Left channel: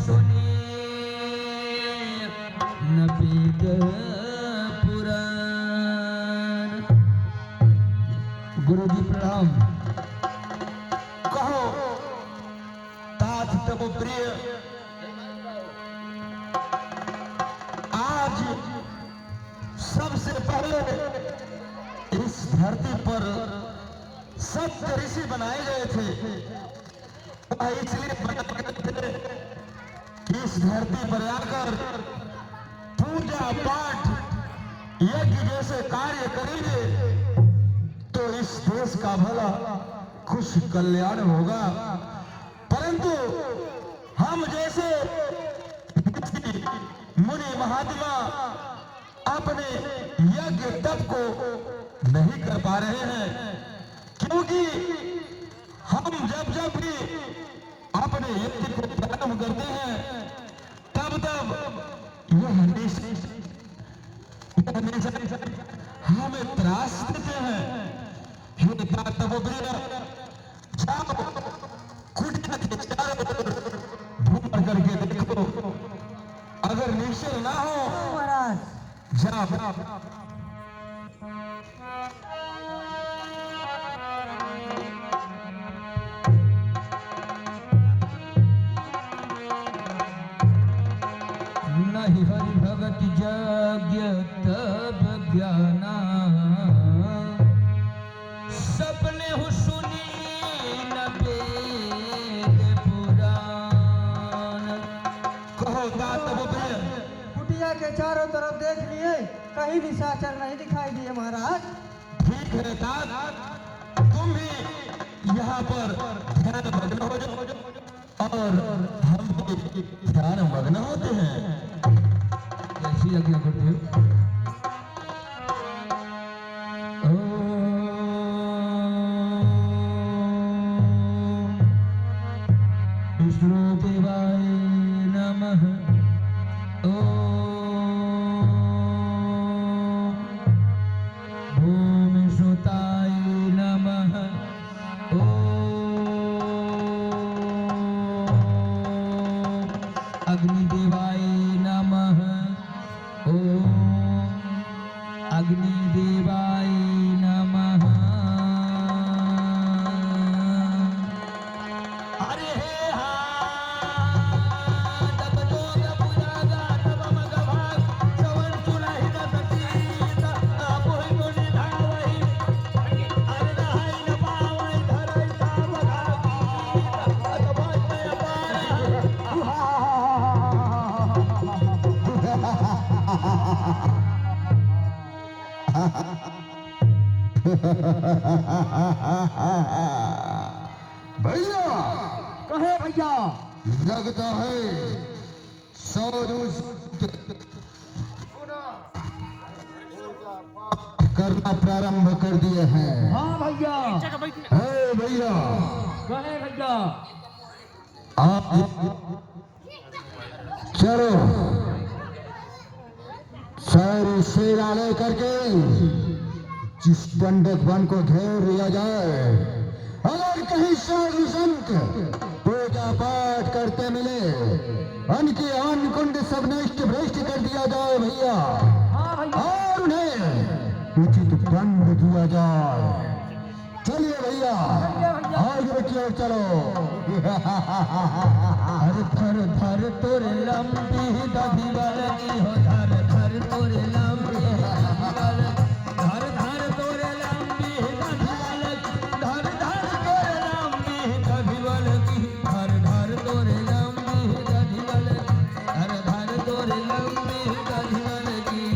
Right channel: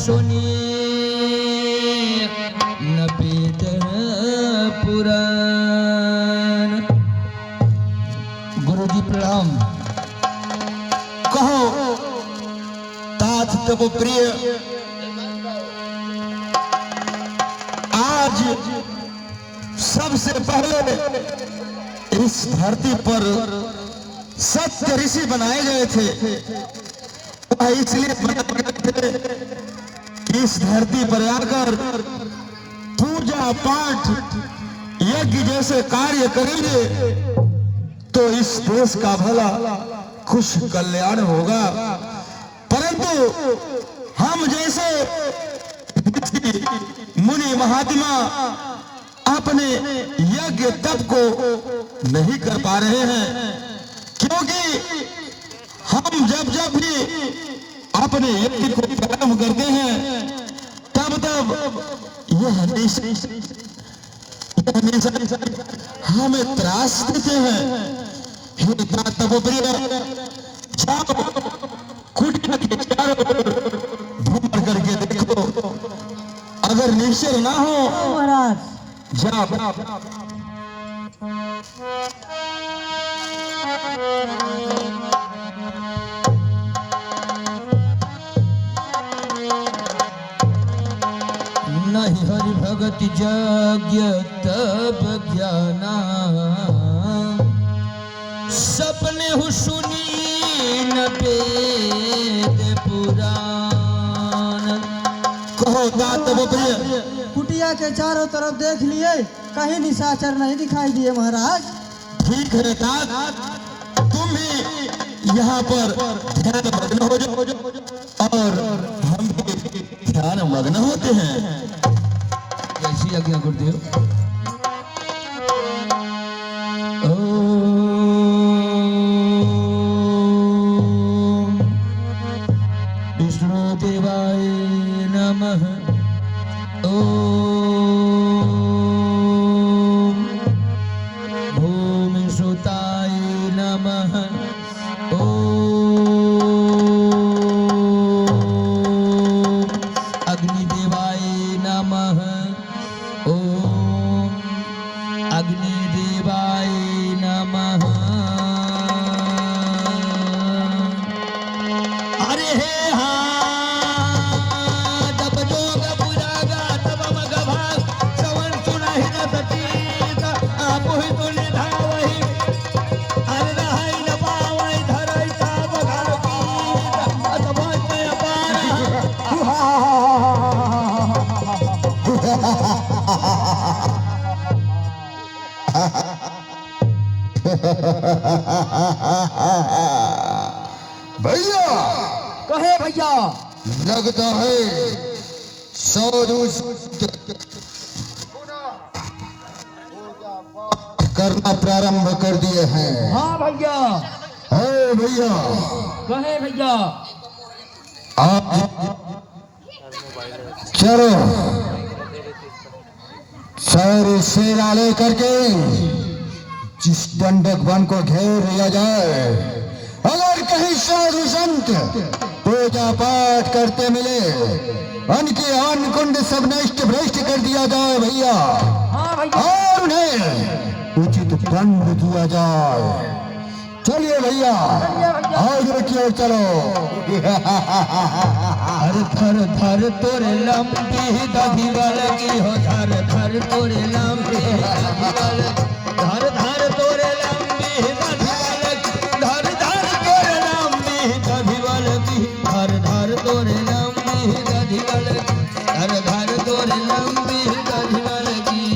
सुनिए न वेद पुराण। गुरु जी प्रणाम। कहो तात तब प्रिय, आज सबसे पहले इस धरती पर सत्य ऋषि बनाए गए थे। वह इसलिए बनाए गए थे इस धरती पर आकर पूजा पाठ यज्ञ जैसे कार्य करेंगे तो इस देश का भला खुश कल्याण होगा। परंतु हम जैसे मुनि महात्मा अपने यज्ञ तप को नहीं कर पा रहे हैं, क्योंकि हम जब जब भी अपने यज्ञ को प्रारंभ करते हैं तब तब यह हमेशा हमें त्रास देते हैं। हे तपोप्रिय, जाओ कुटिया के चारों ओर भ्रमण करके देखो, अगर निश्चय ना हो महाराज जाओ। नहीं हरि भगति यज्ञ तप ज्ञाना, सपने हु सुनी न वेद पुराण। कहो तपोप्रिय, कुटिया के चारों तरफ देख लिए, कहीं निशाचर नहीं दिखाई दिए महाराज। ठीक है तात, तुम भी यहाँ पर ध्यान मग्न हो जाओ और हम भी ध्यान मग्न होते हैं। कैसी आज्ञा गुरुदेव? विष्णु देवाय नमः। भूमि सुताय नमः। अग्निदेवाय नमः। ओम अग्निदेवाय नमः। अरे हे तप जोग पुरागा तप मग भाग श्रवण सुनहि जसतीत आपुहि तुनि धावहि अरे रहै न पावै धरै ताप घर कीत अतभय भैया कहे भैया लगता है साधु करना प्रारंभ कर दिए हैं। हाँ भैया। है भैया, कहे भैया आप चलो सारे सेना लेकर के जिस दंडक वन को घेर लिया जाए, अगर कहीं साधु संत पूजा पाठ करते मिले, उनके अन्न कुंड सब नष्ट भ्रष्ट कर दिया जाए भैया, हाँ भैया। और उन्हें उचित दंड दिया जाए। चलिए भैया आगे की ओर चलो। हर थर थर तोरे लंबी दधी वालगी हो, धर धर तोरे लंबी धर धर तोरे लंबी दधी वालगी, धर धर तोरे लंबी दधी वालगी, धर धर तोरे लंबी दधी वालगी, धर धर तोरे लंबी दधी वालगी।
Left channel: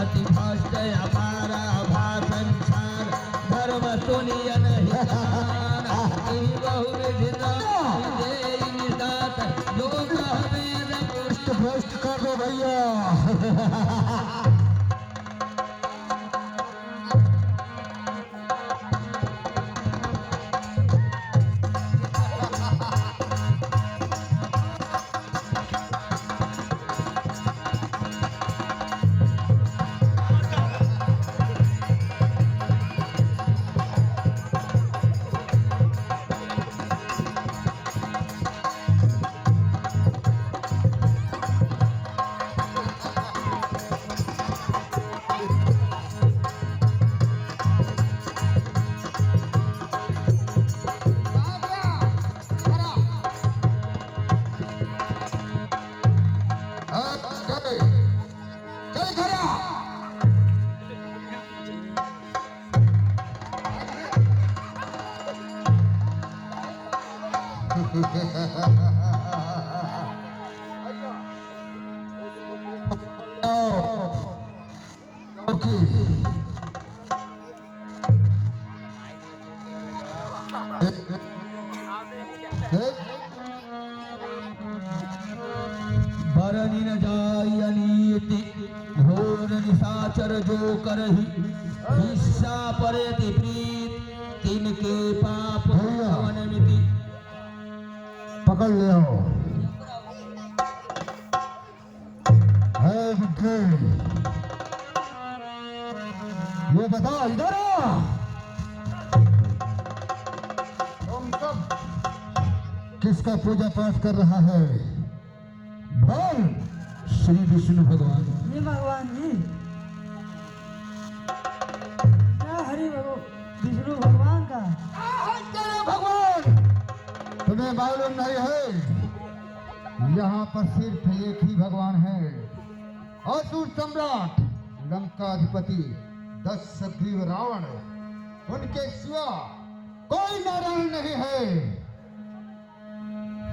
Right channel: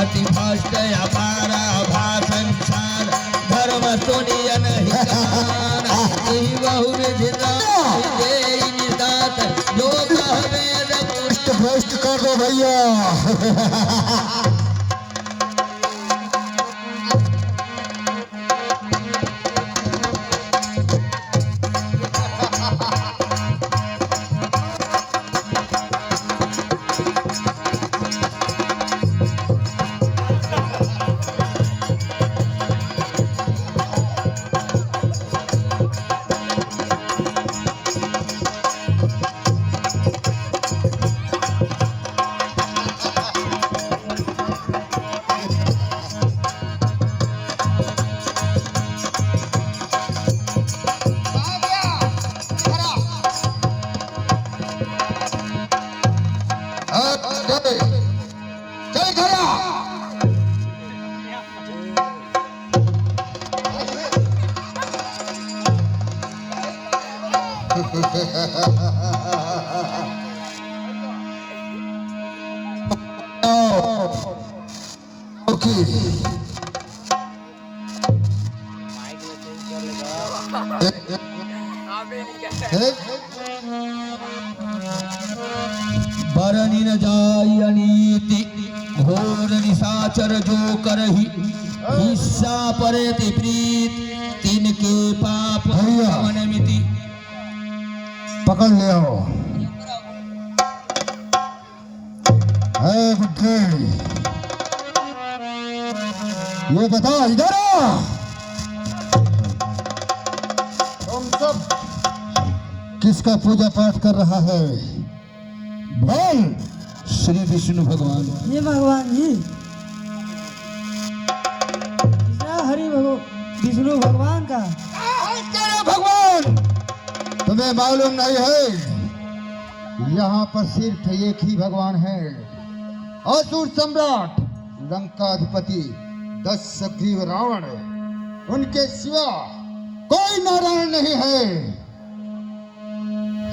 अति भ्रष्ट अपारा भाषण छान धर्म सुनिय नहीं जान, यही बहु विधिता देई निदात जो कहवे पुष्ट भ्रष्ट कर दो भैया। बरनी न जाय अनीति घोर निशाचर जो करही हिस्सा परति प्रीत तिनके पाप मनमिति। पकड़ ले आओ। बुड्ढे, ये बता इधर आ। तुम सब किसका पूजा पाठ कर रहा है? बोल। श्री विष्णु भगवान। ये भगवान जी हरि विष्णु भगवान का। भगवान तुम्हें मालूम नहीं है यहाँ पर सिर्फ एक ही भगवान है, असुर सम्राट लंकाधिपति दशग्रीव रावण। उनके सिवा कोई नारायण नहीं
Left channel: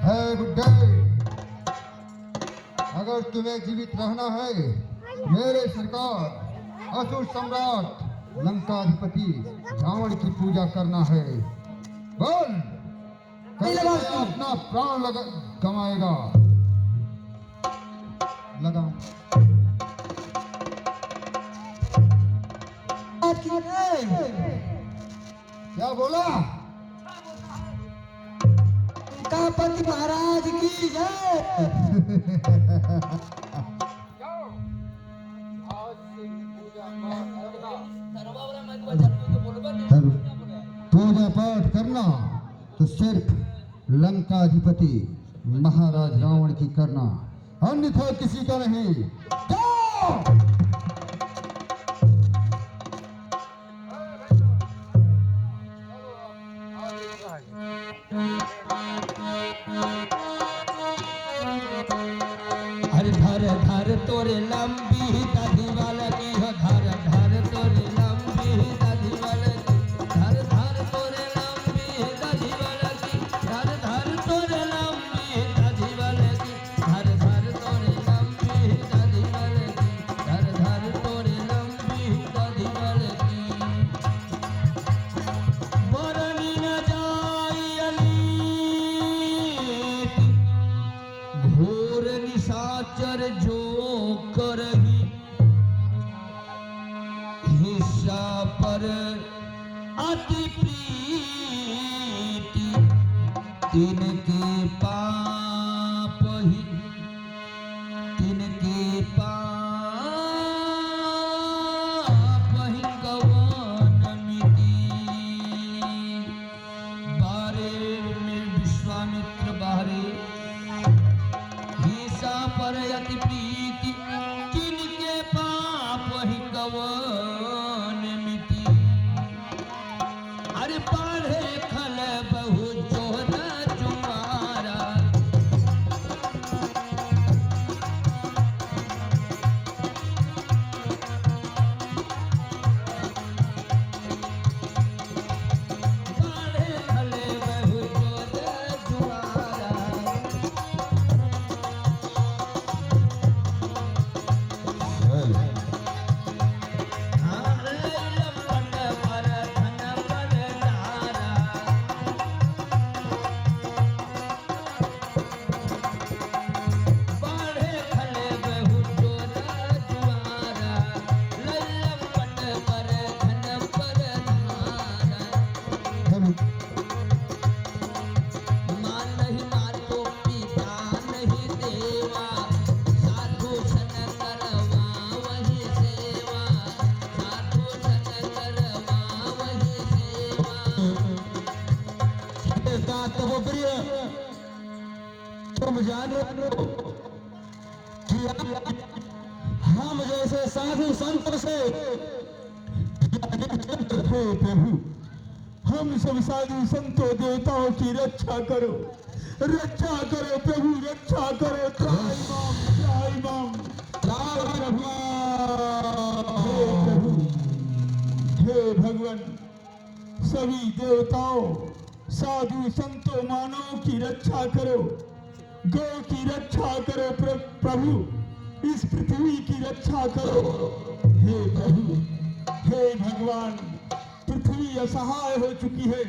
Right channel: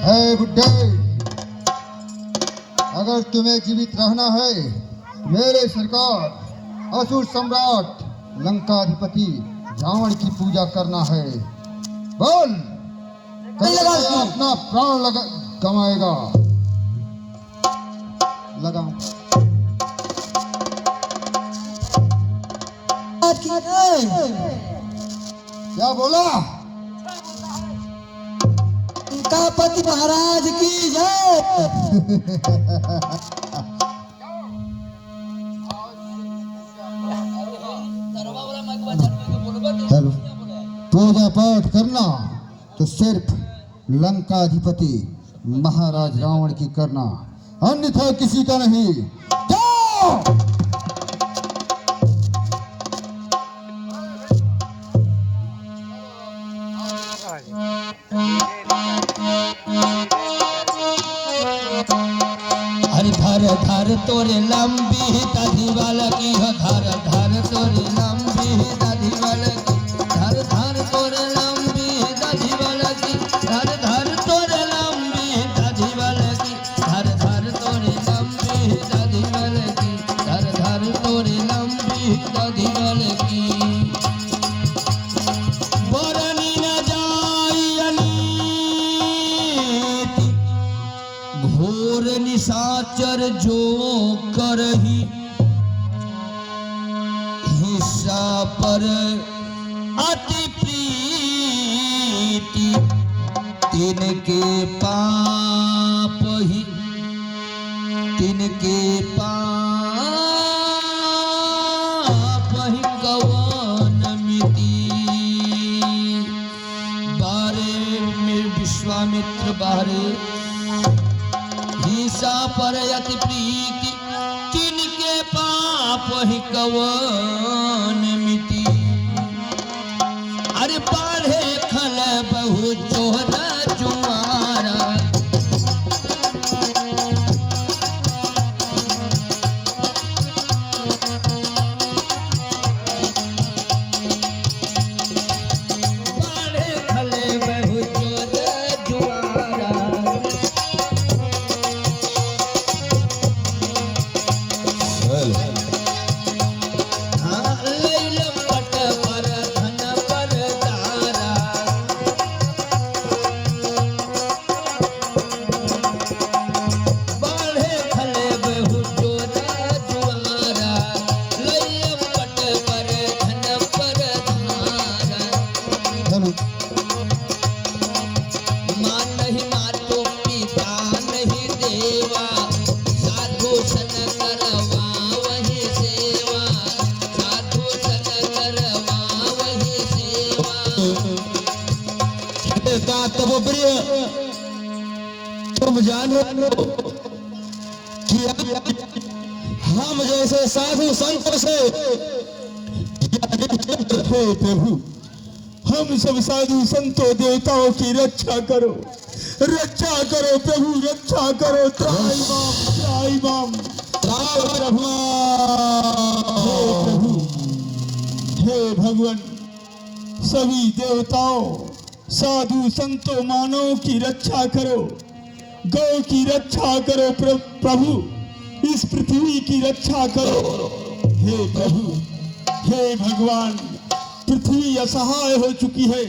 है बुड्ढे। अगर तुम्हें जीवित रहना है मेरे सरकार असुर सम्राट लंकाधिपति रावण की पूजा करना है। बोल, अपना प्राण गमाएगा। लगाओ। क्या बोला? उनका पति महाराज की जय। पूजा पाठ करना तो सिर्फ लंकाधिपति महाराज रावण की करना, अन्यथा किसी का नहीं। जाओ। हर धर धर तोरे लंबी दाढ़ी वाला की हो, धर धर तोरे लंबी दाढ़ी वाला की, धर धर तोरे लंबी दाढ़ी वाला की, धर धर तोरे लंबी दाढ़ी वाला की, धर धर तोरे लंबी दाढ़ी वाला की, धर धर तोरे लंबी दाढ़ी वाला की। बरनी न जाय अनीति घोर निशाचर जो करही हिस्सा पर अति प्रीति तिनके पाप ही, तिनके पाप ही कवन मिति। बारे में विश्वामित्र बारे हिस्सा पर अति प्रीति तिनके पाप ही कवन मिति। अरे पढ़े खल बहु जोहर जुआरा, पढ़े खल बहु जोहर जुआरा। तुम जानो कि हम जैसे साधु संतों से हे प्रभु, हम सब साधु संतों देवताओं की रक्षा करो प्रभु, रक्षा करो। त्राई माम प्रभु। हे भगवान, सभी देवताओं साधु संतों मानव की रक्षा करो, गौ की रक्षा करो प्रभु, इस पृथ्वी की रक्षा करो। हे प्रभु, हे भगवान, पृथ्वी असहाय हो चुकी है,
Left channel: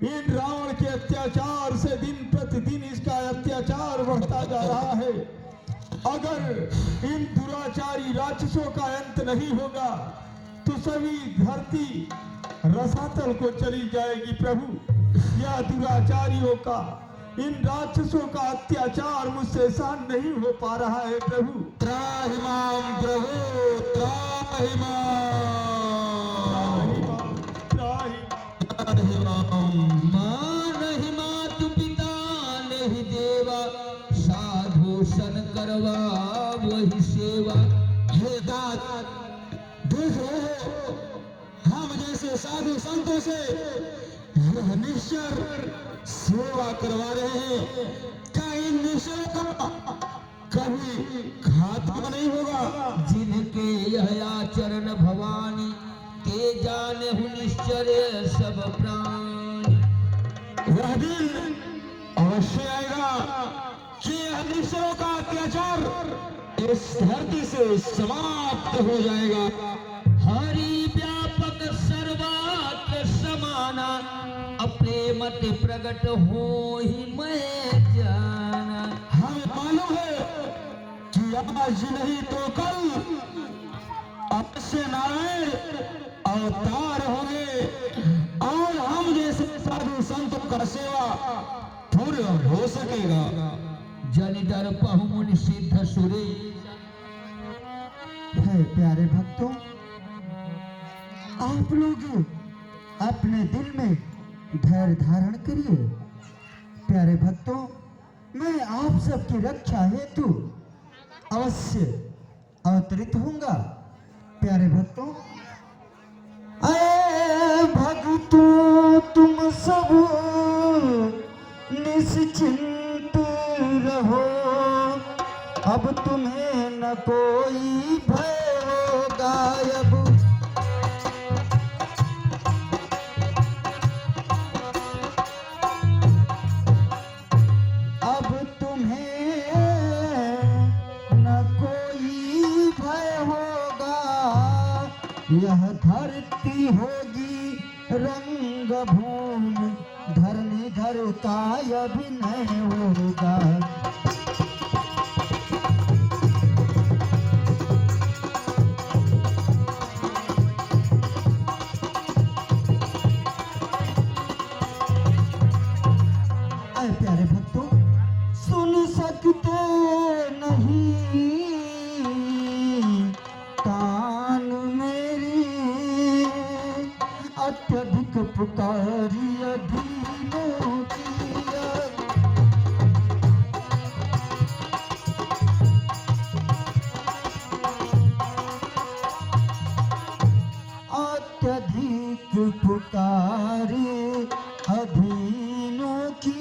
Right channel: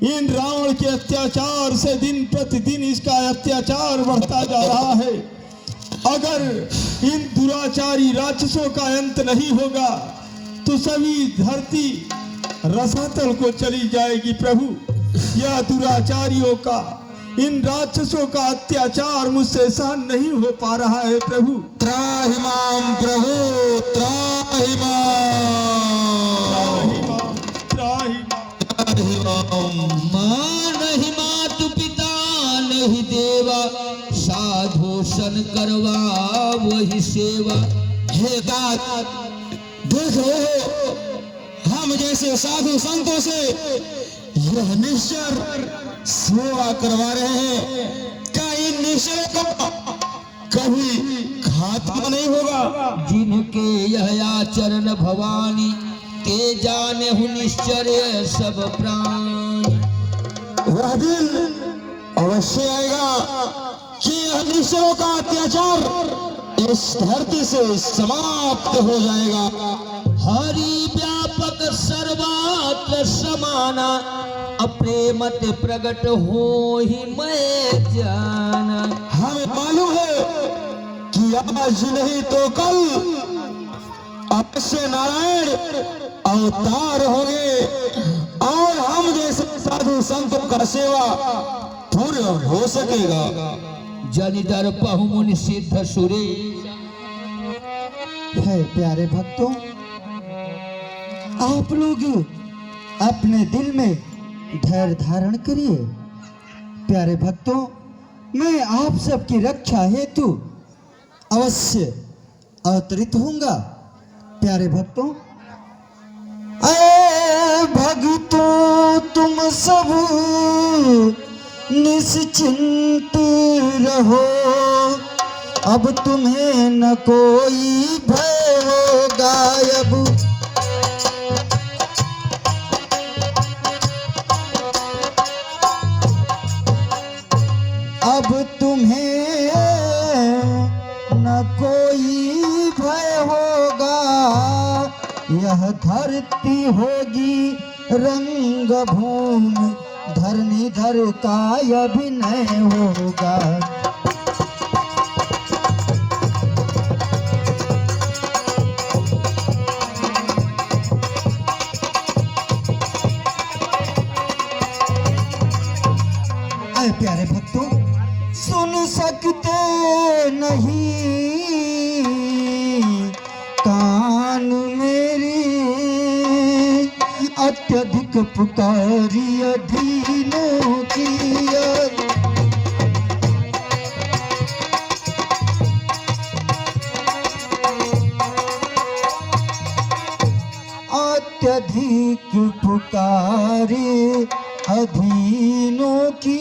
इन रावण के अत्याचार से दिन प्रतिदिन इसका अत्याचार बढ़ता जा रहा है। अगर इन दुराचारी राक्षसों का अंत नहीं होगा तो सभी धरती रसातल को चली जाएगी। प्रभु, यह दुराचारियों का, इन राक्षसों का अत्याचार मुझसे सहन नहीं हो पा रहा है। प्रभु, त्राहिमाम प्रभु, त्राहिमाम, माँ नहीं मातु पिता नहीं देवा, साधु सन करवा वही सेवा। हे दात, देख रहे हो हम जैसे साधु संतों से यह निश्चर सेवा करवा रहे हैं। क्या इन निश्चरों का कभी खात्मा नहीं होगा? जिनके यह आचरण भवानी, ते जाने हूँ निश्चर्य सब प्राणी। वह दिन अवश्य आएगा कि यह निश्चरों का अत्याचार इस धरती से समाप्त हो जाएगा। हरि व्यापक सर्वत्र समाना, अपने मत प्रकट हो ही मैं जाना। हमें मालूम है कि आज नहीं तो कल अवश्य नारायण अवतार होंगे और हम जैसे साधु संतों का सेवा पूर्ण हो सकेगा। जनिधर पहु मुनि सिद्ध सुरे। है प्यारे भक्तों, आप लोग अपने दिल में धैर्य धारण करिए। प्यारे भक्तों, मैं आप सबकी रक्षा हेतु अवश्य अवतरित होऊंगा। प्यारे भक्तों, अरे भक्तों तुम सब निश्चिंत रहो, अब तुम्हें न कोई भय होगा। अब तुम्हें न कोई भय होगा, यह धरती होगी रंग भूमि, धरणीधर का अभिनय होगा। प्यारे भक्तों, सुन सकते नहीं कान मेरी, अत्यधिक पुकारी अधीनों की। अत्यधिक पुकारी अधीनों की,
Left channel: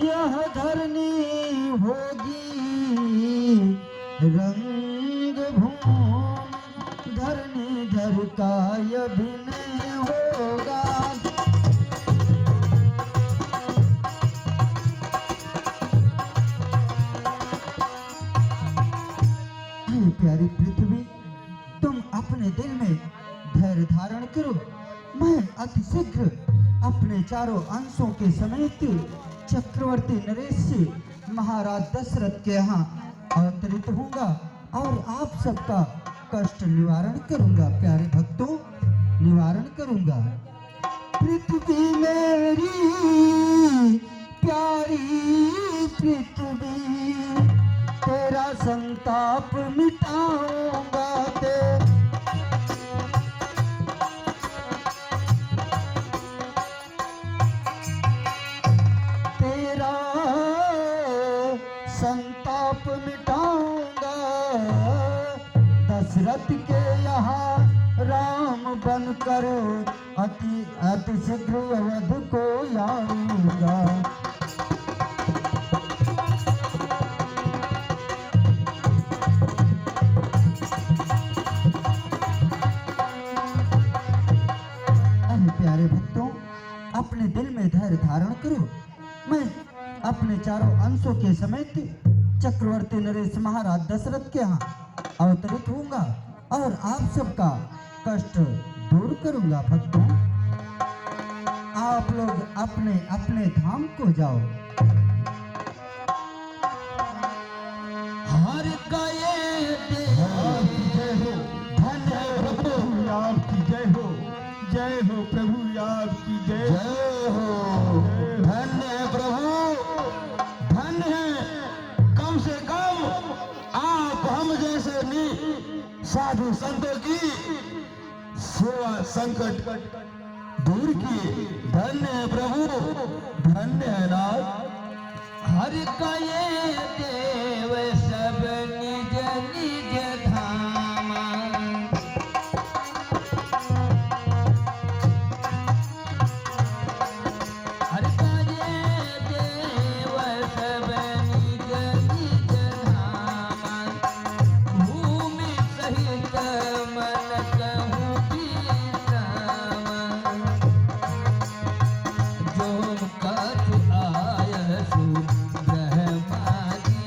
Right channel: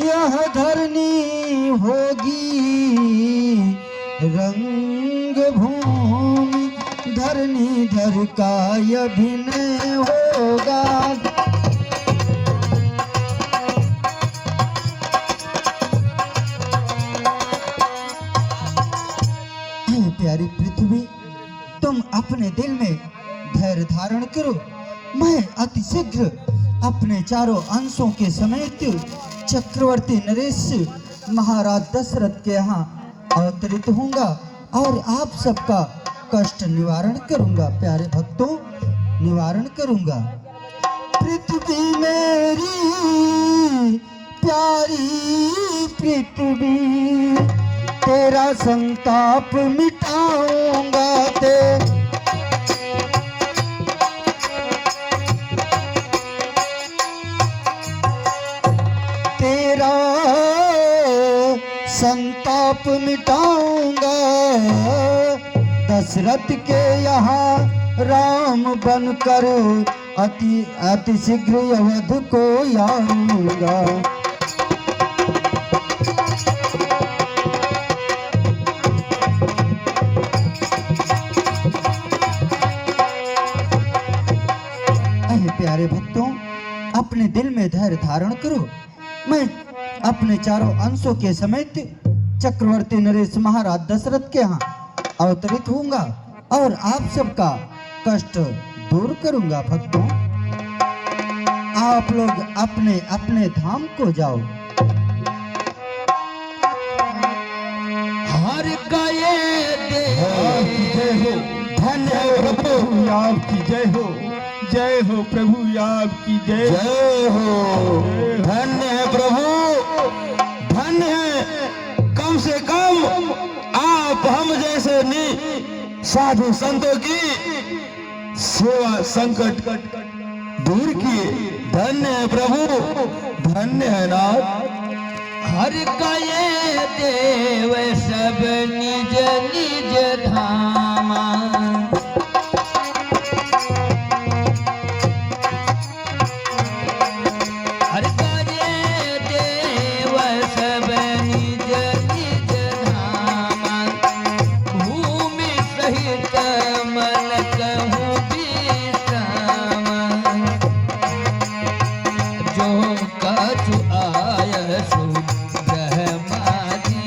यह धरनी होगी रंग भूमि, धरणीधर का अभिनय होगा। प्यारी पृथ्वी, तुम अपने दिल में धैर्य धारण करो। मैं अति शीघ्र अपने चारों अंशों के समेत चक्रवर्ती नरेश महाराज दशरथ के यहाँ अवतरित होऊंगा और आप सबका कष्ट निवारण करूंगा। प्यारे भक्तों, निवारण करूंगा। पृथ्वी मेरी प्यारी पृथ्वी, तेरा संताप मिटाऊंगा। तेरा संताप मिटाऊंगा, दशरथ के यहाँ राम बनकर अति शीघ्र अवध को आऊंगा। प्यारे भक्तों, अपने दिल में धैर्य धारण करो। मैं अपने चारों अंशों के समेत चक्रवर्ती नरेश महाराज दशरथ के यहाँ अवतरित होऊंगा और आप सबका कष्ट दूर करूंगा। भक्तों, आप लोग अपने अपने धाम को जाओ। हर का ये देव धन्य है प्रभु आपकी जय हो प्रभु आपकी जय जय हो। धन्य है प्रभु, धन्य है। कम से कम आप हम जैसे साधु संतों की सेवा संकट दूर किए। धन्य है प्रभु, धन्य है नाथ। हर का ये देव सब निज निज धामा। हर का ये देव सब निज निज धामा। भूमि सहित मन कहूँ विश्रामा। जो कछु आयसु ब्रह्मादीना।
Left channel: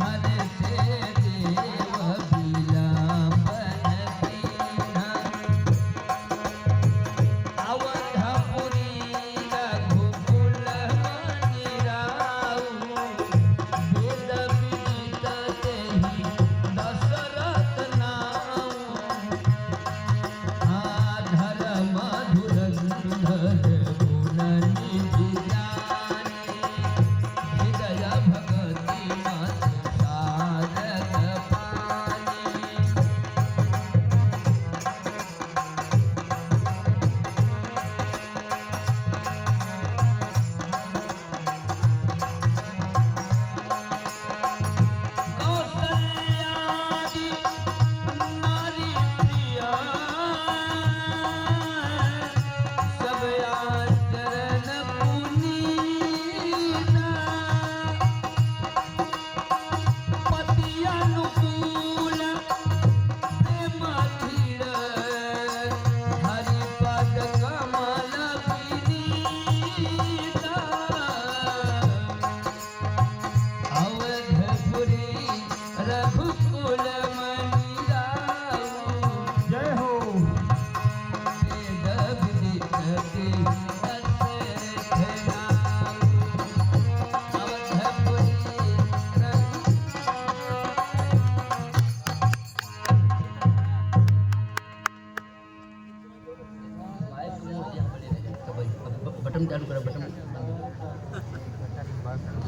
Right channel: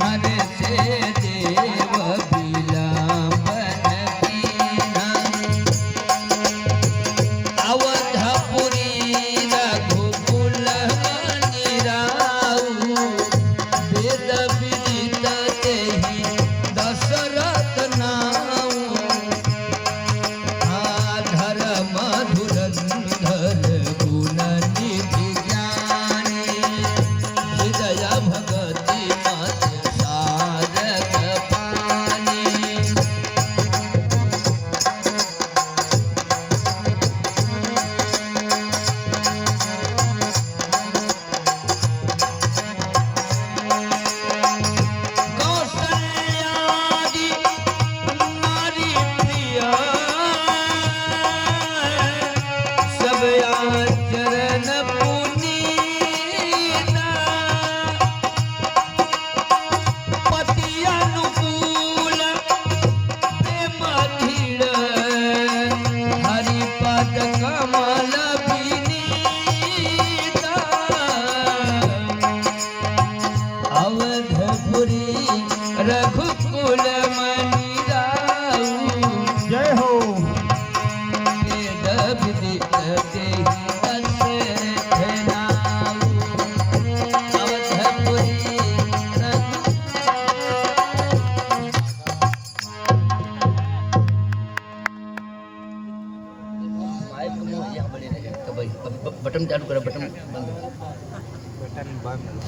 हर से देव विलंबन कीना। अवधपुरी रघुकुल निराऊ। वेद विदित तेहि दशरथ नाऊ। धर्म धुरंधर गुण निधि ज्ञानी। हृदय भगति मत सारग पानी। कौसल्यादि नारी प्रिया। सब आचरण पुनीता। पति अनुकूल प्रेम धीर। हरिपद कमल विनीता। अवधपुरी रघुकुल मणि राऊ। जय हो। वेद विदित तेहि दशरथ नाऊ। अवधपुरी बटन चालू करो, बटन बंद करो।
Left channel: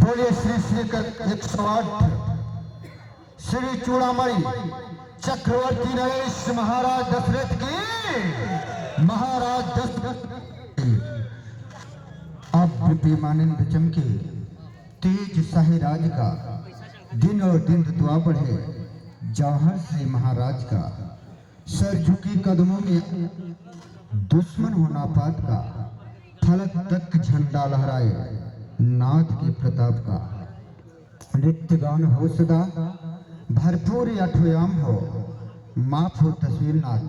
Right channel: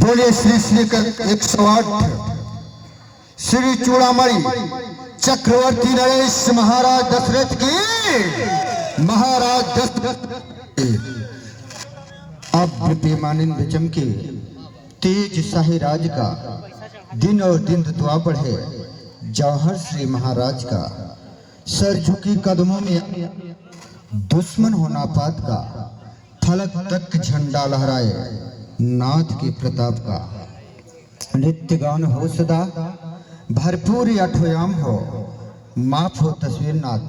बोले श्री श्री कर 108 श्री चूड़ामणि चक्रवर्ती नरेश महाराज दशरथ की। महाराज दशरथ अब विपेमानंद चमके तेज शाही राज का दिन और दिन द्वापर है। जौहर श्री महाराज का सर झुकी कदमों में दुश्मन होना पात का। फलक तक झंडा लहराए नाथ के प्रताप का। नित्य गान हो सदा भरपूर अठोयाम हो। माफ हो तस्वीर नाथ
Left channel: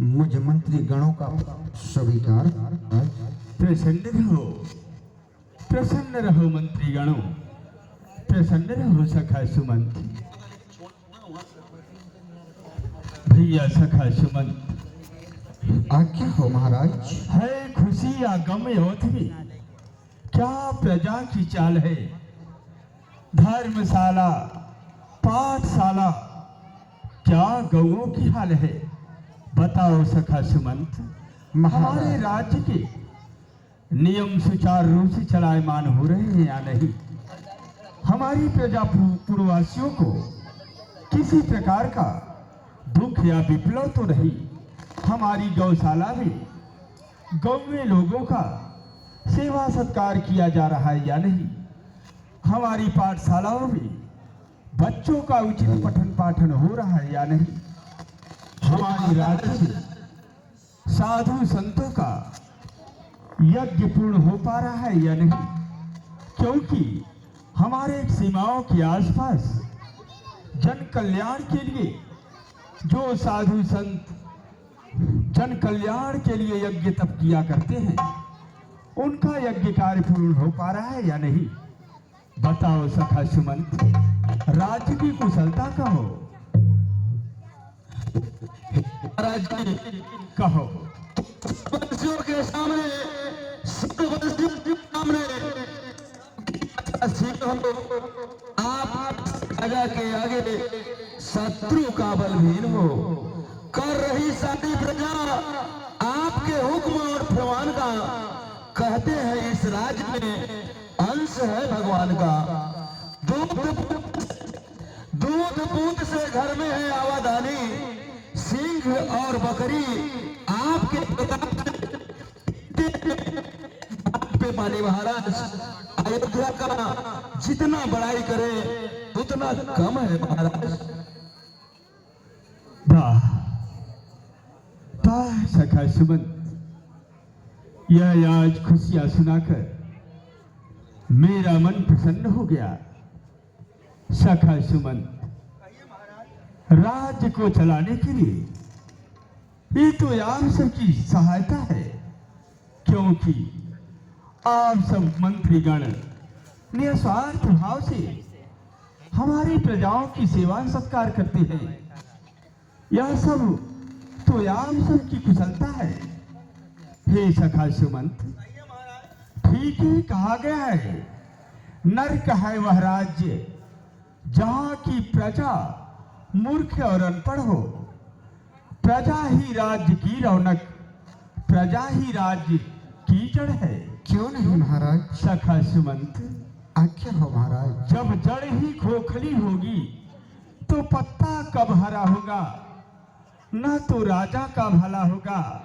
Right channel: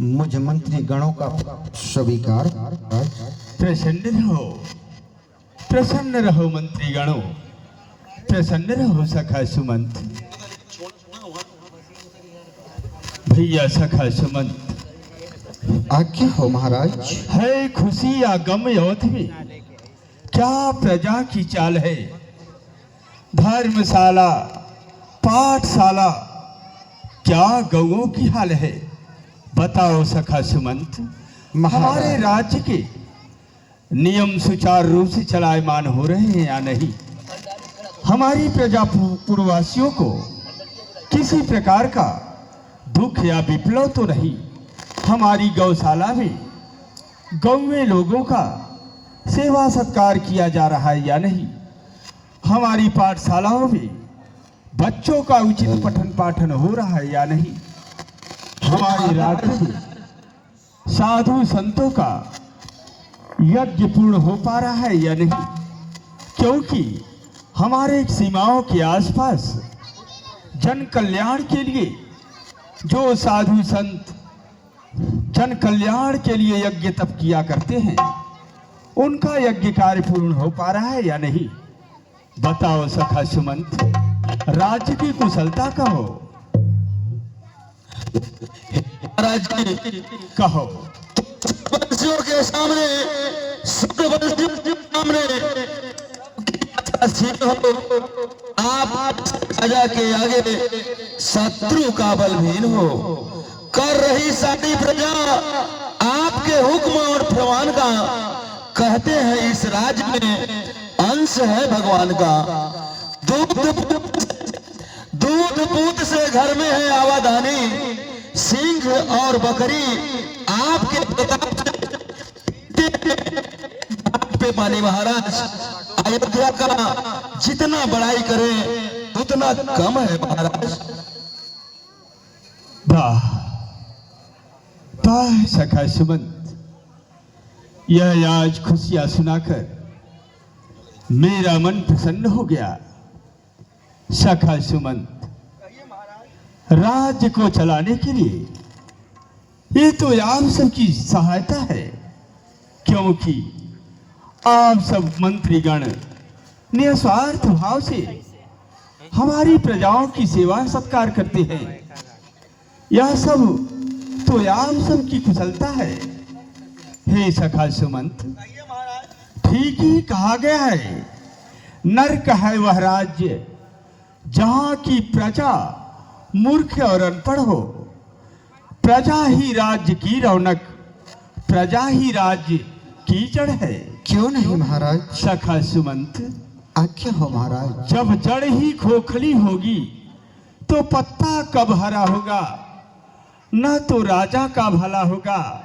मुझ मंत्री गणों का स्वीकार। प्रसन्न रहो मंत्री गणों, प्रसन्न रहो सखा सुमंत। भैया सखा सुमंत, आज्ञा हो महाराज। है खुशी या गम यौथ में क्या प्रजा की चाल है। धर्मशाला पाठशाला क्या गौओं की हाल है। बताओ सखा सुमंत, हमारे राज्य के नियम सुचारू रूप से चलायमान हो रहे हैं या नहीं। हमारी प्रजा पूर्ववासियों को किसी प्रकार का दुख या विप्लव तो नहीं। हमारी गौशाला में गौ में लोगों का सेवा सत्कार किया जा रहा है या नहीं। हमारी पाठशालाओं में बच्चों का उचित पठन पाठन हो रहा है या नहीं। हमारी राज्य में साधु संतों का यज्ञ पूर्ण हो पा रहा है या नहीं। क्योंकि हमारे सीमाओं के आसपास जन कल्याण के लिए जो साधु संत जन कल्याण के लिए यज्ञ तप किया करते हैं, उनका यज्ञ कार्य पूर्ण हो पा रहा है या नहीं। बताओ सखा सुमंत, राज्य की कुशलता का हो महाराज जी कहो। वंशियों के सामने, सब वंशियों के सामने असीम हो, आप राजा के आगे शत्रु का बलहीन हो। कर रही सारी प्रजा आपके हुक्म और फरमान का, कहते हैं इस राज्य में अंश है भगवान का। दूध पूत से घर में है आवादानी, सिंह और बकरी आपके प्रताप पे पानी। महाराज अयोध्या का जितना बड़ाई करे उतना कम है महाराज। वाह वाह सखा सुमंत, यह आज खुशियां सुनाकर मेरा मन प्रसन्न हो गया। सखा सुमंत, राज्य को चलाने के लिए ये तो आप सबकी सहायता है, क्योंकि आप सब मंत्रीगण निस्वार्थ भाव से हमारी प्रजाओं की सेवा सत्कार करते हैं। यह सब तो आप सबकी कुशलता है। हे सखा सुमंत, ठीक ही कहा गया है, नरक है वह राज्य जहां की प्रजा मूर्ख और अनपढ़ हो। प्रजा ही राज्य की रौनक, प्रजा ही राज्य की जड़ है। क्यों नहीं महाराज? सखा सुमंत, आज्ञा हो महाराज। जब जड़ ही खोखली होगी तो पत्ता कब हरा होगा। न तो राजा का भला होगा,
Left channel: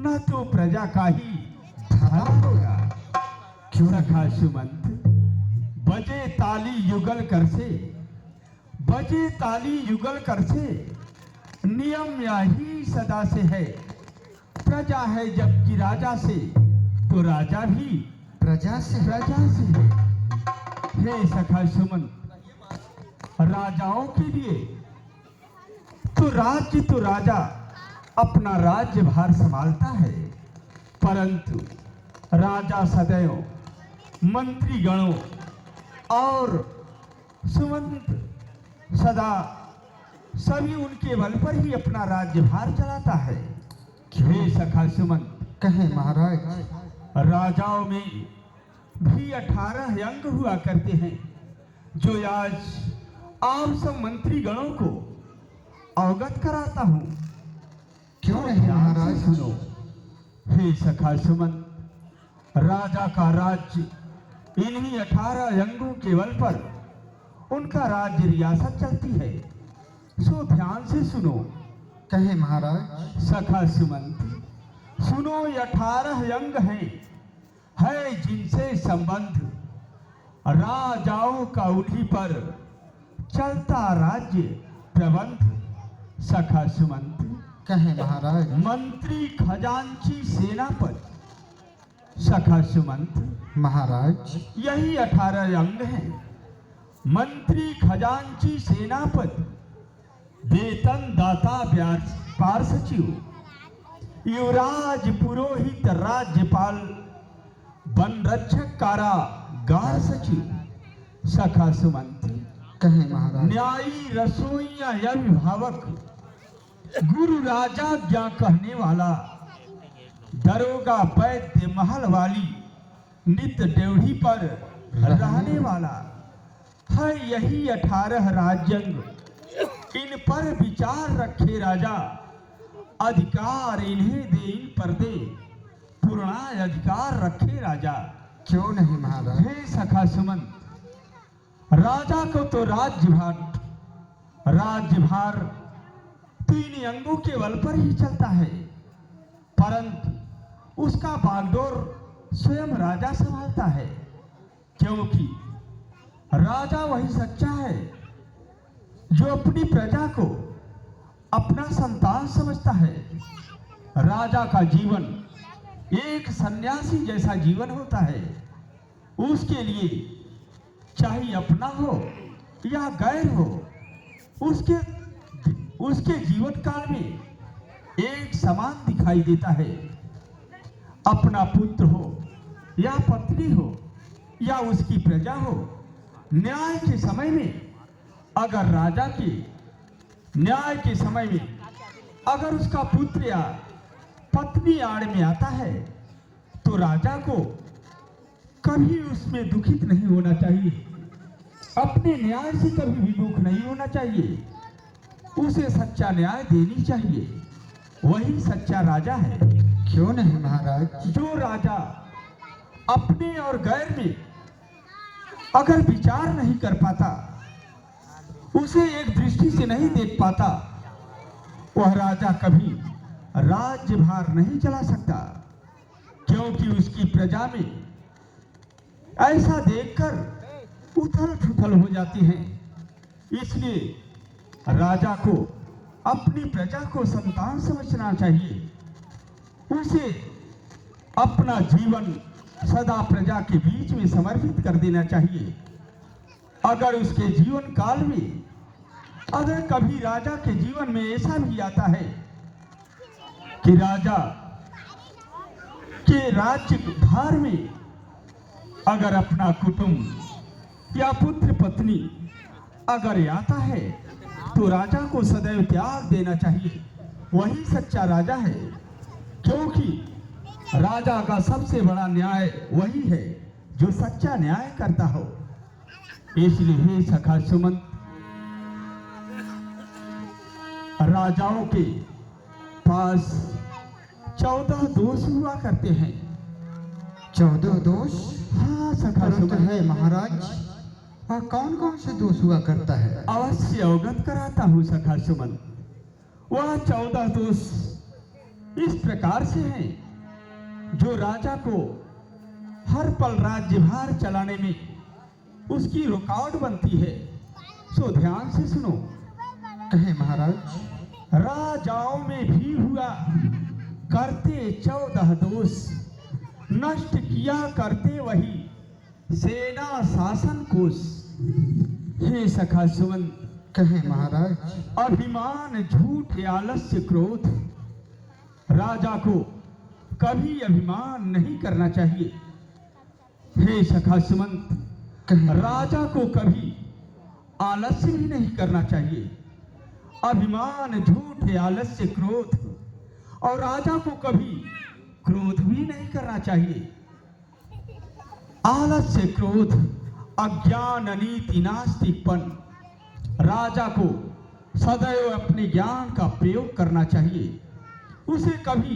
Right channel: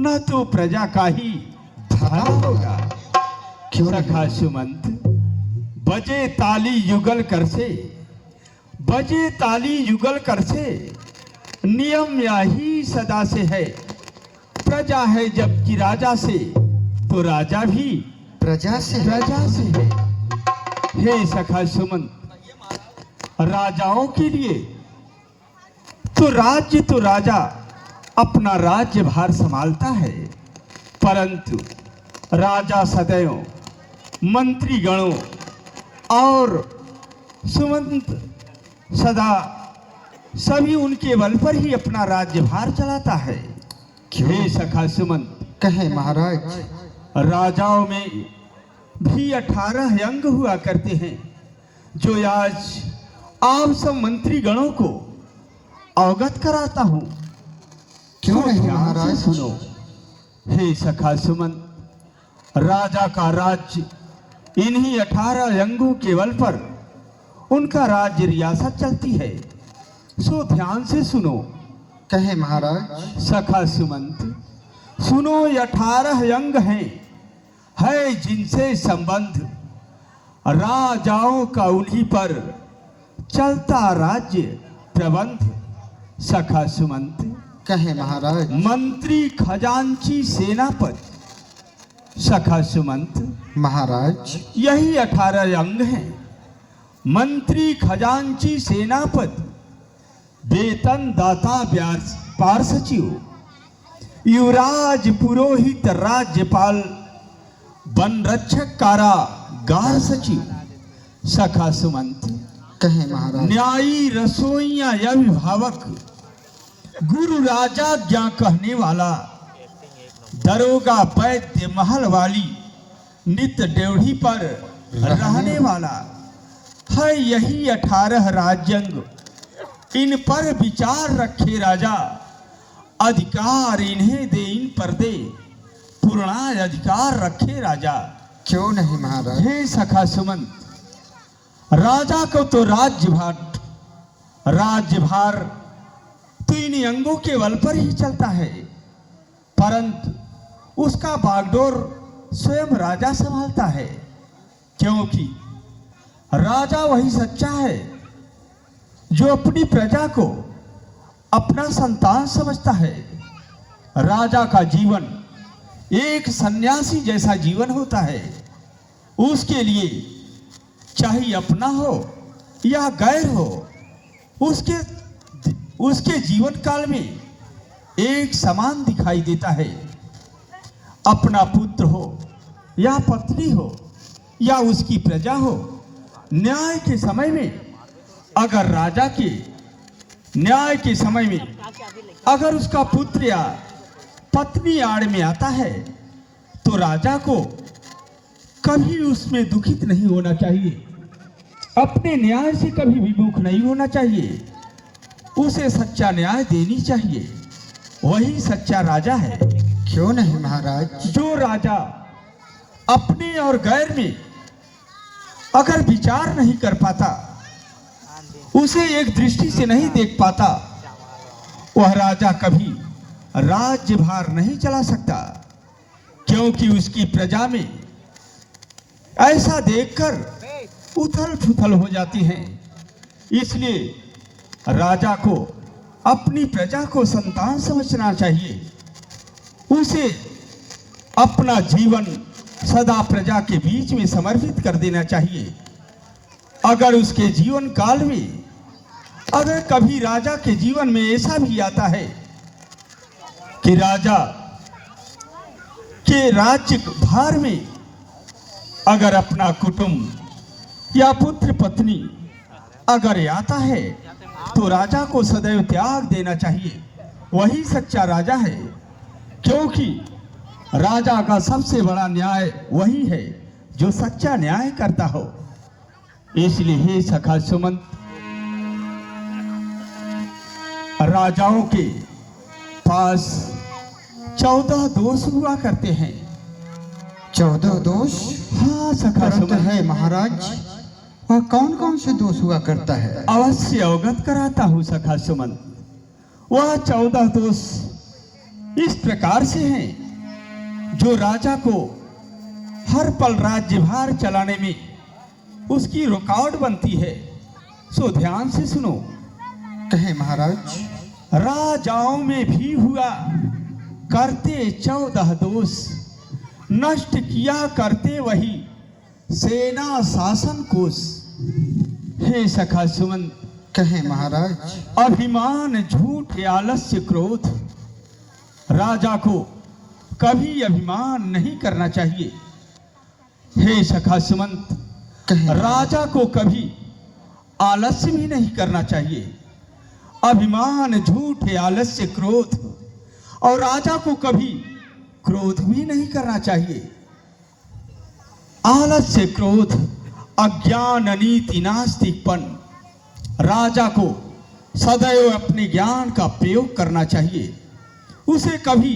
न तो प्रजा का ही भला होगा। क्यों सखा सुमंत, बजे ताली युगल कर से, बजे ताली युगल कर से, नियम यही सदा से है। प्रजा है जबकि राजा से, तो राजा भी प्रजा से है। हे सखा सुमंत, राजाओं के लिए तो राजा अपना राज्य भार संभालता है, परंतु राजा सदैव मंत्रीगणों और सुमंत सदा सभी उनके बल पर ही अपना राज्य भार चलाता है। हे सखा सुमंत, कहे महाराज। राजाओं में भी 18 अंग हुआ करते हैं, जो आज आप सब मंत्रीगणों को अवगत कराता हूं। क्यों नहीं महाराज? सुनो। हे सखा सुमंत, राजा का राज्य इन्हीं 18 अंगों के बल पर उनका राज्य रियासत चलती है। सो ध्यान से सुनो। कहे महाराज। सखा सुमंत, सुनो, ये 18 अंग है जिनसे संबंध राजाओं का उन्हीं पर चलता राज्य प्रबंध। सखा सुमंत, कहे महाराज। मंत्री खजांची सेनापति। सखा सुमंत, महाराज। यही 18 अंग हैं। मंत्री खजांची सेनापति, वेतन दाता पार्षचिव, युवराज पुरोहित राज्यपाल, वन रक्षक कारागार सचिव। सखा सुमंत, कहे महाराज। न्यायी रसोइया अभिभावक, गुरु राजा ज्ञा कहने वाला, दरोगा वैद्य महल वाली, नित्य ड्योढ़ी पर रहने वाला है। यही 18 राज्यंग, इन पर विचार रखे राजा, अधिकार इन्हें दे, इन पर दे पूर्ण अधिकार रखे राजा। क्यों नहीं महाराज? हे सखा सुमंत, राजा को तो राज्यभार तो इन अंगों के बल पर ही चलता है, परंतु उसका बागडोर स्वयं राजा संभालता है, क्योंकि राजा वही सच्चा है जो अपनी प्रजा को अपना संतान समझता है। राजा का जीवन एक सन्यासी जैसा जीवन होता है। उसके लिए चाहे अपना हो या गैर हो, उसके जीवन काल में एक समान दिखाई देता है। अपना पुत्र हो या पत्नी हो या उसकी प्रजा हो, न्याय के समय में अगर अगर उसका पुत्र या पत्नी आड़ में आता है तो राजा को कभी उसमें दुखित नहीं होना चाहिए, अपने न्याय से कभी विमुख नहीं होना चाहिए, उसे सच्चा न्याय देनी चाहिए। वही सच्चा राजा है। क्यों नहीं महाराज? जो राजा अपने और गैर में अगर विचार नहीं कर पाता, उसे एक दृष्टि से नहीं देख पाता, वह राजा कभी राज्यभार नहीं चला सकता, क्योंकि उसकी प्रजा में ऐसा देखकर उथल पुथल हो जाती हैं। इसलिए राजा को अपनी प्रजा को संतान समझना चाहिए, उसे अपना जीवन सदा प्रजा के बीच में समर्पित कर देना चाहिए। अगर उसके जीवन काल में अगर कभी राजा के जीवन में ऐसा भी आता है कि राजा के राज्य भार में अगर अपना कुटुंब या पुत्र पत्नी अगर आता है तो राजा को सदैव त्याग देना चाहिए। वही सच्चा राजा है, क्योंकि राजा का सबसे बड़ा न्याय वही है जो सच्चा न्याय करता हो। इसलिए हे सखा सुमंत, राजाओं के पास 14 दोष हुआ करते हैं। 14 दोष? हाँ सखा परंतु सुमंत, है महाराज, वह कौन कौन से दोष हुआ करता है? अवश्य अवगत कराता हूँ सखा सुमंत। वह 14 दोष इस प्रकार से हैं जो राजा को हर पल राज्यभार चलाने में उसकी रुकावट बनती है। सो ध्यान से सुनो। कहे महाराज। राजाओं में भी हुआ करते 14 दोष, नष्ट किया करते वही सेना शासन कोष। हे सखा सुमंत, कहे महाराज। अभिमान, झूठ, आलस्य, क्रोध, राजा को कभी अभिमान नहीं करना चाहिए। हे सखा सुमंत, कहे राजा को कभी आलस्य भी नहीं करना चाहिए। अभिमान, झूठ, आलस्य, क्रोध, और राजा को कभी क्रोध भी नहीं करना चाहिए। आलस्य, क्रोध, अज्ञान, अनीति, नास्तिकपन। राजा को सदैव अपने ज्ञान का प्रयोग करना चाहिए, उसे कभी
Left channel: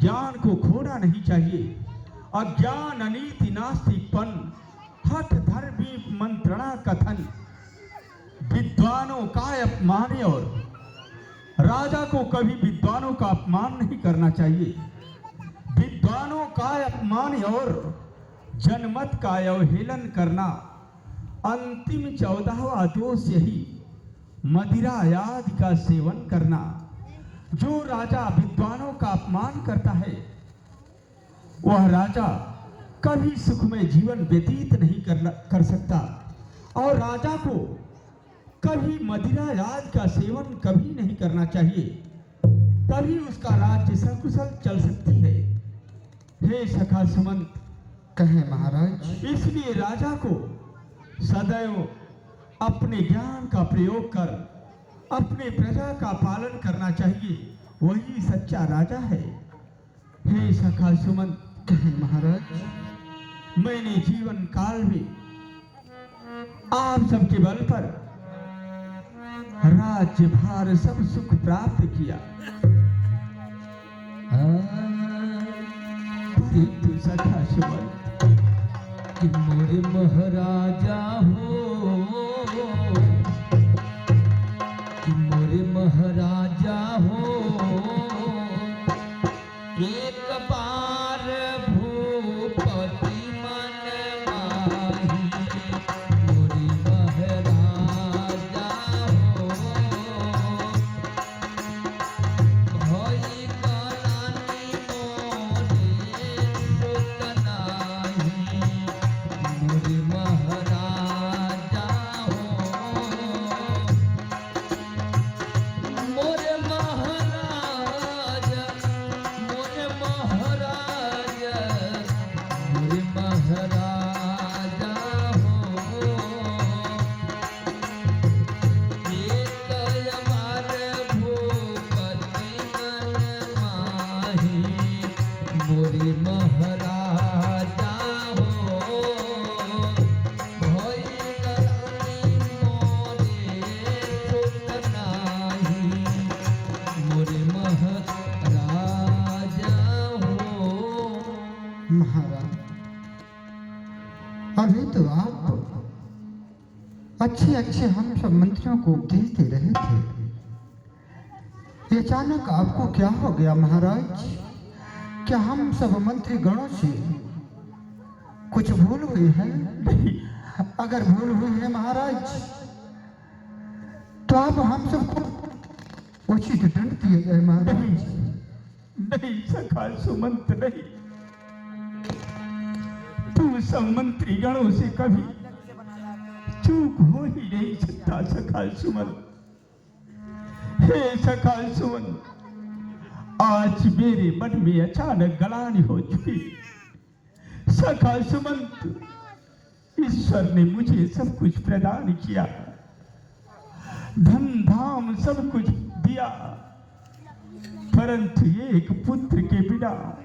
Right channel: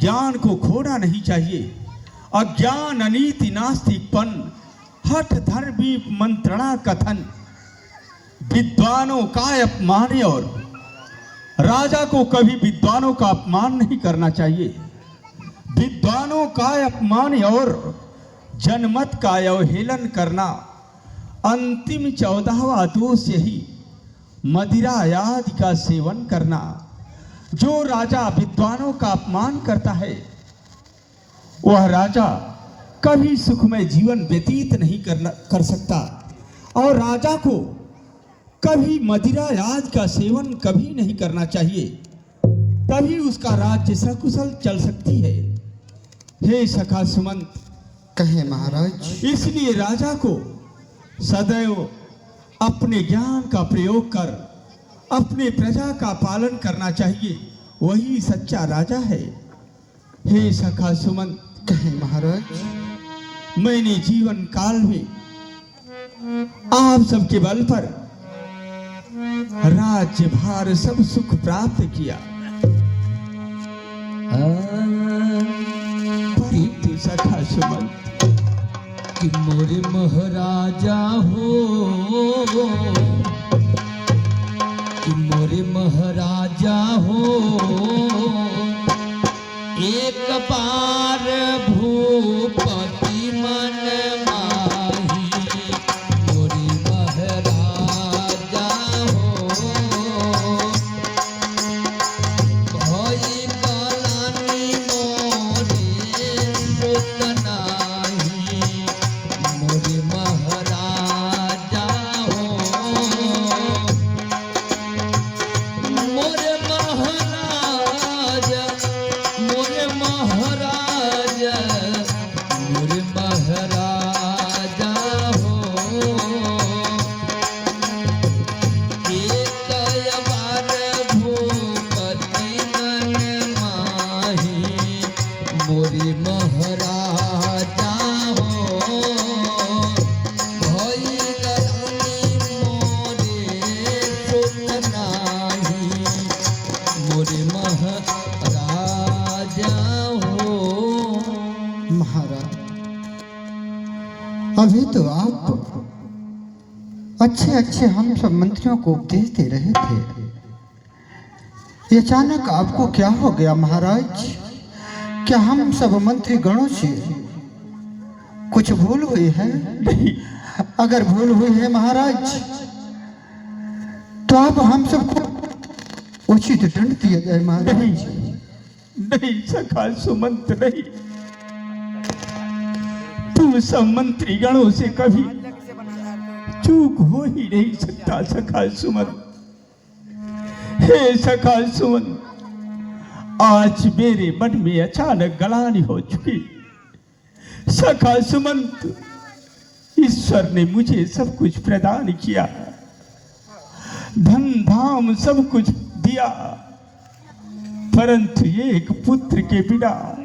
ज्ञान को खोना नहीं चाहिए। अज्ञान, अनीति, नास्तिकपन, हठ, धर्मी, मंत्रणा, कथन, विद्वानों का अपमान, और राजा को कभी विद्वानों का अपमान नहीं करना चाहिए। विद्वानों का अपमान और जनमत का अवहेलन करना। अंतिम 14वां दोष यही मदिरा आदि का सेवन करना। जो राजा विद्वानों का अपमान करता है वह राजा कभी सुखमय जीवन व्यतीत नहीं कर सकता, और राजा को कभी मदिरा आदि का सेवन कभी नहीं करना चाहिए, तभी उसका राज्य सकुशल चल सकती है। हे सखा सुमंत, कहे महाराज। इसलिए राजा को सदैव अपने ज्ञान का प्रयोग कर अपने प्रजा का पालन करना चाहिए। वही सच्चा राजा है। हे सखा सुमंत, कहे महाराज। मैंने जीवन काल में आप सबके बल पर राज्य भार सब सुख प्राप्त किया, परंतु सखा सुमंत कि मोरे महाराजा हो, कि मोरे महाराजा हो, एक बार भूपति मन माही, मोरे महाराजा हो, भई कलानी मोरे सुत नाही, मोरे अच्छे अच्छे हम सब मंत्रियों को उपदेश दे रहे थे। ये अचानक आपको क्या हो गया महाराज? क्या हम सब मंत्री गणों से कुछ भूल हुई है? अगर भूल हुई है महाराज तो आप हम सबको उचित दंड दिया जाए महाराज। नहीं सखा सुमंत, नहीं। तू सब मंत्री गणों से कभी चूक हो ही नहीं सकता सखा सुमंत। हे सखा सुमंत, आज मेरे मन में अचानक गलानी हो चुकी। सखा सुमंत, ईश्वर ने मुझे सब कुछ प्रदान किया, धन धाम सब कुछ दिया, परंतु एक पुत्र के बिना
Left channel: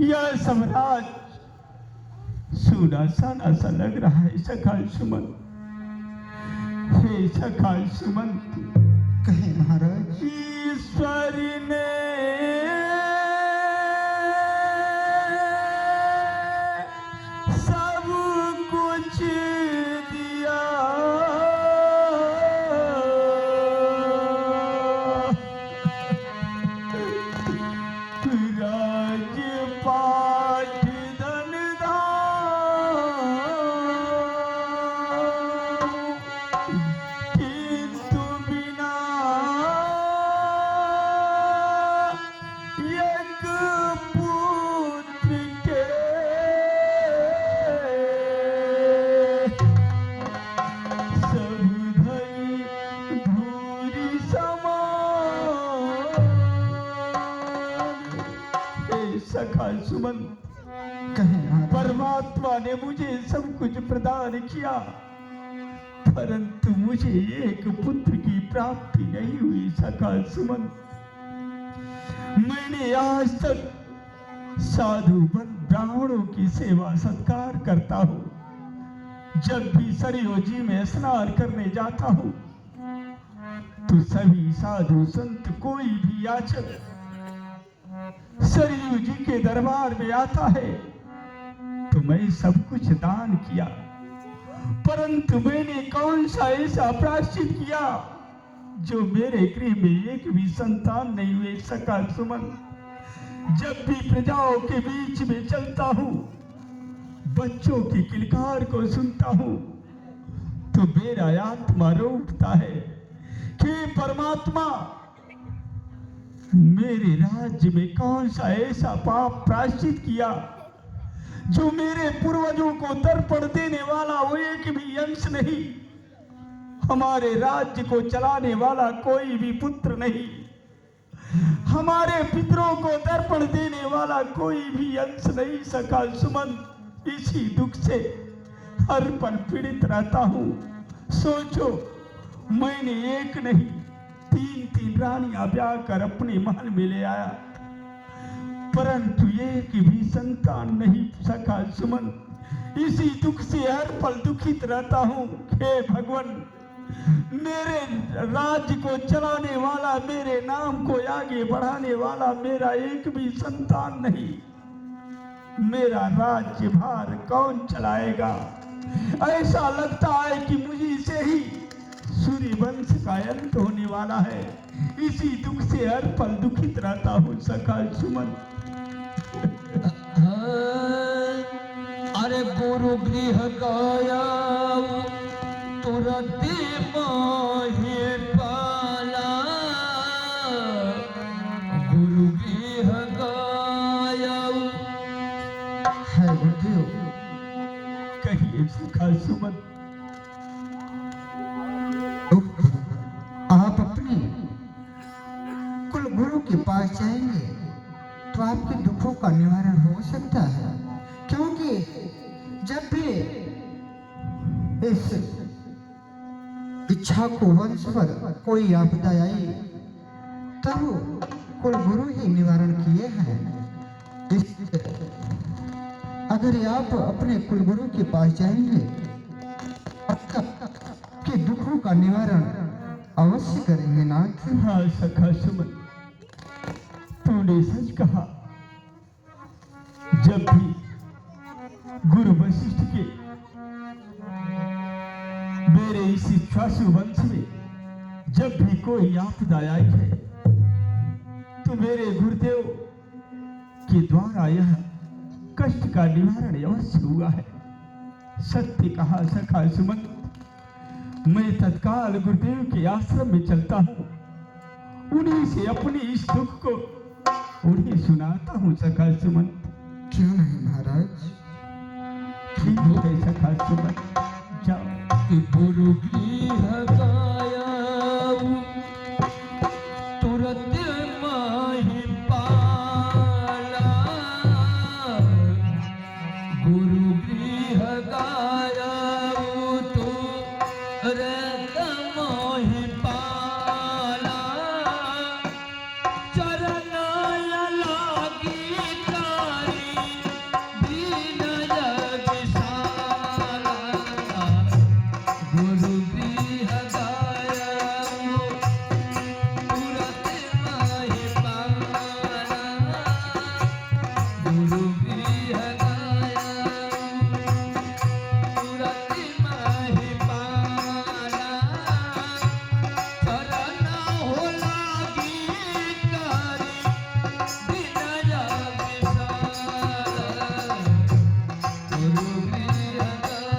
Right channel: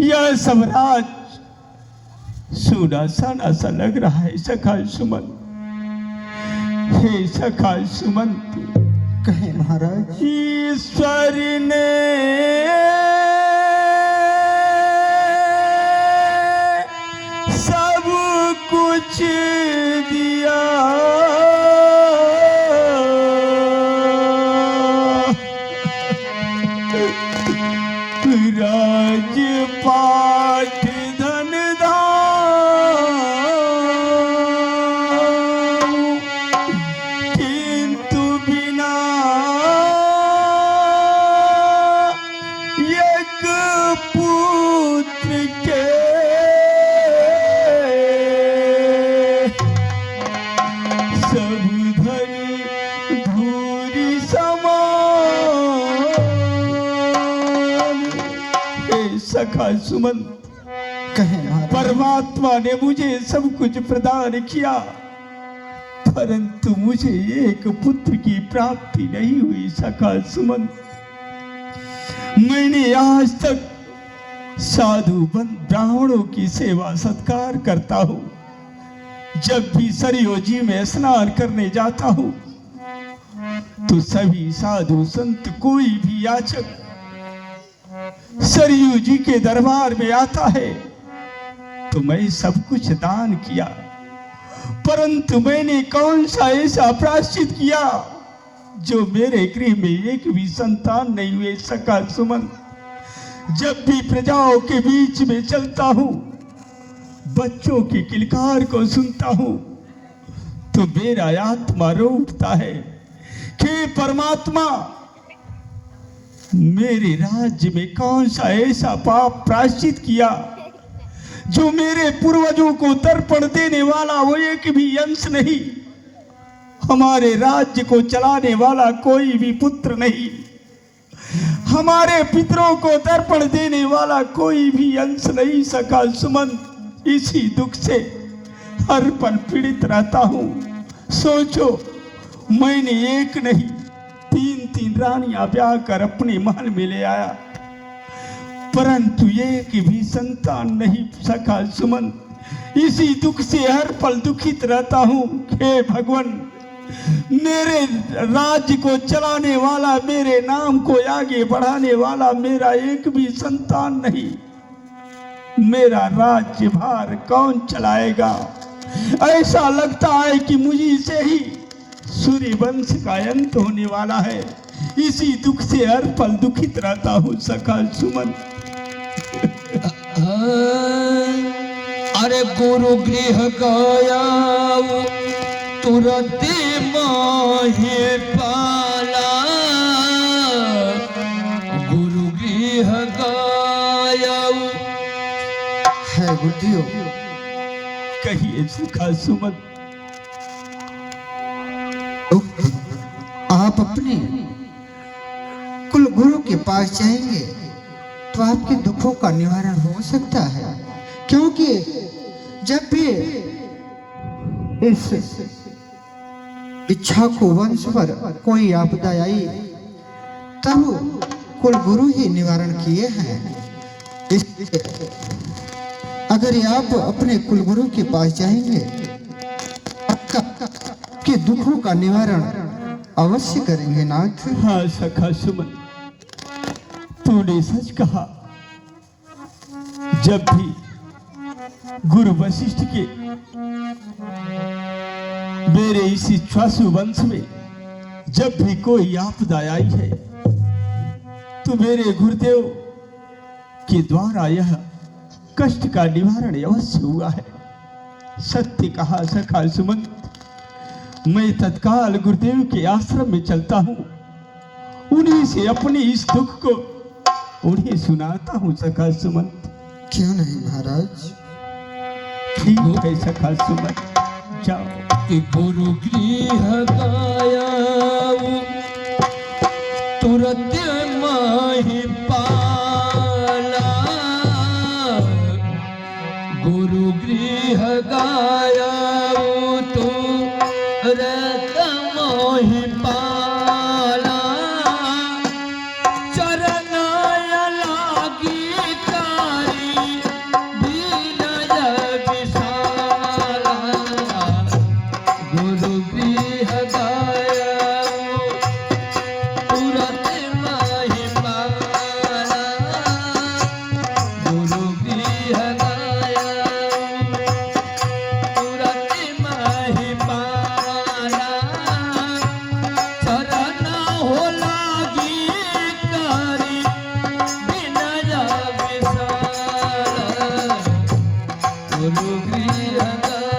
यह सब राज सोना साना सा लग रहा है सखा सुमंत। हे सखा सुमंत, कहे महाराज। ईश्वर ने सब कुछ दिया, राजपाट धन धाम, किंतु बिना एक पुत्र के सब धन धूरी समान। हे सखा सुमंत, कहे महाराज। परमात्मा ने मुझे सब कुछ प्रदान किया, परंतु मुझे एक पुत्र की प्राप्ति नहीं हुई सखा सुमंत। मैंने आज तक साधु ब्राह्मणों की सेवा सत्कार करता हूँ। जब भी सरयू जी में स्नान करने जाता हूँ तो सभी साधु संत कोई भी याचक सरयू जी के दरबार में आता है तो मैं सब कुछ दान किया, परंतु मैंने कौन सा ऐसा प्रायश्चित किया जो मेरे गृह में एक भी संतान नहीं हुए सखा सुमंत। जब भी प्रजाओं के बीच में चलता हूँ, बच्चों की किलकार को सुनता हूँ तो मेरा आत्मा रो उठता है कि परमात्मा, मेरे राज्य में कौन सा ऐसा पाप प्रायश्चित किया जो मेरे पूर्वजों को तर्पण देने वाला वो एक भी अंश नहीं, हमारे राज्य को चलाने वाला कोई भी पुत्र नहीं, हमारे पितरों को तर्पण देने वाला कोई भी अंश नहीं सखा सुमंत। इसी दुख से हर पल पीड़ित रहता हूँ। सोचो, मैंने एक नहीं 3 रानियां ब्याह कर अपने महल में ले आया, परंतु एक भी संतान नहीं सखा सुमंत। इसी दुख से हर पल दुखित रहता हूँ। हे भगवान, मेरे राज्य को चलाने वाला, मेरे नाम को आगे बढ़ाने वाला मेरा एक भी संतान नहीं, मेरा राज्य भार कौन चलाएगा? ऐसा लगता है कि मुझे से ही सूर्य वंश का अंत होने वाला है। इसी दुख से हर पल दुखित रहता हूँ सखा सुमन। अरे गुरु गृह गया तुरंत माहे पाला, गुरु गृह गया है गुरुदेव। कहिए सखा सुमन। आप अपने कुल गुरु के पास जाएंगे तो आपके दुखों का निवारण हो सकता है, क्योंकि जब भी इस इच्छा को वंश पर कोई आपदा आई तब कुल गुरु ही निवारण किए हैं। इसलिए अगर आप अपने कुल गुरु के पास जाएंगे आपके दुखों का निवारण अवश्य करेंगे नाथ। हाँ सखा सुमन, तूने सच कहा। जब भी गुरु वशिष्ठ के मेरे इस इच्छासु वंश में जब भी कोई आपदा आई है तो मेरे गुरुदेव के द्वारा यह कष्ट का निवारण अवश्य हुआ है। सत्य कहा सखा सुमंत, मैं तत्काल गुरुदेव के आश्रम में चलता हूँ, उन्हीं से अपने इस दुख को उन्हें सुनाता हूँ सखा सुमंत। क्यों नहीं महाराज? ठीक है सखा सुमंत, जाओ। गुरु गृह गाया तुरंत माहि पाला, गुरु गृह गाया तुरंत मोहि पाला, चरनाय लागी तारी विनय विशाला, गुरु गृह गाया तुरंत माहि पाला, गुरु गृह गाया तुरंत माहि पाला, चरण हो लागी कारी विनय विशाला, गुरु गृह गाया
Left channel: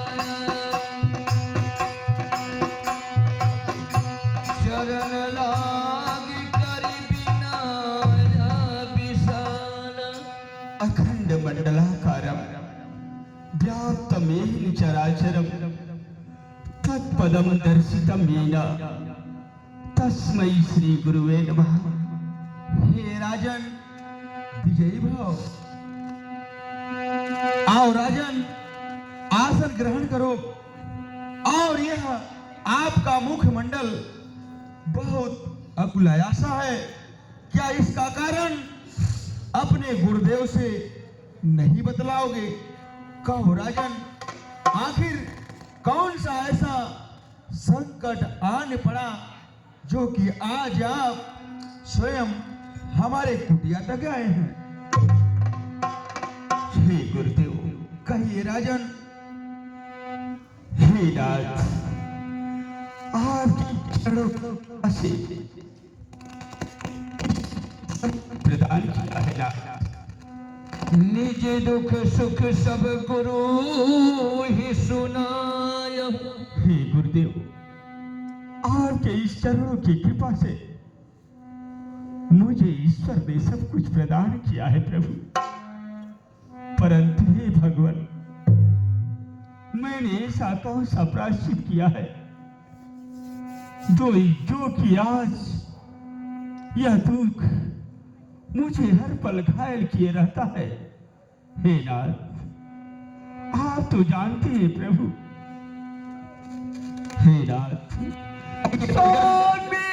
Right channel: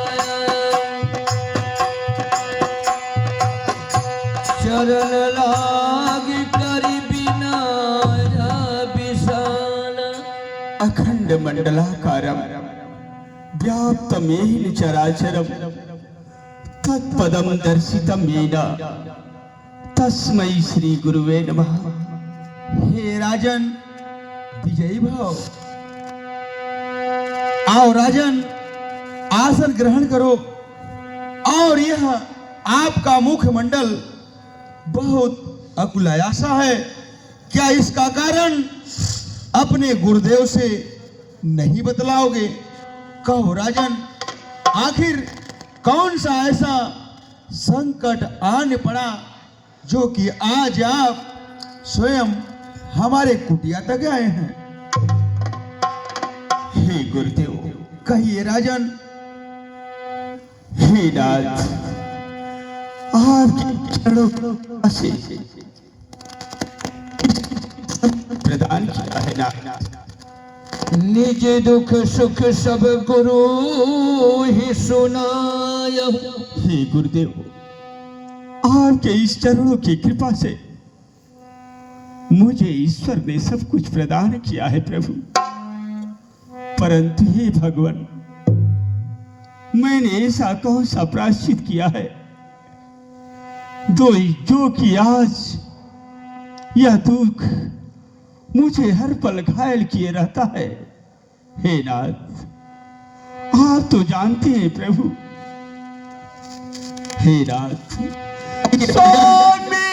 चरण लागी करी विनय विशाला। अखंड मंडलाकारं व्याप्तमेन चराचरं तत्पदं दर्शितं येन तस्मै श्री गुरुवे नमः। हे राजन, विजयी भाव, आओ राजन, आसन ग्रहण करो। और यह आपका मुखमंडल बहुत अकुलाया सा है, क्या इसका कारण अपने गुरुदेव से नहीं बतलाओगे? कहो राजन, आखिर कौन सा ऐसा संकट आने पड़ा जो कि आज आप स्वयं हमारे कुटिया तक आए हैं? हे गुरुदेव, कहिए राजन। हे नाथ, आपके चरणों से प्रदान किया है नाथ। निज दुख सुख सब गुरु ही सुनाय, हे गुरुदेव, आपके इस चरणों की कृपा से मुझे ईश्वर ने सब कुछ प्रदान किया है प्रभु। परंतु हे भगवान, मैंने ऐसा कौन सा प्रायश्चित किया है जो कि आज यह दुख मुझे हर पल घायल किए रहता है। हे नाथ, आप तो जानते हैं प्रभु। हे नाथ, सोने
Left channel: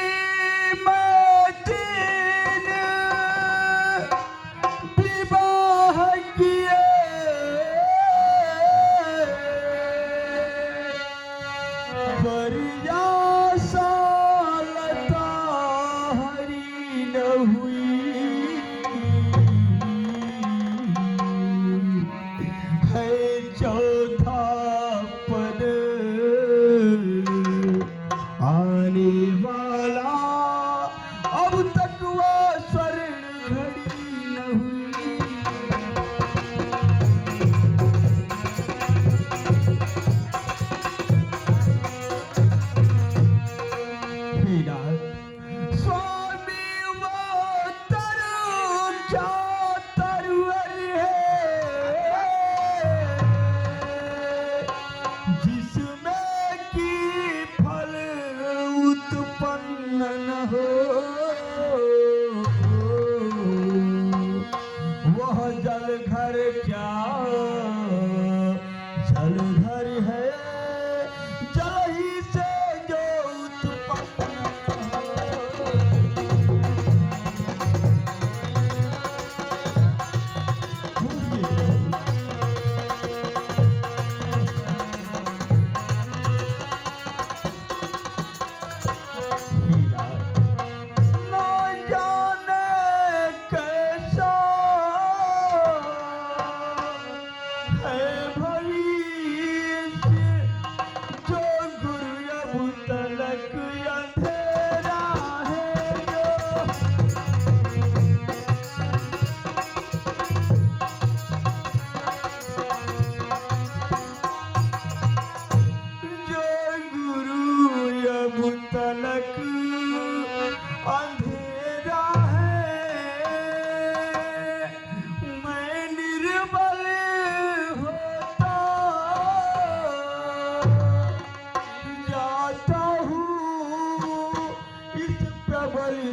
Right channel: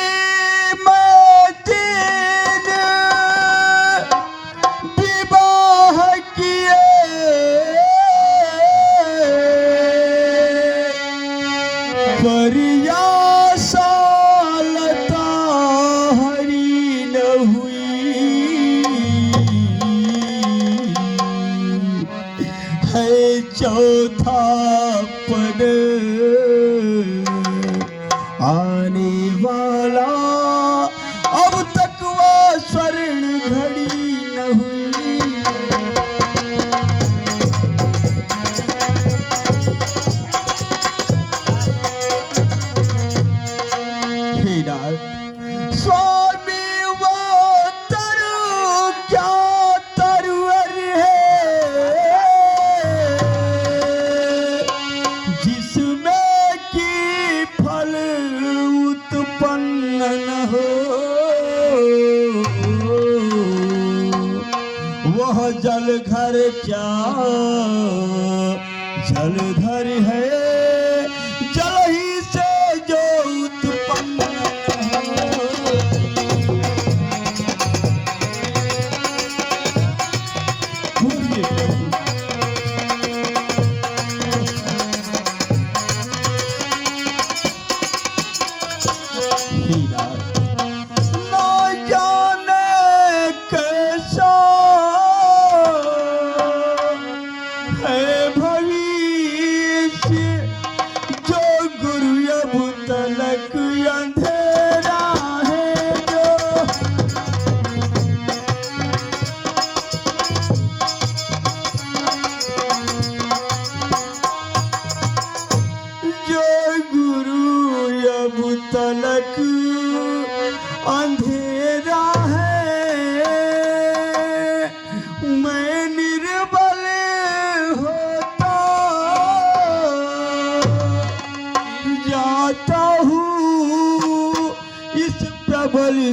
में तेज विवाह किए, परियासा लता हरी न हुई, है चौथा पद आने वाला, अब तक वह स्वर्ण घड़ी न हुई।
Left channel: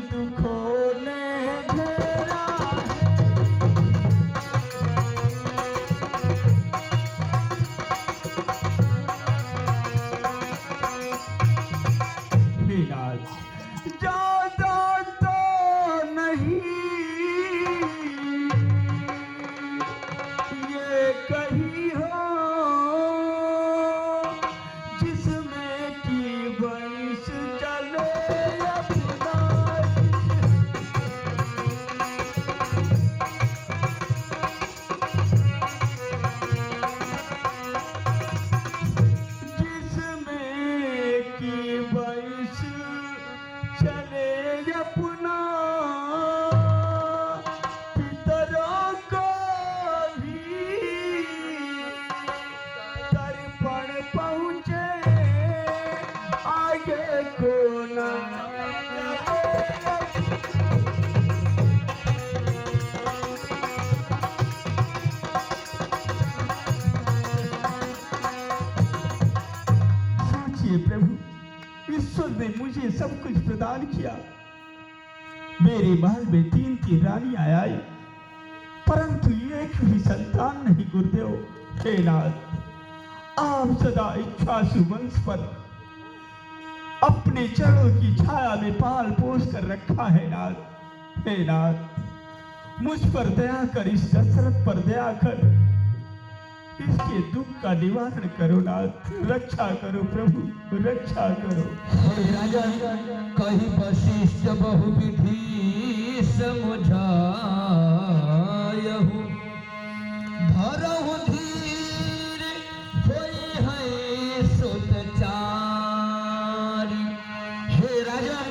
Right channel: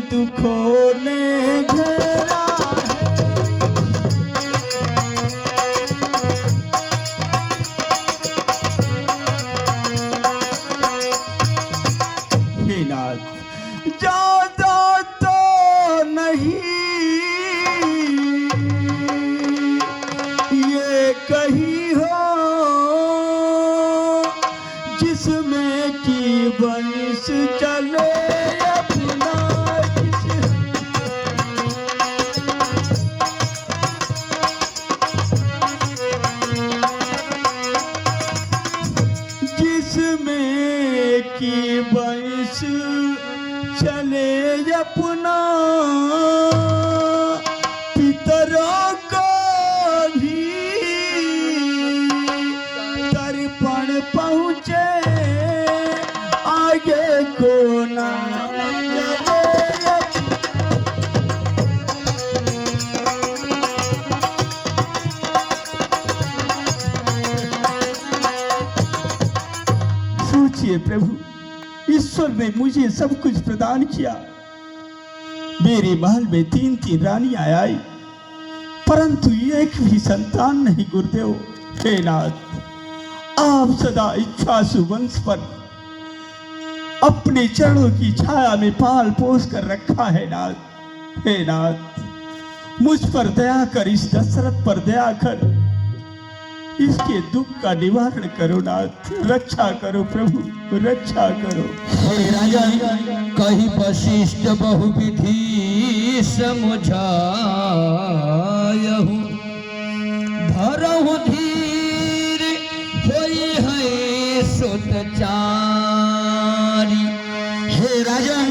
दुखों ने घेरा हे नाथ, ज्यादा तो नहीं ये कही हो जिसमें की बंश चले अपना जिसमें की बंश चले अपना पितरों को भी तर्पण पहुँचे आगे को ना चले। सोचिए प्रभु, ईश्वर ने मुझे सब कुछ प्रदान किया। मेरे महल में 3-3 रानियां आई, परंतु एक भी संतान नहीं गुरुदेव। हे नाथ, आप सदा इच्छासु वंश पर अपने चरणों की छाया में पाल पोस कर रखा है नाथ। हे नाथ, मुझ पर दया कर, इस दशरथ पर दया कर, इसके दुख का निवारण करो नाथ। रक्षा करो प्रभु, रक्षा करो। हे राजन, कही वशिष्ठ बहुविधि समझायहु, धरहु धीर होई है सुतचारी। हे राजन,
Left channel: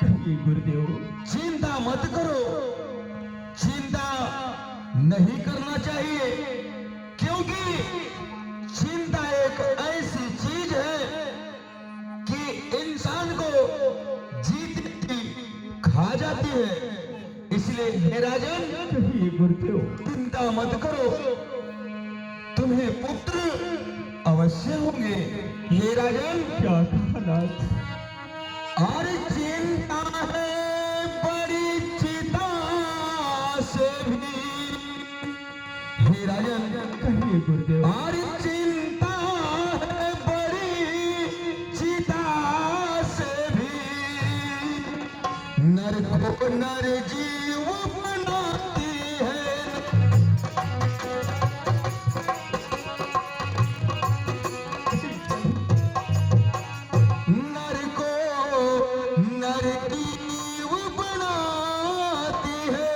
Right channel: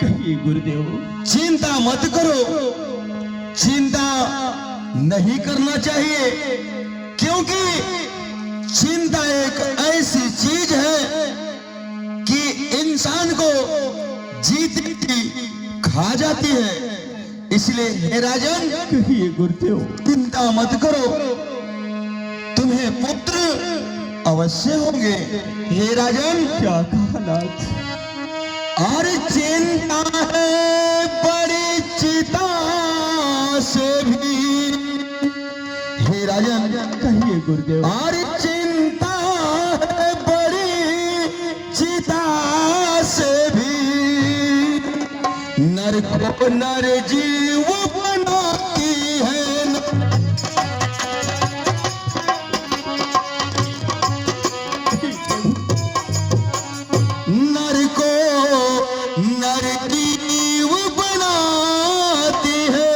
कहिए गुरुदेव। चिंता मत करो, चिंता नहीं करना चाहिए, क्योंकि चिंता एक ऐसी चीज है कि इंसान को जीती खा जाती है। इसलिए हे राजन, कहिए गुरुदेव। चिंता मत करो, तुम्हें पुत्र अवश्य होंगे। हे राजन, क्या कहा नाथ? और चिंता है बड़ी चिता से भी। हे राजन, कहिए गुरुदेव। और चिंता है बड़ी चिता से भी, नर को नर जीव बनाती है। नर को नर जीव बनाती है।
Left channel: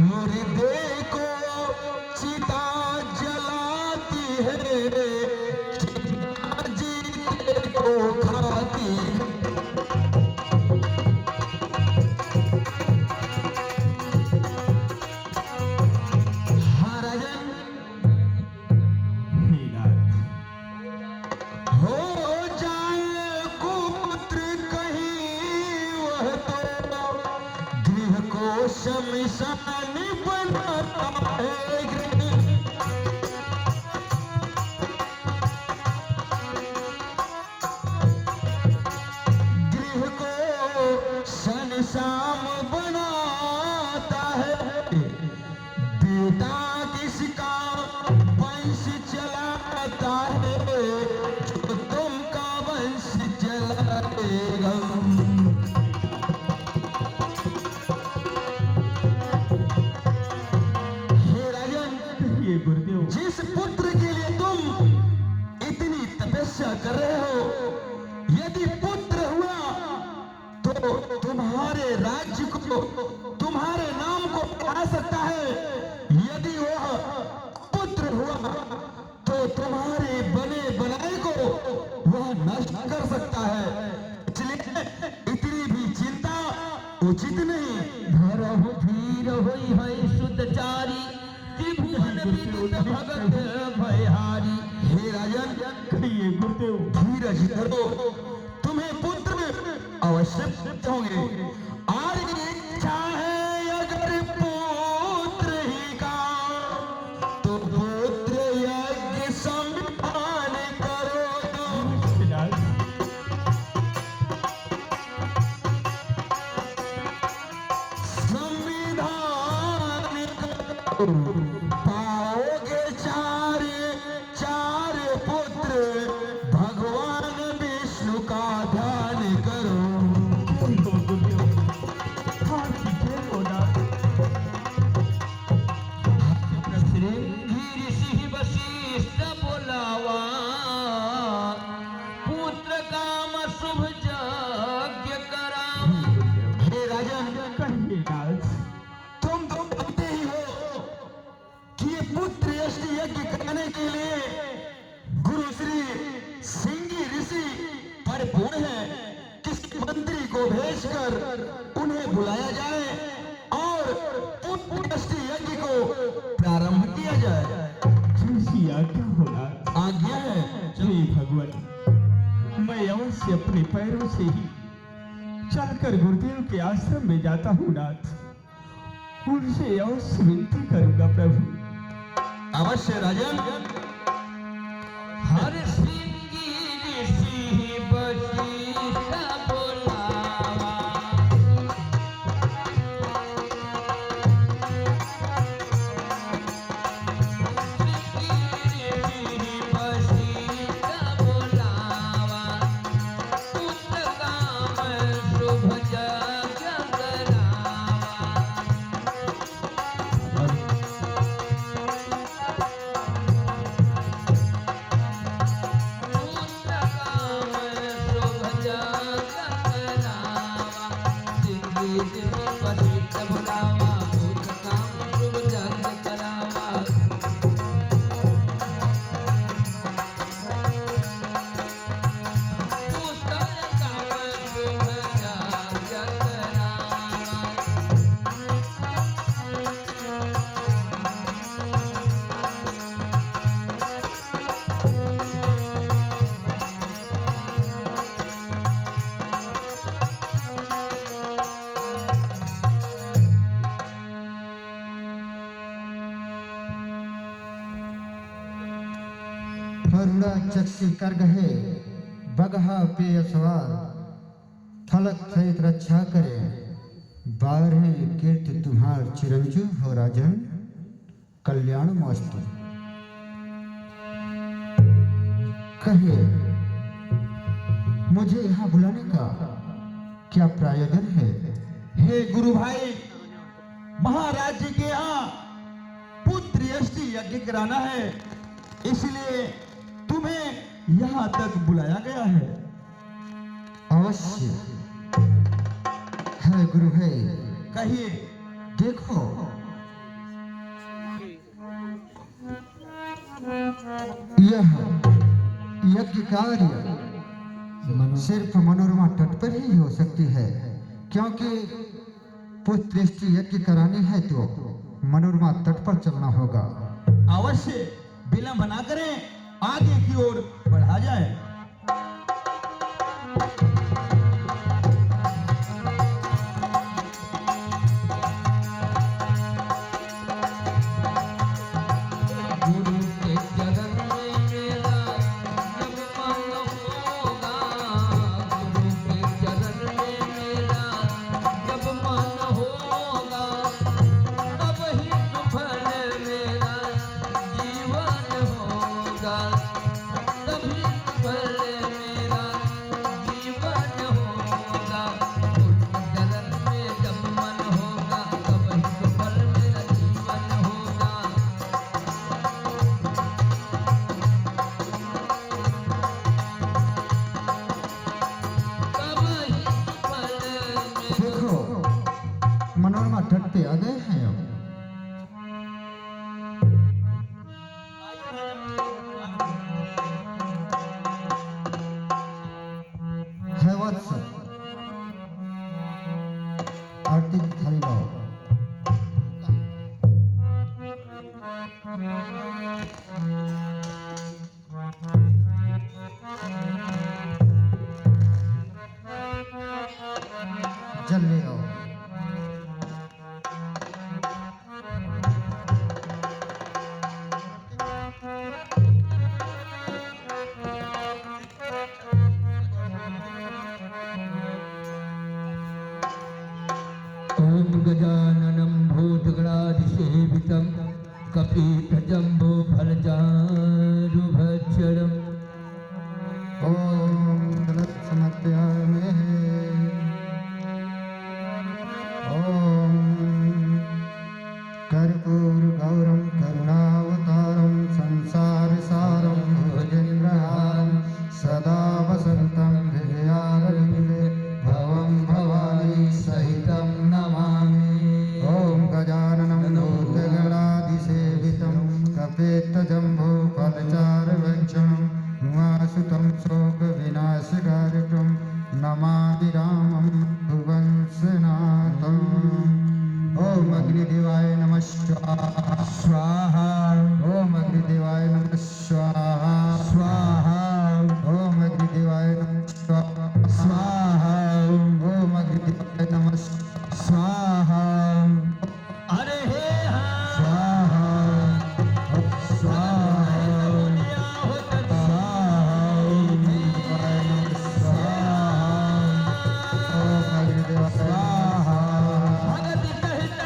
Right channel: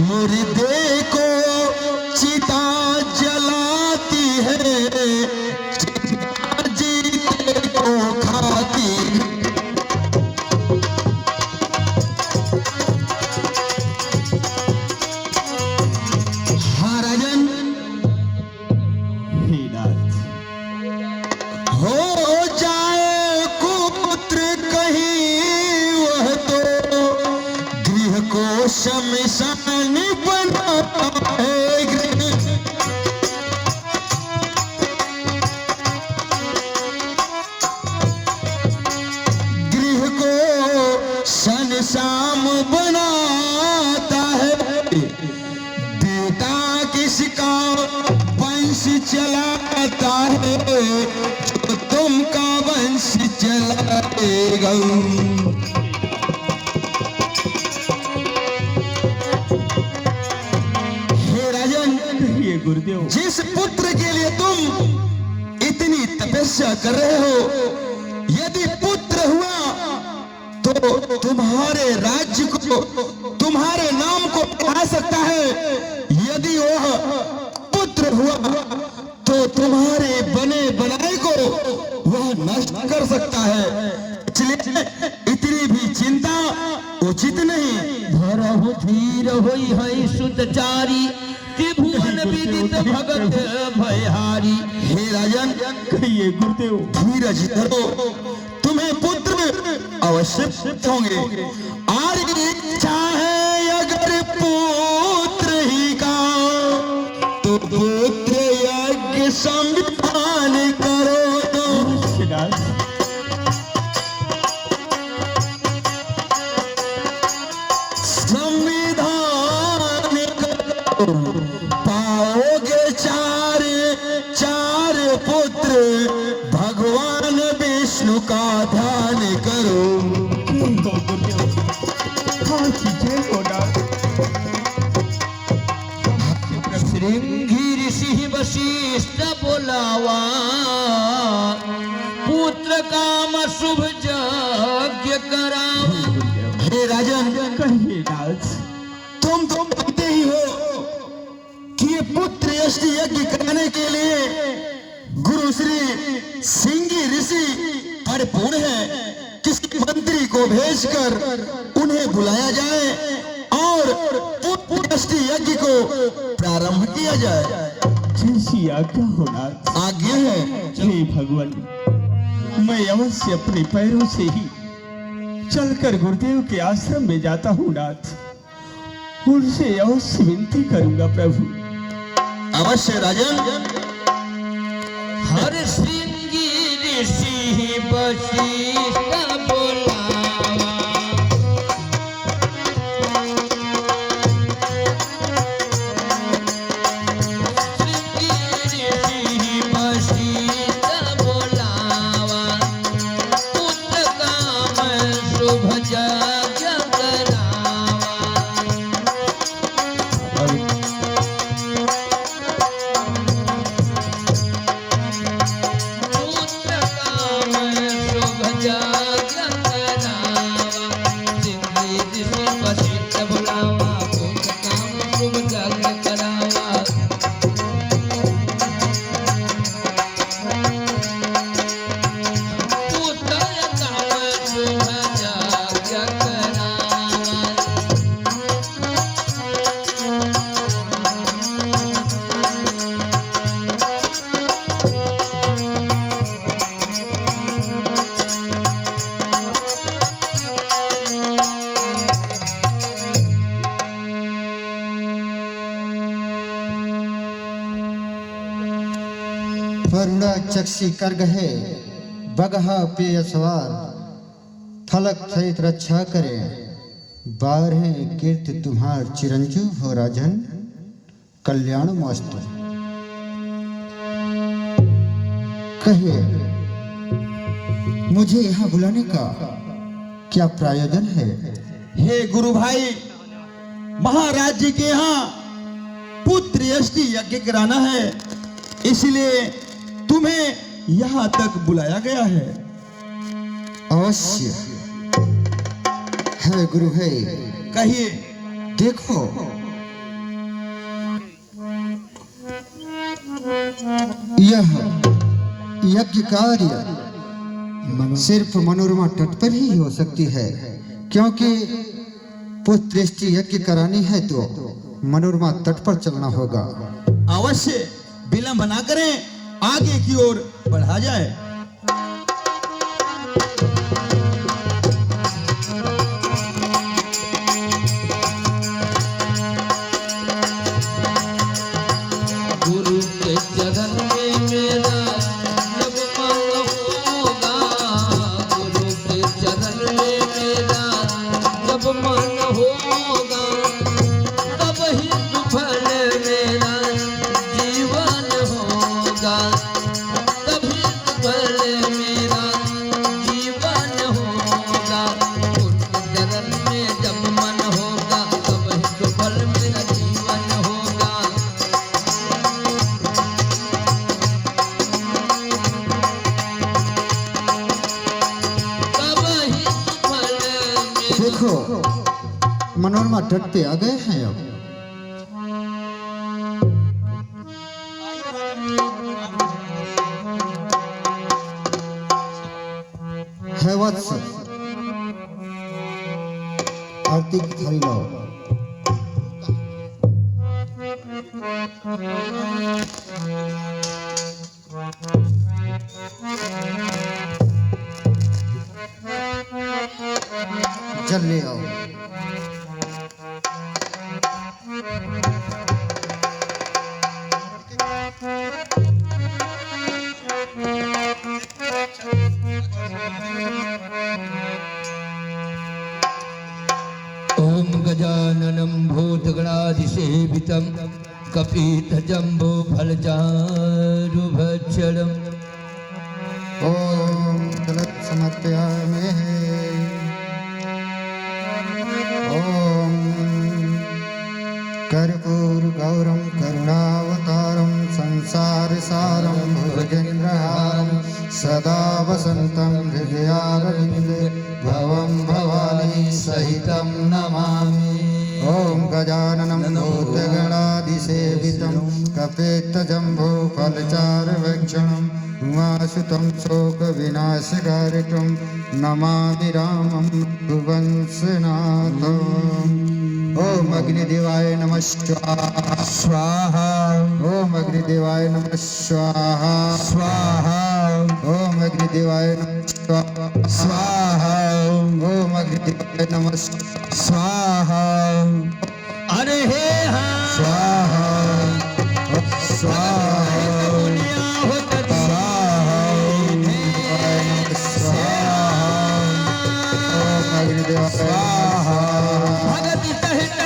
मुर्दे को चिता जलाती है, चिता जीते को खाती है। हाँ राजन, हे नाथ, हो जाए कुपुत्र कहीं वह तो गृह को शमशान बनाता है। गृह को शमशान बनाता है। बेटा किसका वंश चलाता है, जो तुमका वंश चलाएगा। हे राजन, कहिए गुरुदेव। जिस पुत्र के लिए तुम इतनी तपस्या कर रहे हो, यदि पुत्र हुआ तो तुम्हारे राज्य को, तुम्हारे नाम को आ सकता है। यदि वह पुत्र हुआ तो तुम्हारे बने बनाए को वह नष्ट कर सकता है। इसलिए इतनी भी चिंता उचित नहीं। धरहु धीर होई है सुतचारी, त्रिभुवन विदित भगत भयहारी। हे राजन, कहिए गुरुदेव। धीरज धरो, तुम्हें पुत्र अवश्य होंगे। और इच्छा है अगर पुत्र ही का, तो पुत्र यज्ञ संविधान करो। हे नाथ, काम शुभ यज्ञ करावा। हे राजन, कहिए नाथ। तुम जानते ही हो कि ये पुत्र यष्टि यज्ञ कराने के लिए गुरु श्री सिंगी ऋषि परिपूर्ण है। किसी मंत्री को भेजकर उन्हें बुलाया जाए और पुत्र यष्टि यज्ञ को प्रारंभ किया जाए। जैसी आज्ञा हो नाथ। आज्ञा है। हे भगवान, मैं अवश्य अपने पैरों से ही चलकर गुरुदेव के आश्रम में जाता हूँ नाथ। उनसे अवश्य विनती करूंगा प्रभु। अवश्य राजन। हर सिंगी ऋषि वशिष्ठ बुलावा। सिंगी ऋषि वशिष्ठ बुलावा। पुत्र काम शुभ यज्ञ करावा। पुत्र काम शुभ यज्ञ करावा। सिंगी ऋषि वशिष्ठ बुलावा। पुत्र काम शुभ यज्ञ करावा। पुत्र काम शुभ यज्ञ करावा। वरुणा चक्षी कर गहे बगहा पेय सवार। फलक सहित रक्षा करे 12 कीर्ति तुम्हार चिरंजीव हो राजन। कल्याण मस्त कहे मुझे यहाँ बुलाने का क्या प्रयोजन है? हे गुरु भाई, महाराज जी के यहाँ पुत्र यष्टि यज्ञ कराना है, इसलिए तुम्हें यहाँ तक बुलाया गया है। अवश्य है गुरु भाई। कहिए। देखो यह यज्ञ कार्य सिर्फ मनोरमा तट पर ही हो सकती है, क्योंकि पुत्र यज्ञ करानी है तो मनोरमा तट पर चलना होगा। अवश्य विलंब ना करें, आगे की ओर बढ़ा जाए। गुरु के चरण में मेरा जब मन होगा। गुरु के चरण में मेरा जब मन होगा। तब ही सफल मेरा जीवन होगा। तभी सफल मेरा जीवन होगा। गुरु के चरण में जब मन होगा। तब ही सफल मेरा जीवन होगा। तब ही सफल मेरा देखो मनोरमा तट पे आ गए हैं अब। है वत्स, आरती की थाली लाओ। जल ले आओ। ओम गजाननं भूतगणाधिसेवितं कपितजम्बो फलचारुभक्षणम् ओम दलत समर्पयामि। सुतं शोकविनाशकारकं नमामि रामं रघुवंशनाथम्। ओम अग्निदेवाय नमः स्वाहा। ओम अग्निदेवाय नमः स्वाहा। ओम अग्निदेवाय नमः स्वाहा। ओम अग्निदेवाय नमः स्वाहा। अरे हे हाँ स्वाहा स्वाहा भगति सहित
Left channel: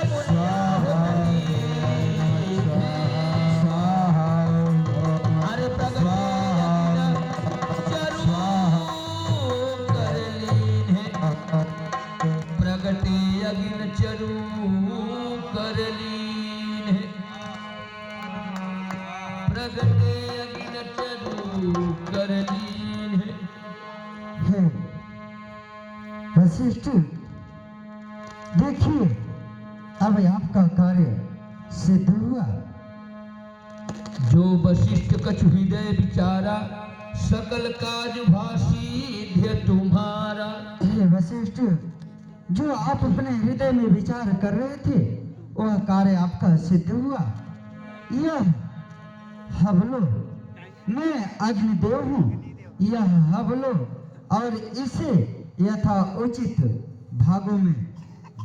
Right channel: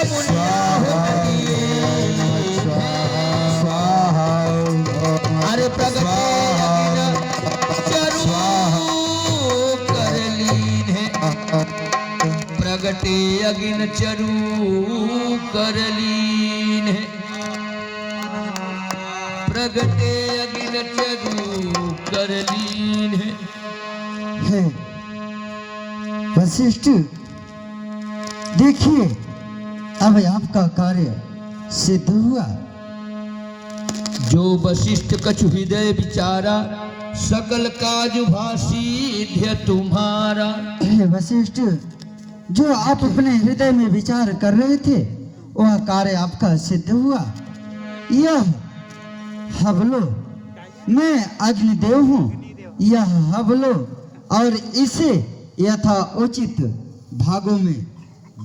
अरे प्रगति अगिन चरू कर लीन है। प्रगटे अगिन चरू कर लीन है। है वशिष्ठ, देखिए अब आपका कार्य सिद्ध हुआ। जो वशिष्ठ कछु हृदय विचारा, सकल काज भासी ध्य तुम्हारा। हे वशिष्ठ, जो आप अपने हृदय में विचार कर रहे थे वह कार्य आपका सिद्ध हुआ। यह हवलो, मैं अग्निदेव हूँ, यह हवलो और इसे यथा उचित भागों में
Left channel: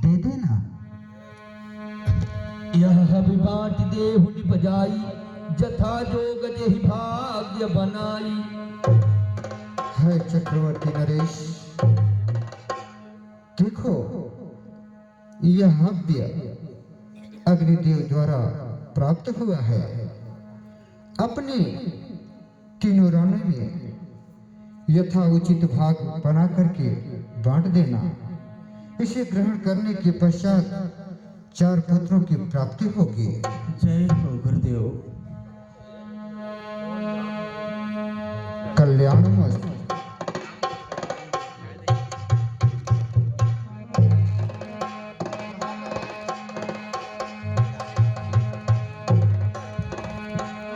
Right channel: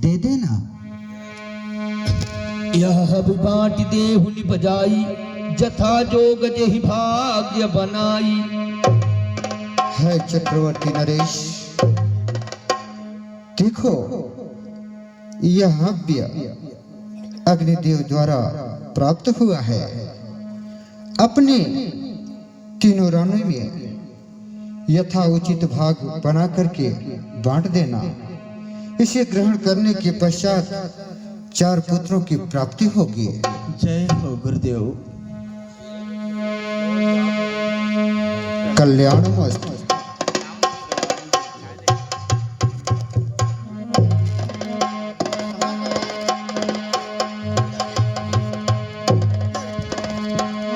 दे देना। यह हब बाँट देहु निपजाई, जथा जोग जेहि भाग्य बनाई। है चक्रवर्ती नरेश, देखो यह हव्य अग्निदेव द्वारा प्राप्त हुआ है। अपने तीनों रानों में यथा उचित भाग बना करके बांट देना। इसे ग्रहण करने के पश्चात 4 पुत्रों की प्राप्ति होगी। जय हो गुरुदेव। कल्याणमस्तु।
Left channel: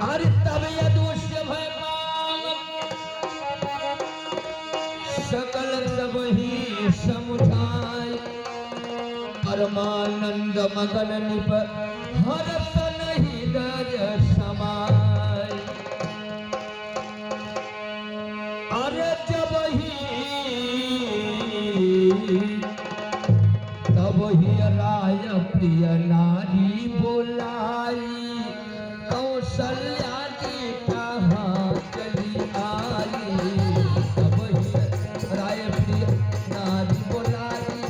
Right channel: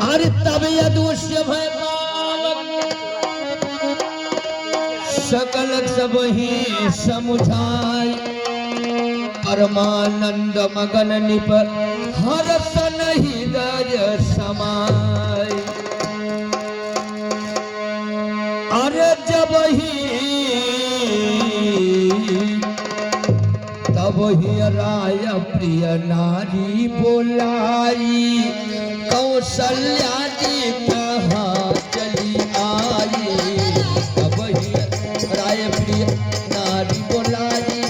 अरे तब यदुष्य भय पावन, सकल सब ही समुझाई। परमानंद मगन निप हरस नहीं दज समाय। अरे जब ही तब ही राय प्रिय नारी बोलाई। कौशल्या जी कहाँ चली आई। तब ही राय प्रिय नारी बोलाई।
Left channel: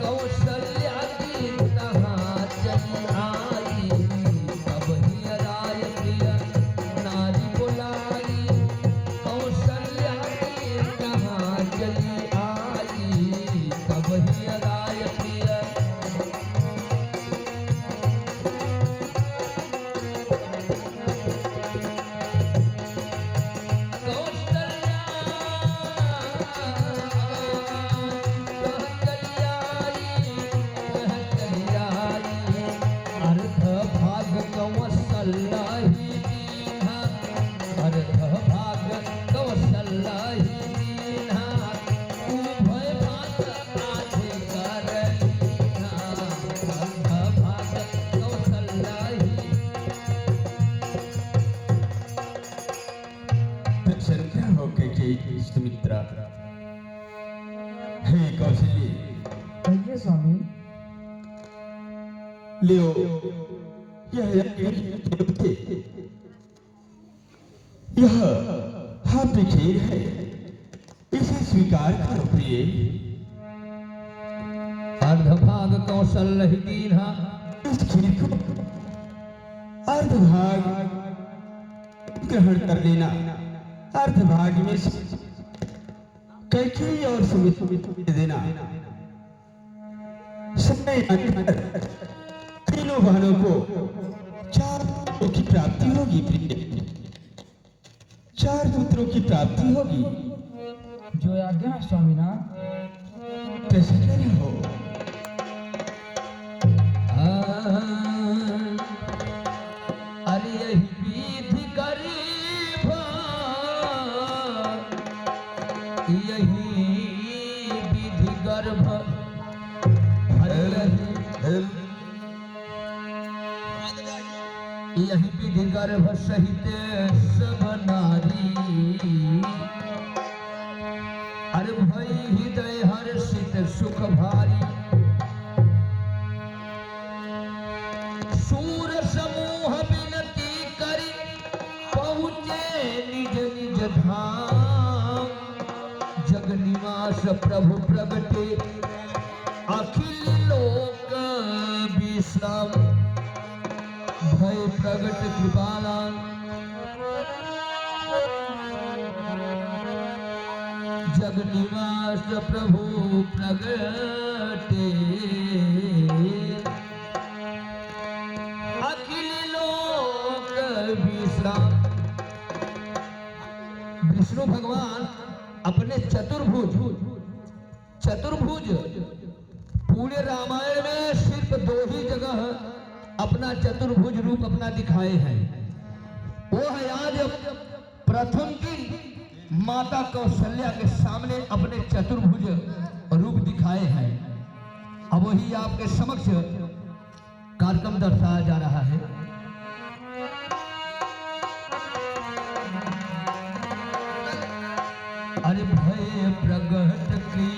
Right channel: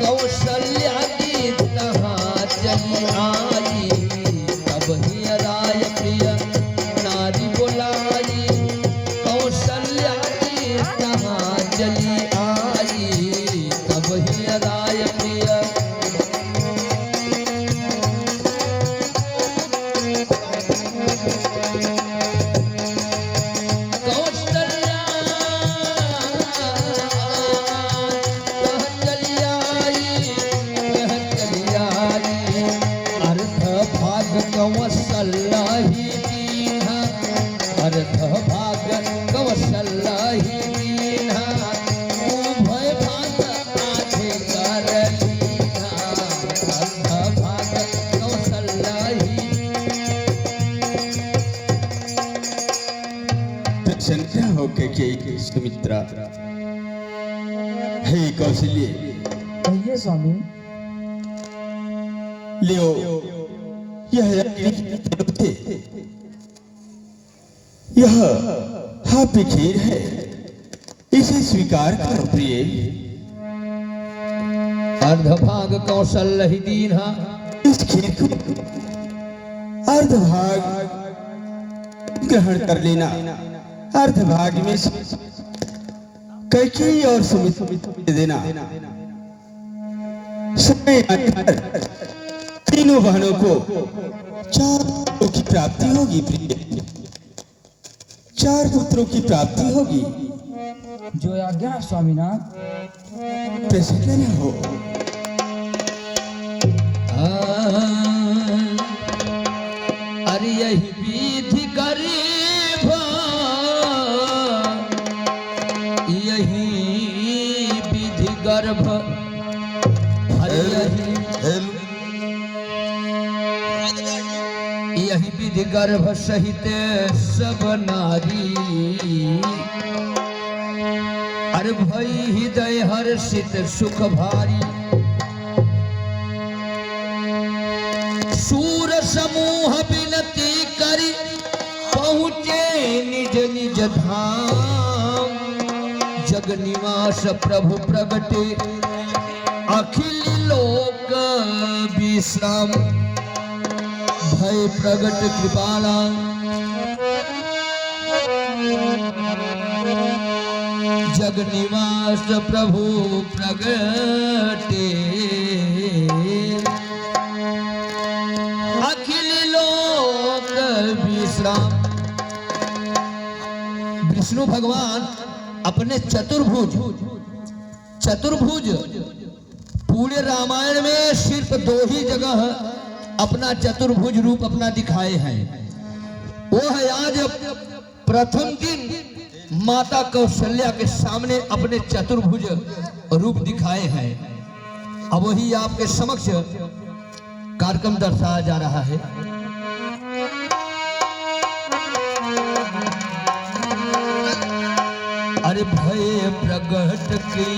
कौशल्या जी कहाँ चली आई। तब ही राय प्रिय नारी बोलाई। कौशल्या जी कहाँ चली आई। तब ही राय प्रिय प्रसन्न होकर के सुमित्रा, हे कौशल्य, कहिए स्वामी। लियो यह थे। यह हापी खीर है, इसे स्वीकार करो प्रिय। अर्धभाग कौशल ही दीन्हा। इस खीर को अर्धभाग ग्रहण कर लेना। अर्धभाग में कैकेयी और सुमित्रा दे देना। समय आने पर तीनों बहनों को 4 पुत्रों की प्राप्ति होगी प्रिय। 4 पुत्रों की प्राप्ति होगी। जो आज्ञा स्वामीनाथ। प्रसन्न हो। अरे यही विधि करी यही विधि गर्भ यही विधि गर्भ सहित सब नारी अरे भई हृदय हर्षित सुख भारी सूर समूह विनती करी पहुँचे निज निज धाम जग निवास प्रभु प्रगटे अखिल लोक विश्राम भय प्रगट कृपाला जग निवास प्रभु प्रगटे अखिल लोक विश्राम। विष्णु भगवान अपने चतुर्भुज पूरे रामायण में सिर्फ 2 ही जगह अपना चतुर्भुज रूप अपना दिखाए हैं। वो है आज प्रथम दिन माता कौशल्या के सामने अपने चतुर्भुज रूप दिखाए हैं। अब वही आपके समक्ष कार्यक्रम दर्शाया जा रहा है। अरे भय प्रगट की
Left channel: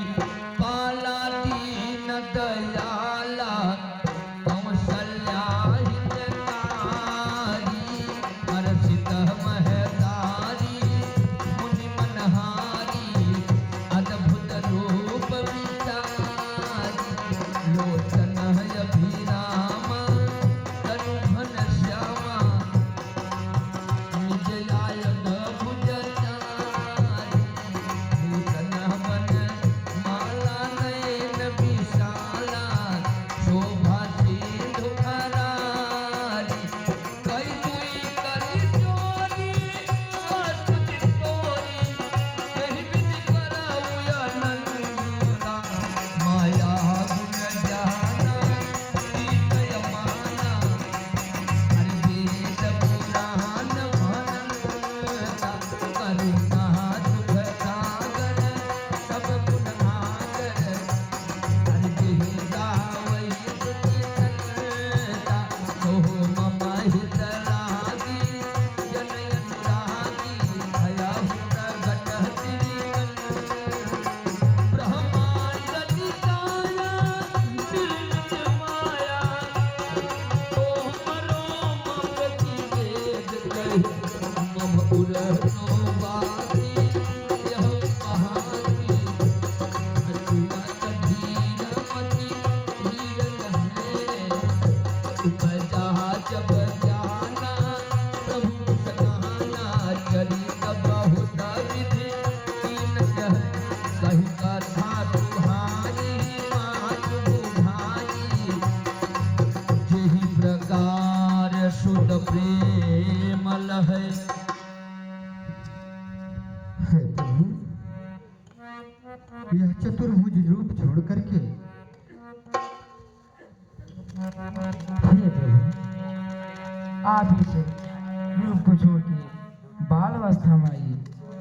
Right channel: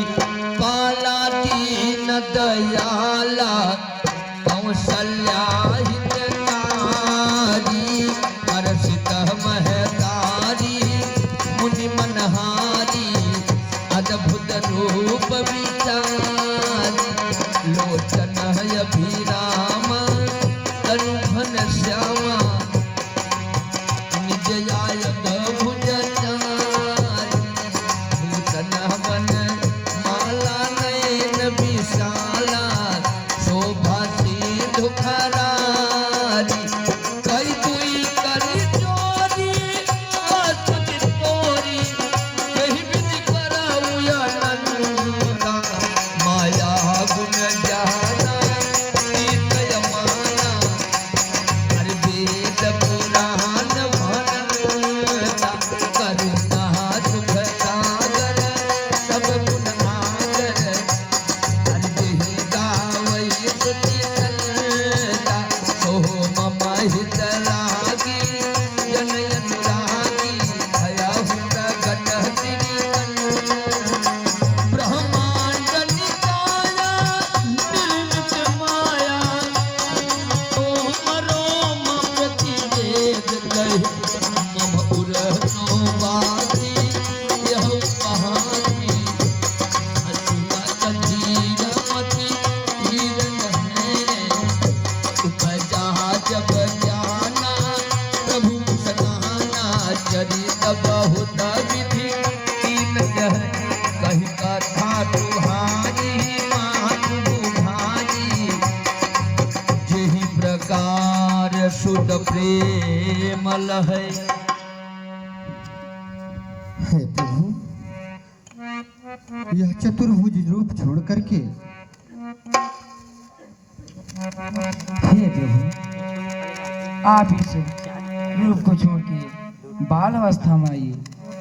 पाला दीन दयाला कौशल्या हितकारी हर्षित महतारी मुनि मनहारी अद्भुत रूप विचारी लोचन अभिराम तनु घन श्यामा निज आयत भुज चारी भूषण बन माला नयन विशाला शोभा सिंधु खरारी कई दुई करी चोरी अतुज तोरी कही विधि कराऊ अनंता माया गुण जाना तीत यमाना हरि वेद पुराण भनता करुणा सुख सागर सब गुण आगर हरि देहि गावै स्तुति करता सोहो मम हित लागी जनय अनुरागी भया प्रगट श्री ब्रह्मांड निकाया निर्मित माया रोम प्रतिवेद कहे मम उरतो बासी यह कहानी हसुआ कंधीरमति हिरण है उपजा जब जाना प्रभु सगाना चरित बहुत विधि तीन कह कही कथा तुहारी मातु भारी जेहि प्रकार शुद्ध प्रेम लहै। हे प्रभु, यह चतुर्भुज रूप छोड़ करके हे प्रभु, आप इस रूप को छोड़ के बाल अवस्था में आइए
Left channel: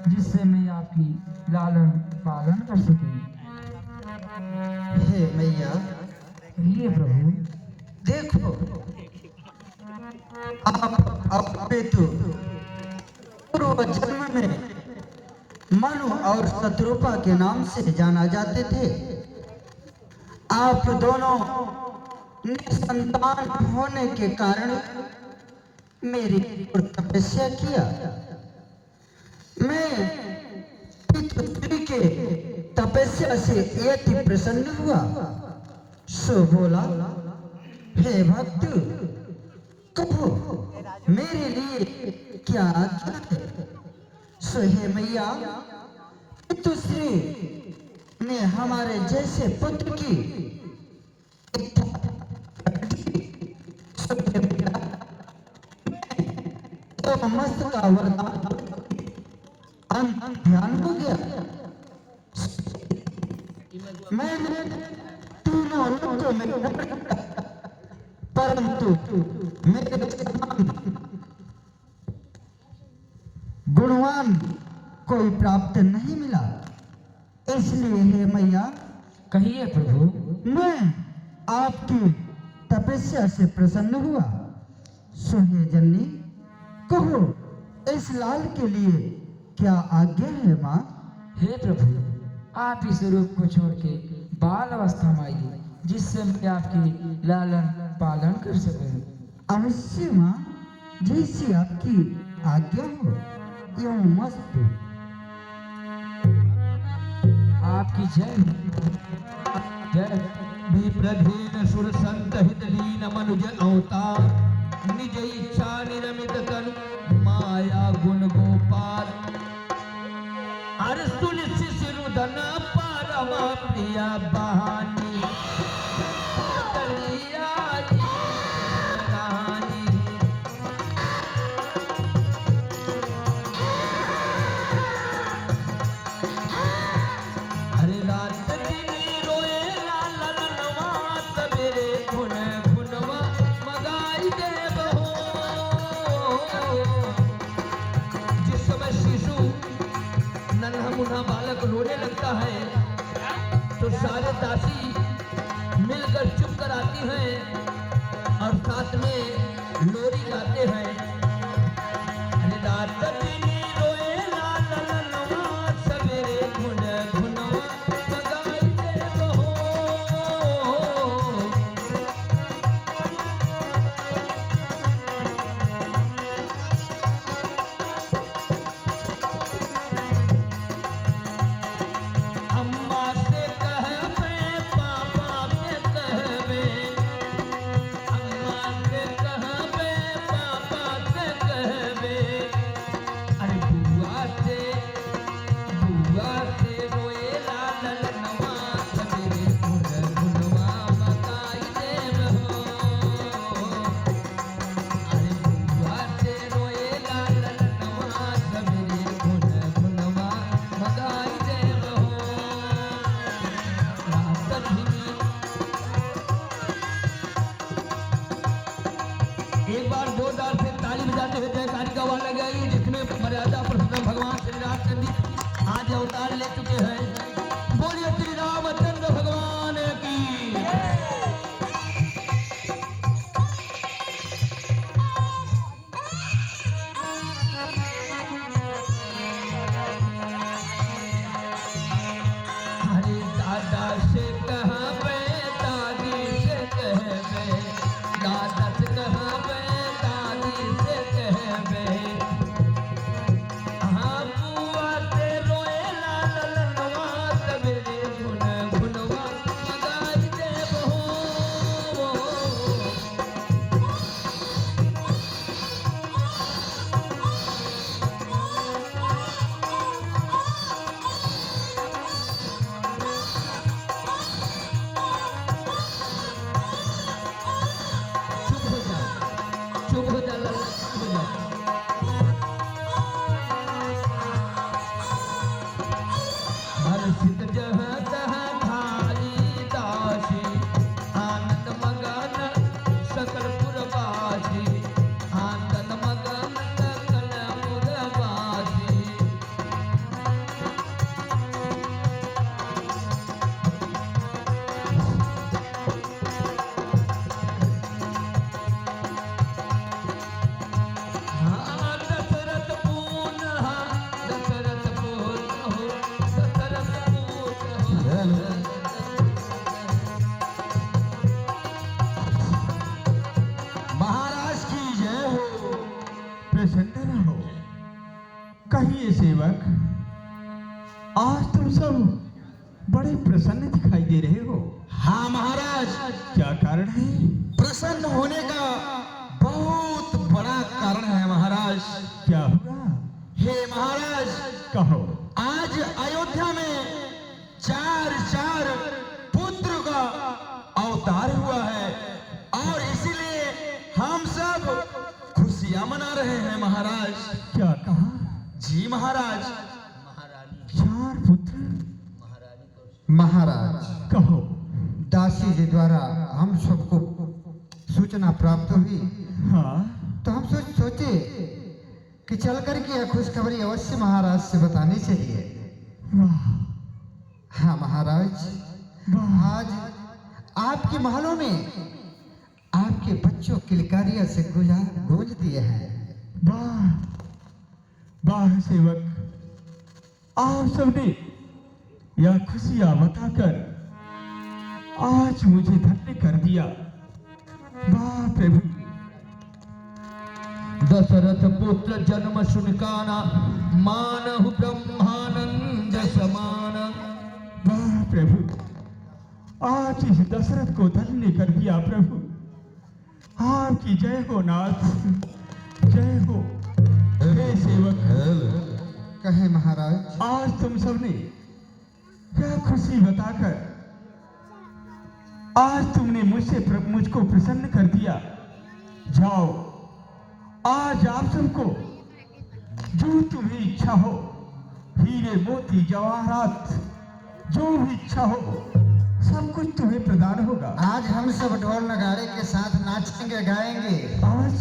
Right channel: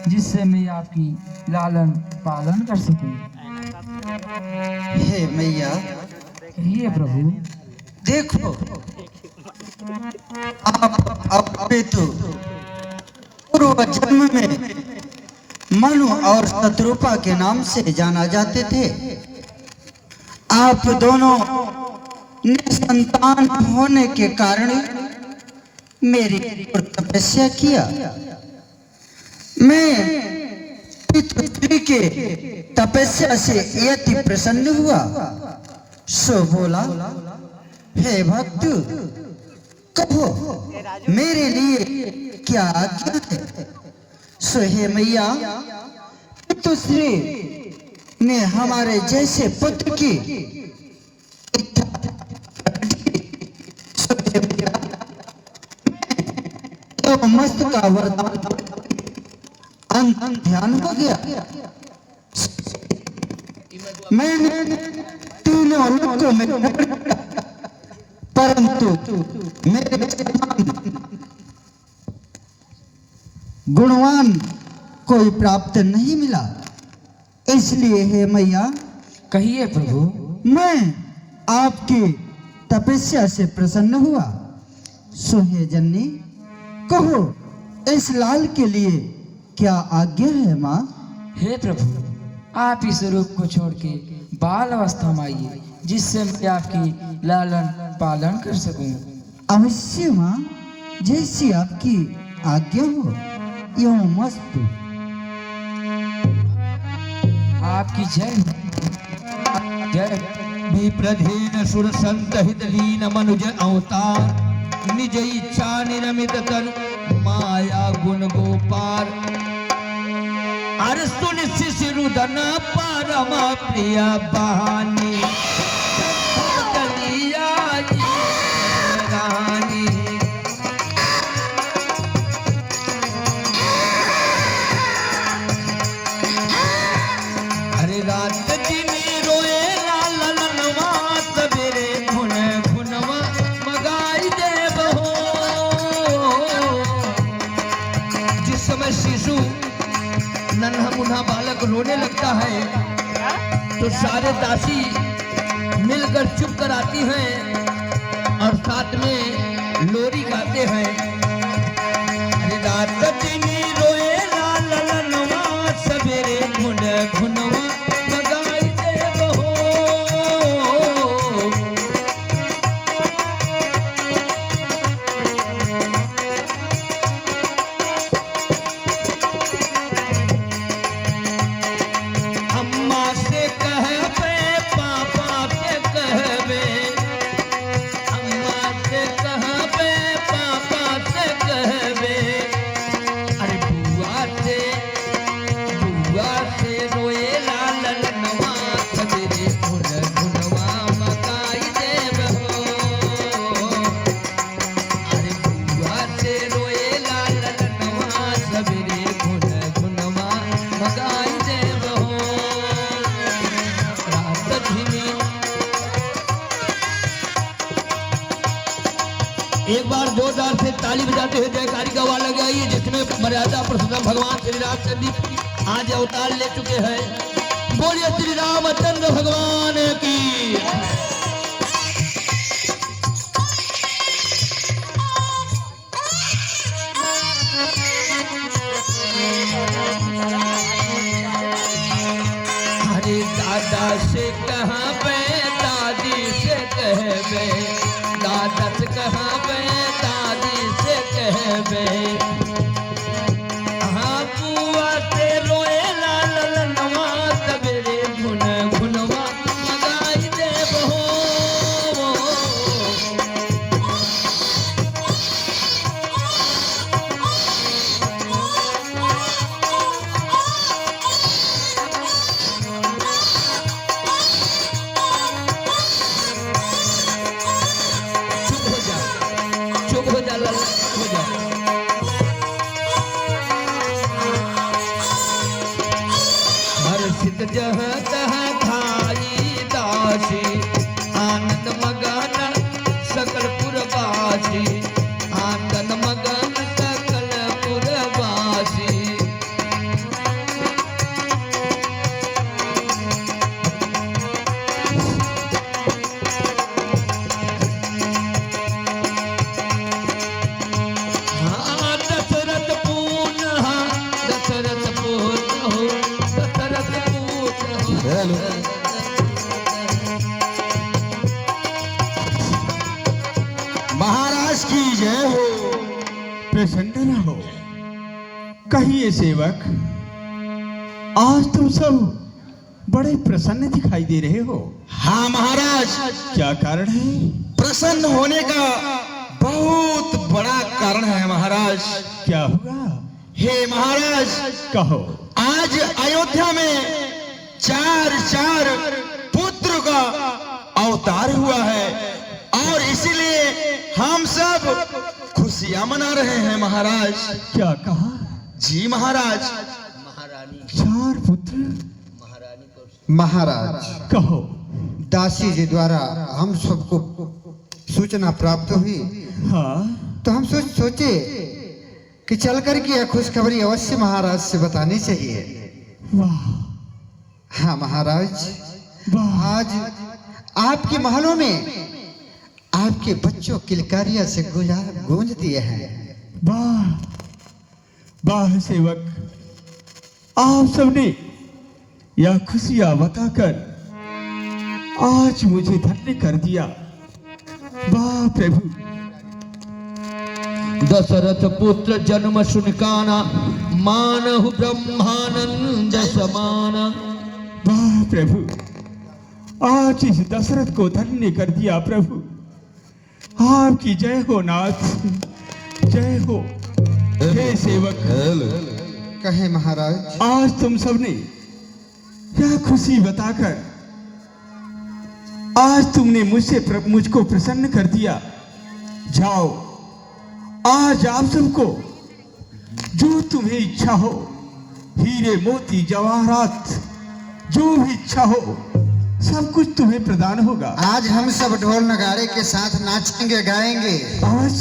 जिससे मैं आपकी लालन पालन कर सकूं। हे मैया, हे प्रभु, देखो आप तो पूर्व जन्म में मनु और शत्रुपा के नाम से जाना जाते थे। आप दोनों निसंतान होने के कारण मेरी तपस्या किया। मैं पितृ के तपस्या से यति प्रसन्न हुआ सो बोला, हे भक्त, कहो मेरे लिए क्या आज्ञा है। सो हे मैया, पितृश्री ने हमारे जैसे पुत्र की इच्छा सो हे मैया, तो मस्त का वरदान अंत ध्यान हो गया। मैंने तीनों लोगों में परंतु मेरे गुणवान कोई प्राप्त नहीं मिला। इसलिए हे मैया, कहिए प्रभु। मैं आपकी तपस्या से प्रसन्न हुआ। सो हे जननी, कहो इस लाल के लिए क्या आज्ञा है माँ? हे प्रभु, आप इस रूप को छोड़ के बाल अवस्था में आइए, जिससे मैं आपकी लालन पालन कर सकूं। अवश्य माँ, जैसी आपकी आज्ञा हो, यूं मस्त। आपकी जय जय। विप्रधेन सुर संत हित लीन मनुज अवतार निज इच्छा निरमित तनु माया गुण गोपार अरस्तु निशिरुदन परम प्रिय बहानी दलिया जी रानी। अरे रात दिन रोए लालन नवात मेरे गुण गुणवा मगाई दे बहो। जिस समय शिशु नन्हा मुन्हा बालक रोने लगता है तो सारे दासी मिलकर चुप कर आती हैं और साथ में लोरी गाते हैं। अरे रात दिन रोए लालन नवात सवेरे गुण गुणवा मगाई दे बहो। अम्मा से कहबे पापा से कहबे, अम्मा से कहबे पापा से कहबे। अरे बुआ से रोए लालन नवा सवेरे गुण गुणवा मगाई देब हो। अरे बुआ से रोए लालन नवा सवेरे गुण गुणवा मगाई देब हो। रात धीमी एक बार जोरदार से ताली बजाते हुए जयकारी का आवाज लग जाइए, जिसमें मर्यादा पुरुषोत्तम भगवान श्री रामचंद्र जी आज अवतार ले चुके हैं। बोलिए श्री रामचंद्र भगवान की। अरे दादा से कहाँ पे दादी से कहबे, दादा से कहाँ पे दादी से कहबे। हाँ बुआ से रोए लालन नवा सवेरे गुण गुणवा मगाई देब हो। चुप हो जा, चुप हो जा लाला, हो जा। हर्षित जह तह खाई दासी, आनंद मगन सकल पुरवासी, आनंद मगन सकल पुरवासी। हाँ दशरथ पूर्ण, हाँ दशरथ पूर्ण हो, दशरथ पूर्ण हो। महाराज की जय हो। प्रसन्न रहो। कहिए सेवक, आज तुम सब बड़े प्रसन्न दिखाई दे रहे हो। हाँ महाराज, क्या कारण है? प्रसन्न होने का बहुत बड़ा कारण है महाराज। क्या हुआ? हे महाराज, कहो। आज अयोध्या में चार पुत्र का अवतार हुआ है और इसीलिए हम सब खुशियां मना रहे हैं महाराज। क्या कहा? जी महाराज। 4 पुत्र? महाराज, कहो। दासी जी द्वारा हम सबको सूचना प्राप्त हुई हाँ, तो हम सोचे कि चल कर के यह खुशखबरी अवश्य महाराज से बतानी चाहिए। वाह, हाँ महाराज, आज आपके महलों में आपके बच्चों किलकारियां से गूंज दिए हैं। वाह वाह सेवक, आप सबने यह खुशियां बताकर आज मुझे धन्य कर दिया। वाह प्रभु, दशरथ पुत्र जन्म सुनकाना, मानहु ब्रह्मानंद समाना। वाह प्रभु, आज इस दशरथ को धन्य कर दिया प्रभु। आपकी जय हो नाथ, जय हो। हे सेवक, कहे महाराज। आज तुम सबने यह खुशी बताकर आज तुमने मुझको प्रसन्न कर दिया। जाओ, आज आप सबको जो तुम्हें इच्छा हो, हीरे मोती जवाहरात जो भी इच्छा हो, सब कुछ तुम्हें प्रदान होगा। आज हम सब ढोल नगाड़े के साथ नाचेंगे, गाएंगे आज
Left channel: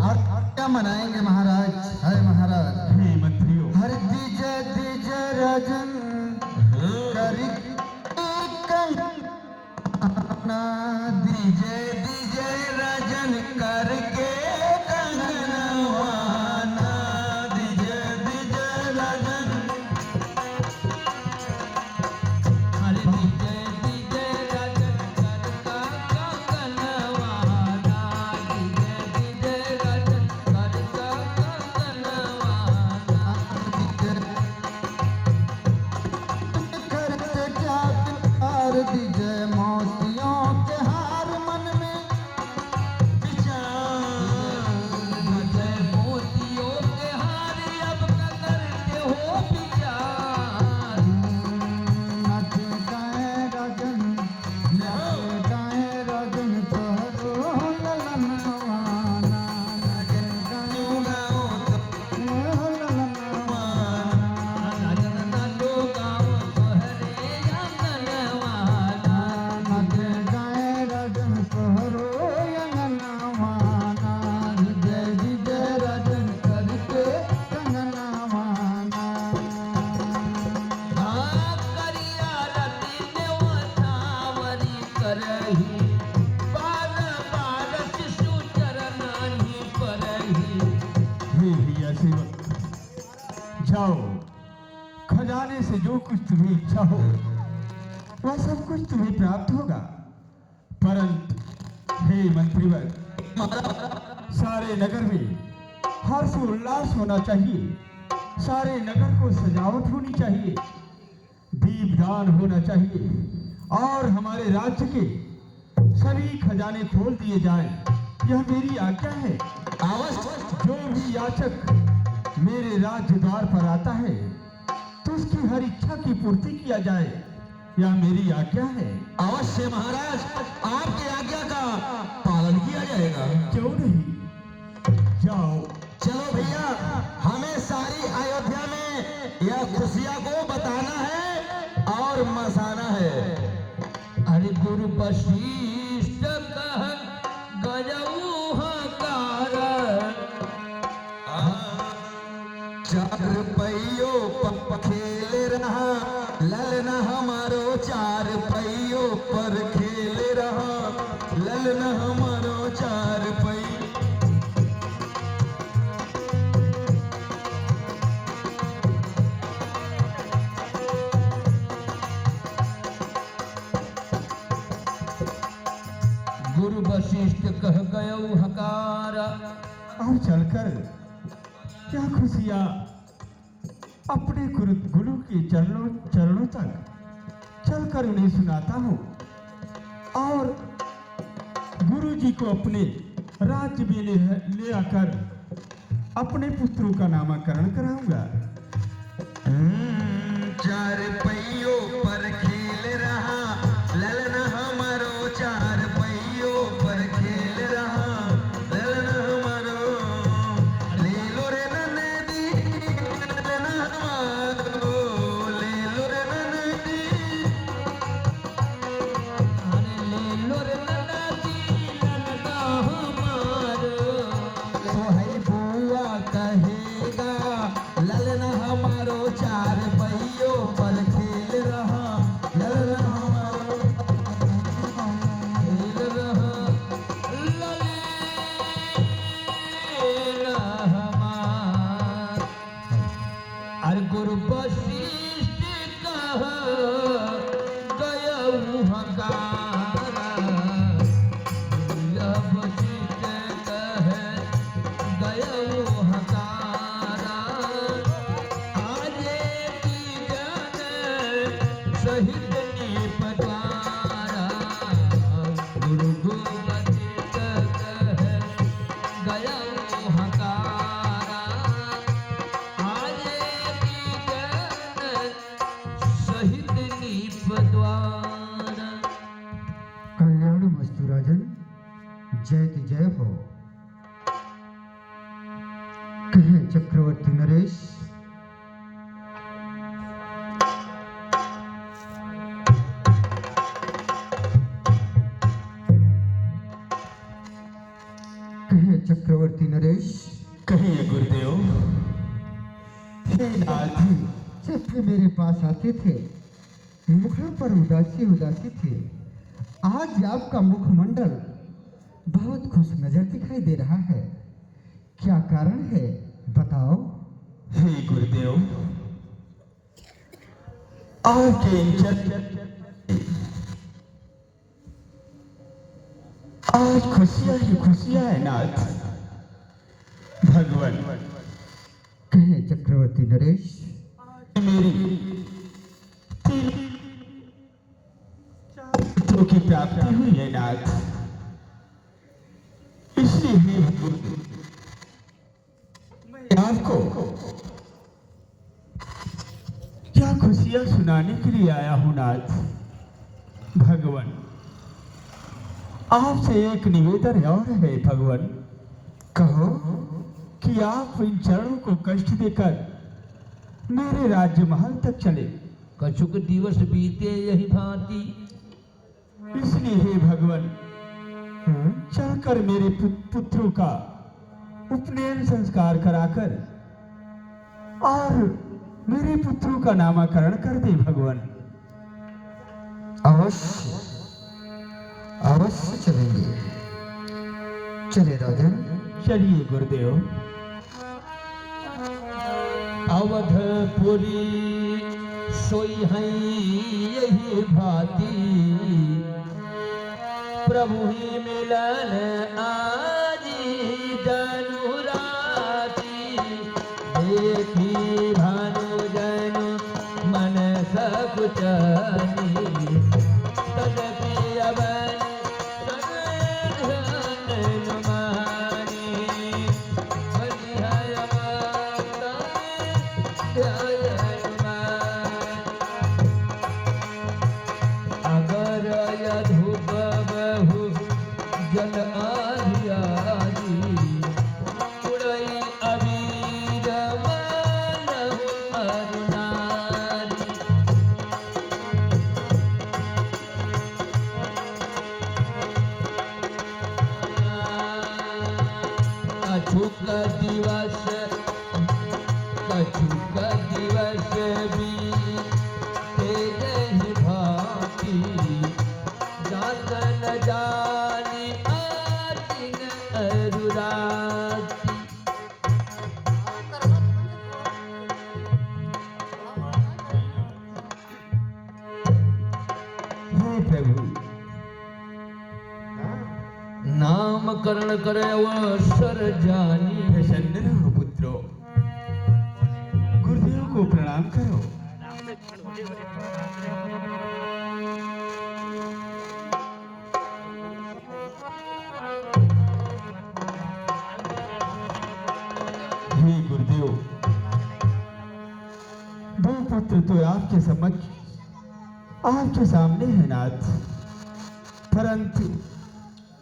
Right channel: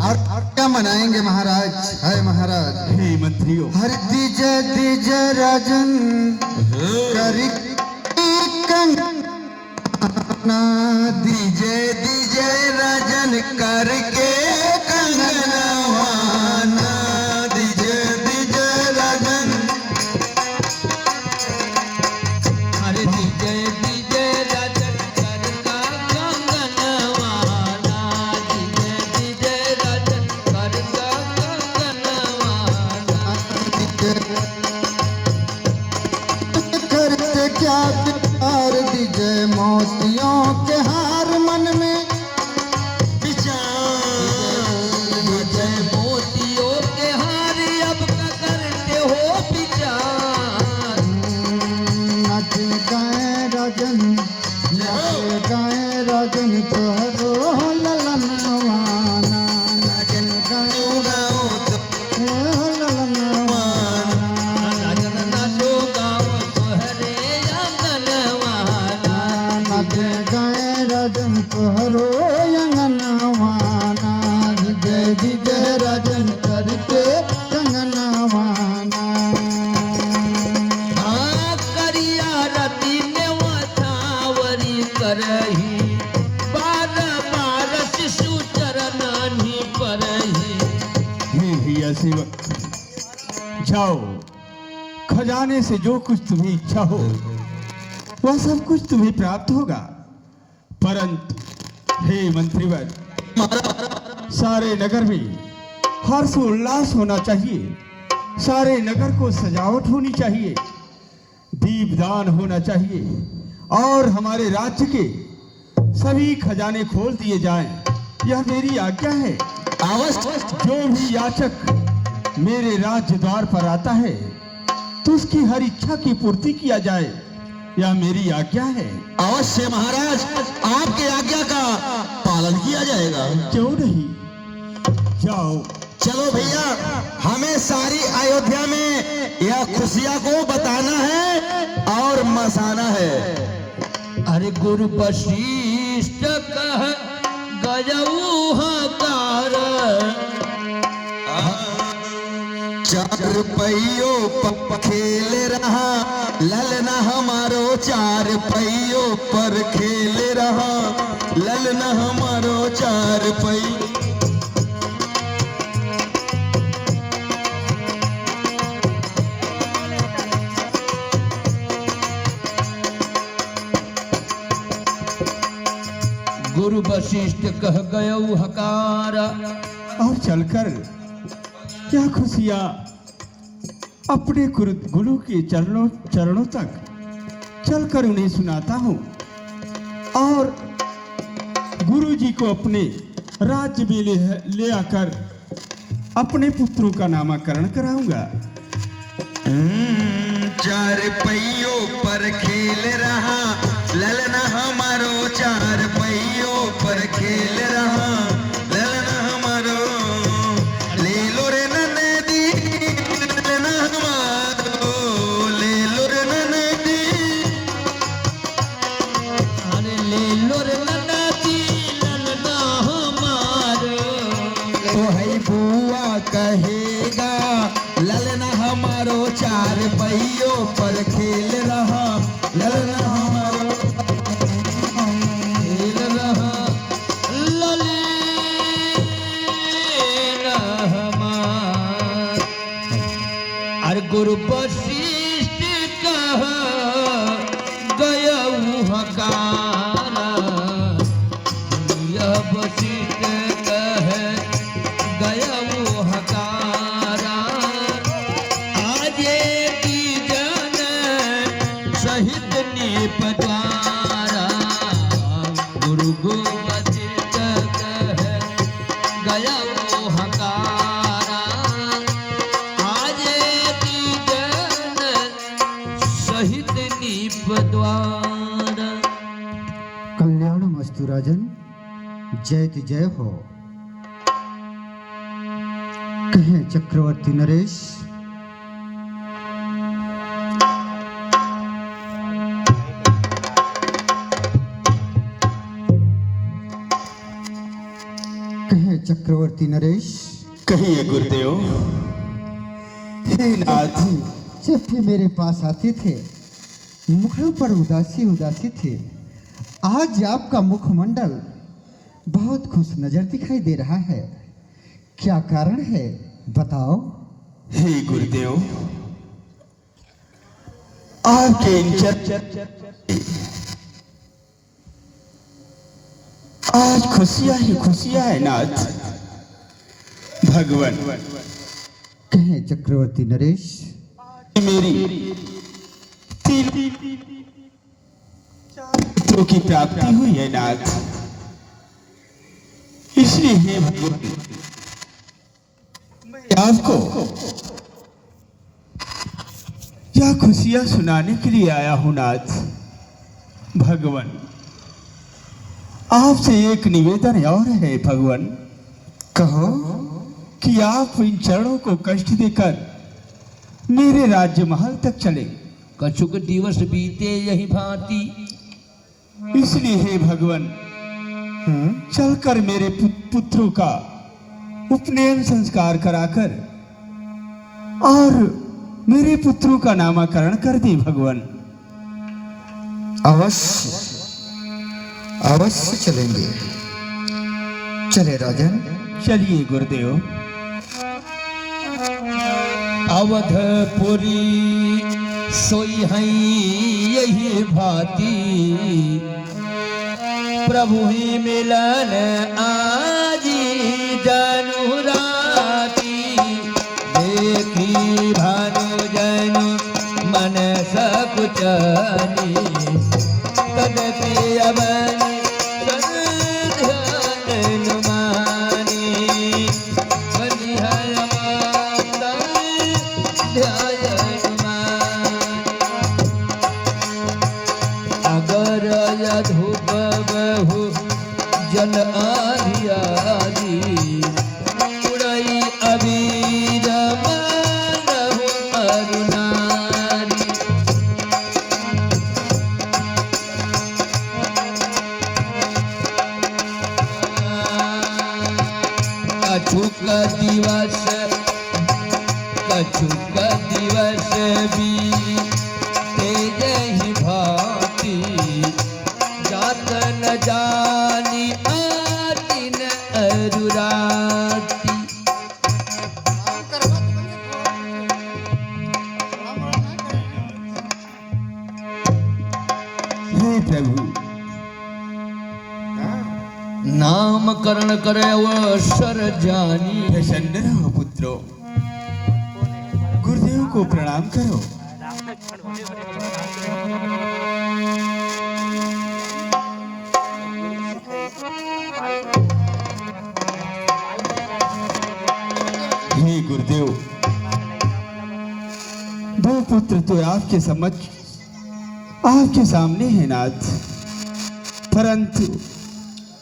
और क्या मनाएंगे महाराज। है महाराज। हे मंत्रियों, हर दीजय दीजय राजन करी कंगना, दीजय दीजय राजन करके कंगनवाना, दीजय दीजय राजन। अरे दीजय दीजय राजन करका कंगनवाना, दीजय दीजय राजन करका कंगनवाना। करते क्या प्यार, दीजय मोतियों के हार मन में विचार, दीजय मोतियों के हार अब का करते हो विचार। नाच गाए राजन, नाच गाए राजन तोहरो ललनवाना, नाच गाए ललनवाना। राजन नाचो गाओ तोहरे आंगनवाना। नाच गाए राजन तोहरो अंगनवाना, जय विजय राजन करके कंगनवाना। हाँ करिया रति में वथावरी करही, बार बार शिशु चरनानी परही। हे भैया सेवक, जाओ, खजाने से जो कुछ तुम्हें इच्छा हो वह सब कुछ तुम्हें प्राप्त होगा। परंतु हे मंत्रीवर, सारे नगर में हर्ष उल्लास होना चाहिए, सारे नगर को सजावट होनी चाहिए, दीपदान होना चाहिए और हमारे राज्य के सभी खजाने खोल दिए जाएं। यह मेरी आज्ञा है। अवश्य जो भी याचक मेरे राज्य द्वार पर आता है तो उसकी हर इच्छा की पूर्ति किया जाए, यह मेरी आज्ञा है। अवश्य महाराज, आपके आज्ञा का पालन किया जाएगा। क्यों नहीं, जाओ। चलो भैया, हमें सारी अयोध्या में यह खुशियां को बताना है और मसाना है। अरे गुरु वशिष्ठ कह गयऊ हकार, चार पहियों पर खेल रहा ललना हमारो, चार पहियों पर खेल रहा ललना हमारो, चार पहियों। गुरु वशिष्ठ कह गयऊ हकार। और चलकर क्या खुशियां अपने गुरु के चरणों तक चलकर उन्हें सुनाता हूँ और गुरु जी को अपने राज्य में ले आकर अपने पुत्रों का नामकरण कराऊंगा। चार पहियों पर खेल रहा ललना हमारो, चार पहियों पर खेल रहा ललना हमारो, ले लो रे ननदी ललना हमारो, ले लो रे ननदी। अरे ले लो रे ननदी ललना हमारो, तो है बुआ कहेगा ललना हमारो, चार पहियों पर खेल रहा सहित नीप द्वारा गुरु गोमती गया मोहकारा आज दीजन सहित नीप द्वारा। कल्याण मस्तु राजन, जयति जय हो। कहे चक्रवर्ती नरेश, कहे चक्रवर्ती नरेश। कहिए गुरुदेव। हे नाथ, जब भी मेरे पास आते थे मुखों पर उदासी उदासी थी। आज आपका मुखमंडल बहुत खुश नजर दिखाई दे रहा है, क्या कारण है बताओ। हे गुरुदेव, आपके इन आज खुशियां ही खुशियां है नाथ। भगवान कहे चक्रवर्ती नरेश। मेरी तीन पुत्रों की प्राप्ति हुई है नाथ, इसलिए हे भगवान मैं आपको यह खुशियां सुनाने के लिए आया हूं नाथ। भगवान आपसे एक निवेदन और है भगवान। कहो। कि आप इन चरणों को कष्ट देकर मेरे राज्य महल तक चले। कछुक दिवस बीते यही भांति, इसलिए हे भगवान चलकर मेरे पुत्रों का उपनयन संस्कार कराकर और मेरे पुत्रों का नामकरण कर दे भगवान। अवश्य अवश्य चलेंगे। चले राजन। चलिए गुरुदेव। अवधपुरी सोई है यही भांति, प्रभु ही मिलन आजी जनु राती। देखी भानु जनु मन सकुचनी, तन प्रिय बनी ध्यान नुमानी। बलिहार माता ध्यान नुमानी। अगर यधुप बहु जन आदि आदि, उड़ई अबीर मानहु अरुणारी। कछुक दिवस बीते यही भांति, जात न जानी आती न अरुराती। हे प्रभु नामकरण करे अवसर जानी। प्रसन्न रहो पुत्रो, गुरुदेव को प्रणाम करो। हे गुरुदेव, दो पुत्र तो आपके समझ आपके सामने है नाथ, परंतु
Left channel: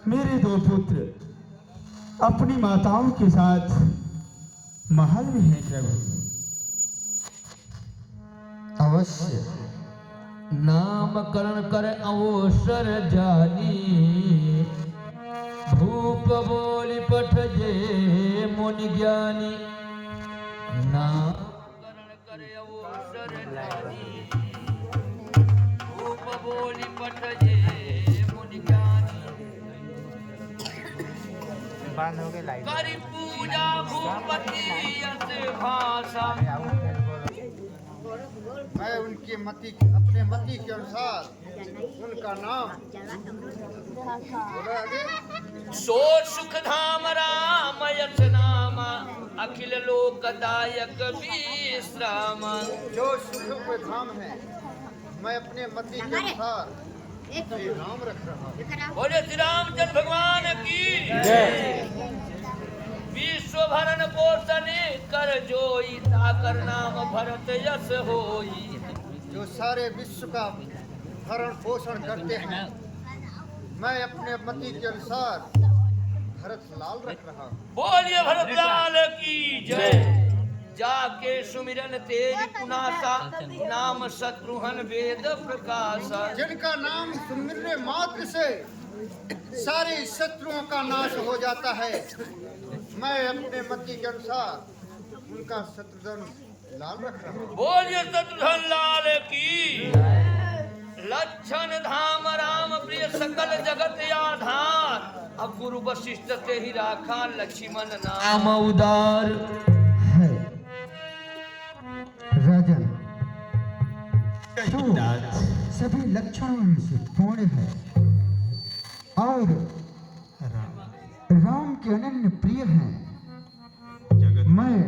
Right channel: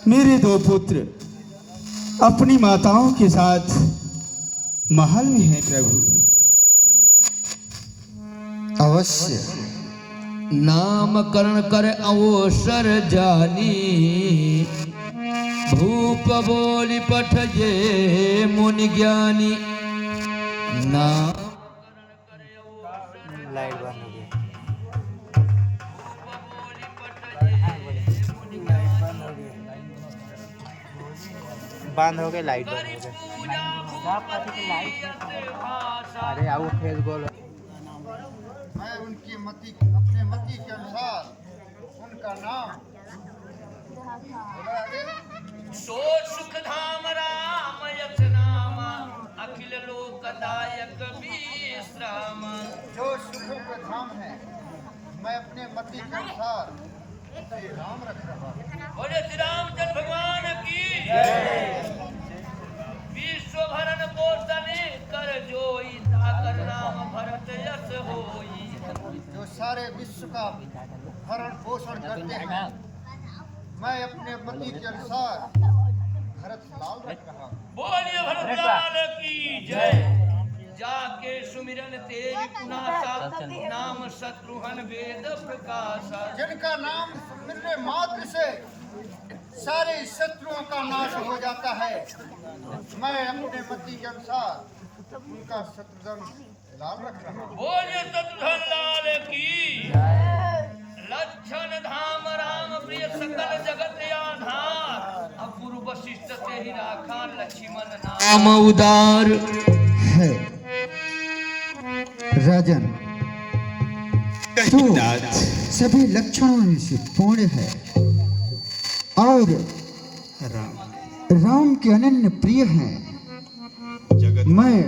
मेरे दो पुत्र अपनी माताओं के साथ महल में हैं प्रभु। अवश्य नामकरण करे अवसर जानी, भूप बोली पठजे मुनि ज्ञानी। नामकरण करे अवसर जानी, भूप बोली पठजे मुनि ज्ञानी। बंद हो गए लाइट। करी पूजा भूपति यसे भाषा। मैं उनकी मति अपने मति के अनुसार उनका नाम बोला आगे। सो सुख धाम राम यस नाम, अखिल लोकदायक विश्राम। जो सुख के धाम है मैं अपने मति के अनुसार श्री राम रख रहा हूँ। बोले श्री रामचंद्र भगवान की विश्व भरण पोषण कर जोई ताकर नाम भरत यश होई। जो सारे विश्व का भरण पोषण करते हैं, मैं अपने मति के अनुसार भरत लाल रख रहा हूँ। बोलिए भरत लाल की जय। जाके सुमिरन तेज पुनासा नाम शत्रुघ्न वेद प्रकाशा। जिनका नाम सुमिरने मात्र से सारे शत्रुओं का नाश हो जाता है, मैं अपने मति के अनुसार उनका शत्रुघ्न लाल रख रहा हूँ। बोलिए शत्रुघ्न लाल की। लक्षण धाम राम प्रिय सकल जगत आधार। अब गुरु वशिष्ठ से ही राखा लक्ष्मण नाम उदार है। राजन, तू सभी लक्षणों में से पूर्ण है और राम के अनन्य प्रिय हैं। मैं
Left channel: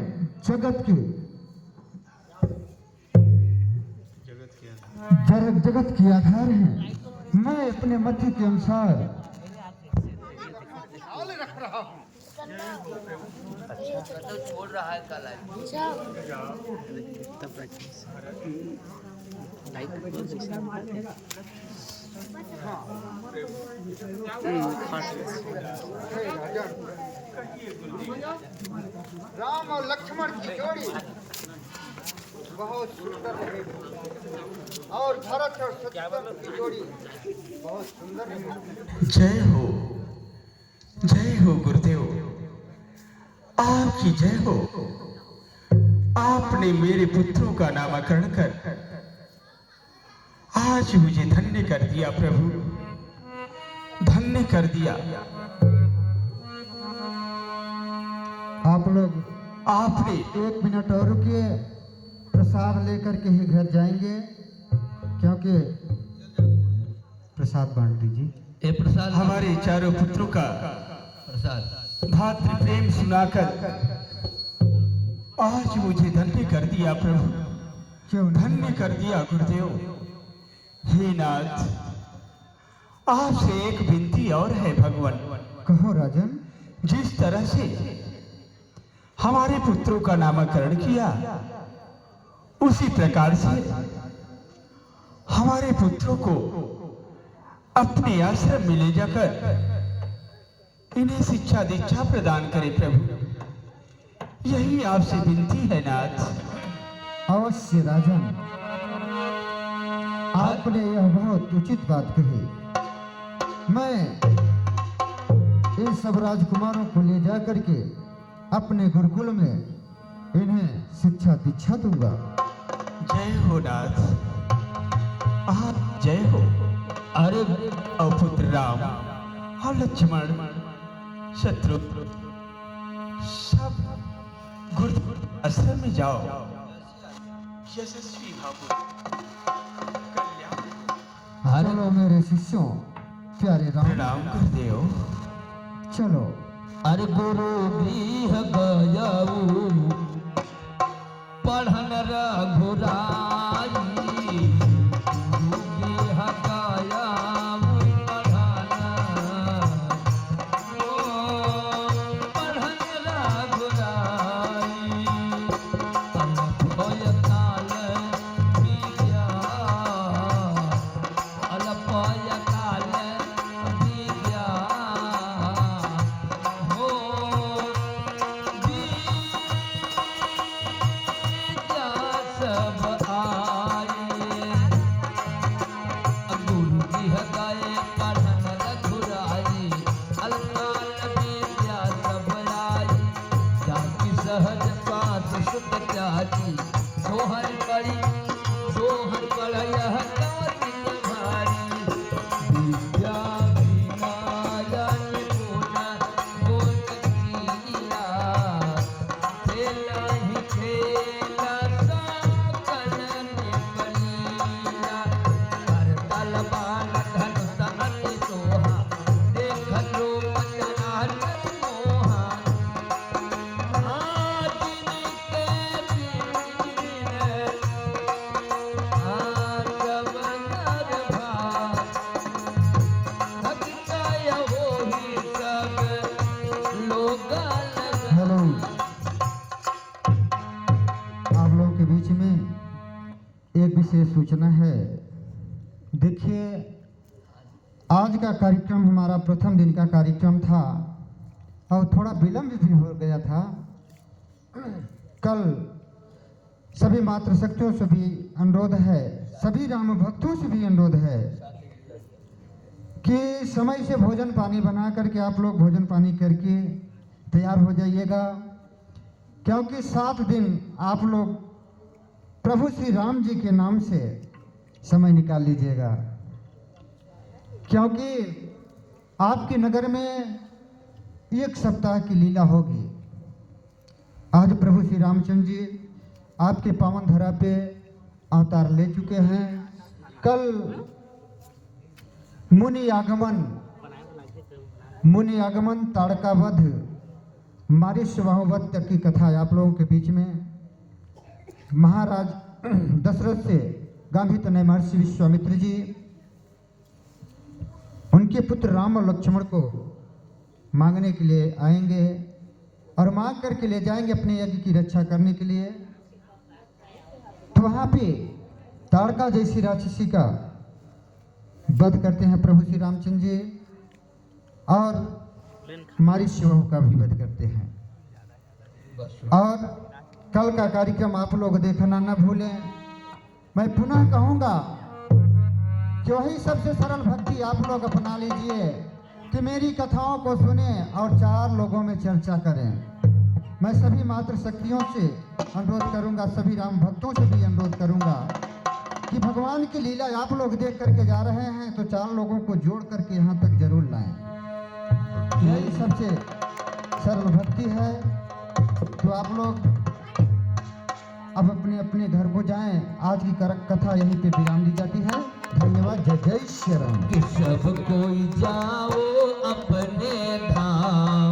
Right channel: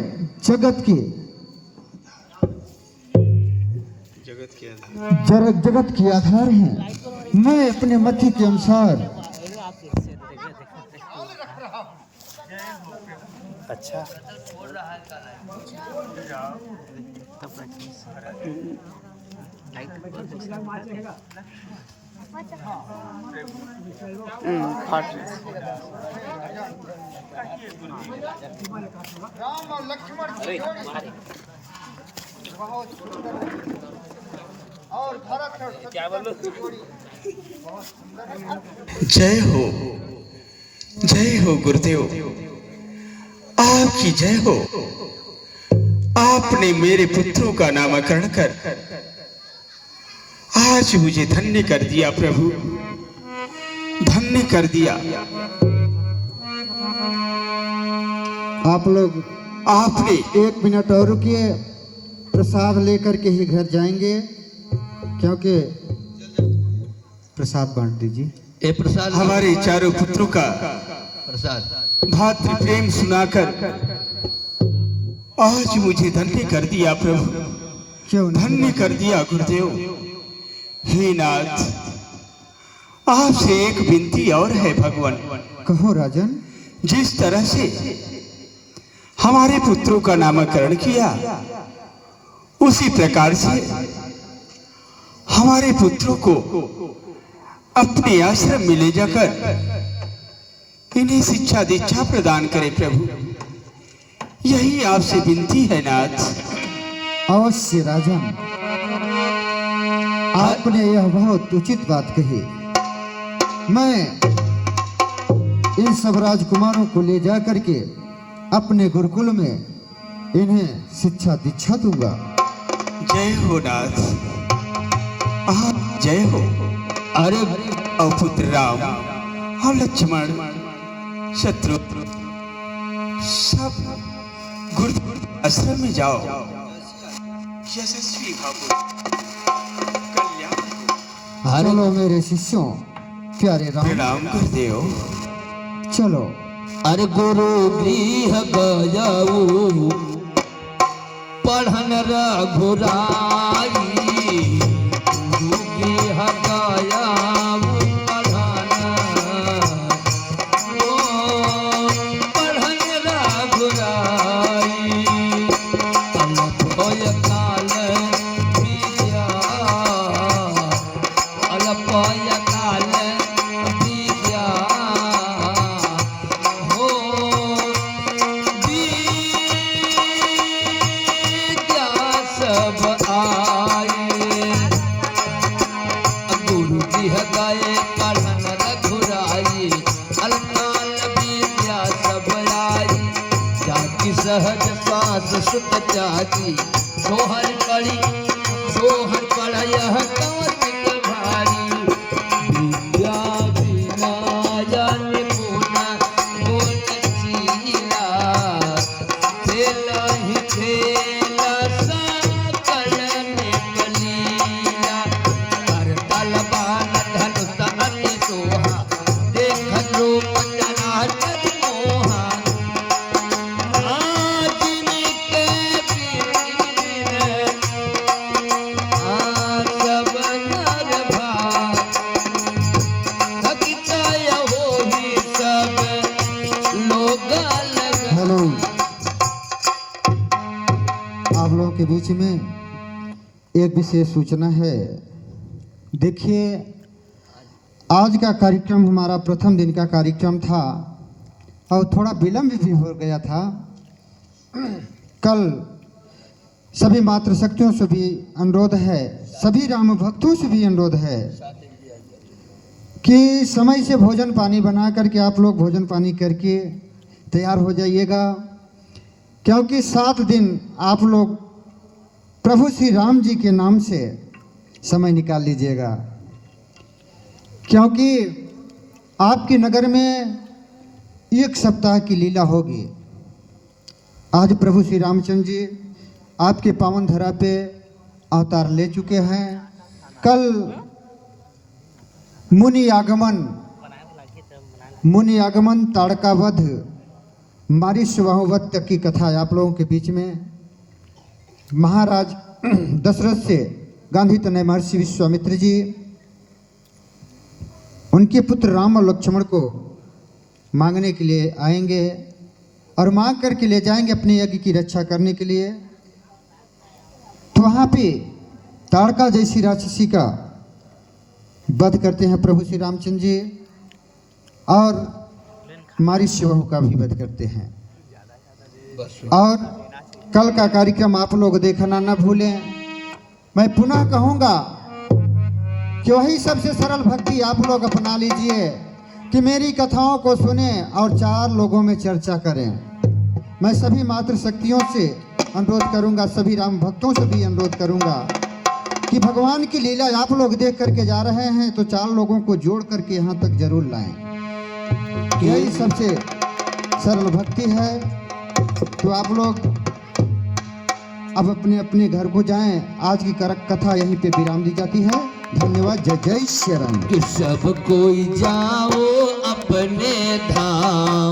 जगत के आधार हैं। मैं अपने मति के अनुसार लाल रख रहा हूँ। अच्छा तो छोड़ रहा है कल तब लाइट बहुत वैसे दिखाते हैं। हे राजन, राम और लक्ष्मण की जोड़ी बहुत सुंदर रही और भरत और शत्रुघ्न की जोड़ी बहुत सुंदर रही। जय हो गुरुदेव, आपकी जय हो। आपने मेरे पुत्रों का नामकरण कर आज मुझे धन्य कर दिया प्रभु, धन्य कर दिया। आप लोग आपने 1 मिनट और रुकिए, प्रसाद लेकर के ही घर जाएंगे, क्योंकि प्रसाद बांट दीजिए। ये प्रसाद हमारे चारों पुत्रों का प्रसाद भातृ प्रेम सुनाकर आज मुझे धन्य कर दिया प्रभु, क्यों नहीं? धन्य कर दिया गुरुदेव। हे नाथ, आपसे एक विनती और है भगवान। कहो राजन। जिस तरह से हमारे पुत्रों का नामकरण किया, उसी प्रकार से हमारे पुत्रों को अपने आश्रम में ले जाकर इन्हें शिक्षा दीक्षा प्रदान करें प्रभु, यही आपसे विनती है नाथ। अवश्य राजन, आपने यह बहुत उचित बात कही। मैं इन सब राजकुमारों को ले जाकर के अपने गुरुकुल में इन्हें शिक्षा दीक्षा दूंगा। जय हो नाथ, आप जय हो। अरे और पुत्र राम और लक्ष्मण शत्रु सब गुरु आश्रम में जाओ। यशस्वी भाव कल्याण। चलो मेरे शिष्यों, प्यारे राम, प्रणाम गुरुदेव। चलो। अरे गुरु गृह गयाऊ पढ़न रघुराई। गुरु गृह गयाऊ पढ़न रघुराई। अलपय काल विद्या, अलपय काल विद्या हो विद्या सब विशेष सूचना है। देखिए, आज का कार्यक्रम हमारा प्रथम दिन का कार्यक्रम था और थोड़ा विलंब भी हो गया था। कल सभी मातृशक्तियों से भी अनुरोध है, सभी राम भक्तों से भी अनुरोध है कि समय से भोजन पानी बना करके आप लोग भोजन पानी करके तैयार हो जाइएगा, क्योंकि 7 दिन आप लोग प्रभु श्री राम जी के नाम से समय निकाल लीजिएगा, क्योंकि आपके नगर में 1 सप्ताह की लीला होगी। आज प्रभु श्री रामचंद्र जी आपके पावन धरा पे अवतार ले चुके हैं। कल मुनि आगमन ताड़कावध मारीच की कथा आप लोगों के बीच में महाराज दशरथ से गांधी तनय महर्षि विश्वामित्र जी उनके पुत्र राम और लक्ष्मण को मांगने के लिए आएंगे और मांग करके ले जाएंगे अपने यज्ञ की रक्षा करने के लिए। तो वहाँ पे ताड़का जैसी राक्षसी का वध करते हैं प्रभु श्री रामचंद्र जी और मारीच का भी वध करते हैं। और कल का कार्यक्रम आप लोग देखना न भूलें। मैं पुनः कहूँगा कि वही सबसे सरल भक्ति आप लोग अपना लीजिए कि मेरी कथाओं को सुने और 4 लोगों में चर्चा करें। मैं सभी मातृशक्तियों से अनुरोध करूंगा, सभी राम भक्तों से भी अनुरोध करूंगा कि भगवान की लीला आप लोग देख करके जा रहे हैं तो 4 लोगों को जोड़ करके यहाँ तक जरूर लाएं। यही सबसे सरल भक्ति है। तो आप लोग अब अपने अपने घर को जाएं। आज की कथा यहीं पे विराम दी जाती है। धन्यवाद। जय जय श्री राम। कि सब कोई जाओ अपने धाम।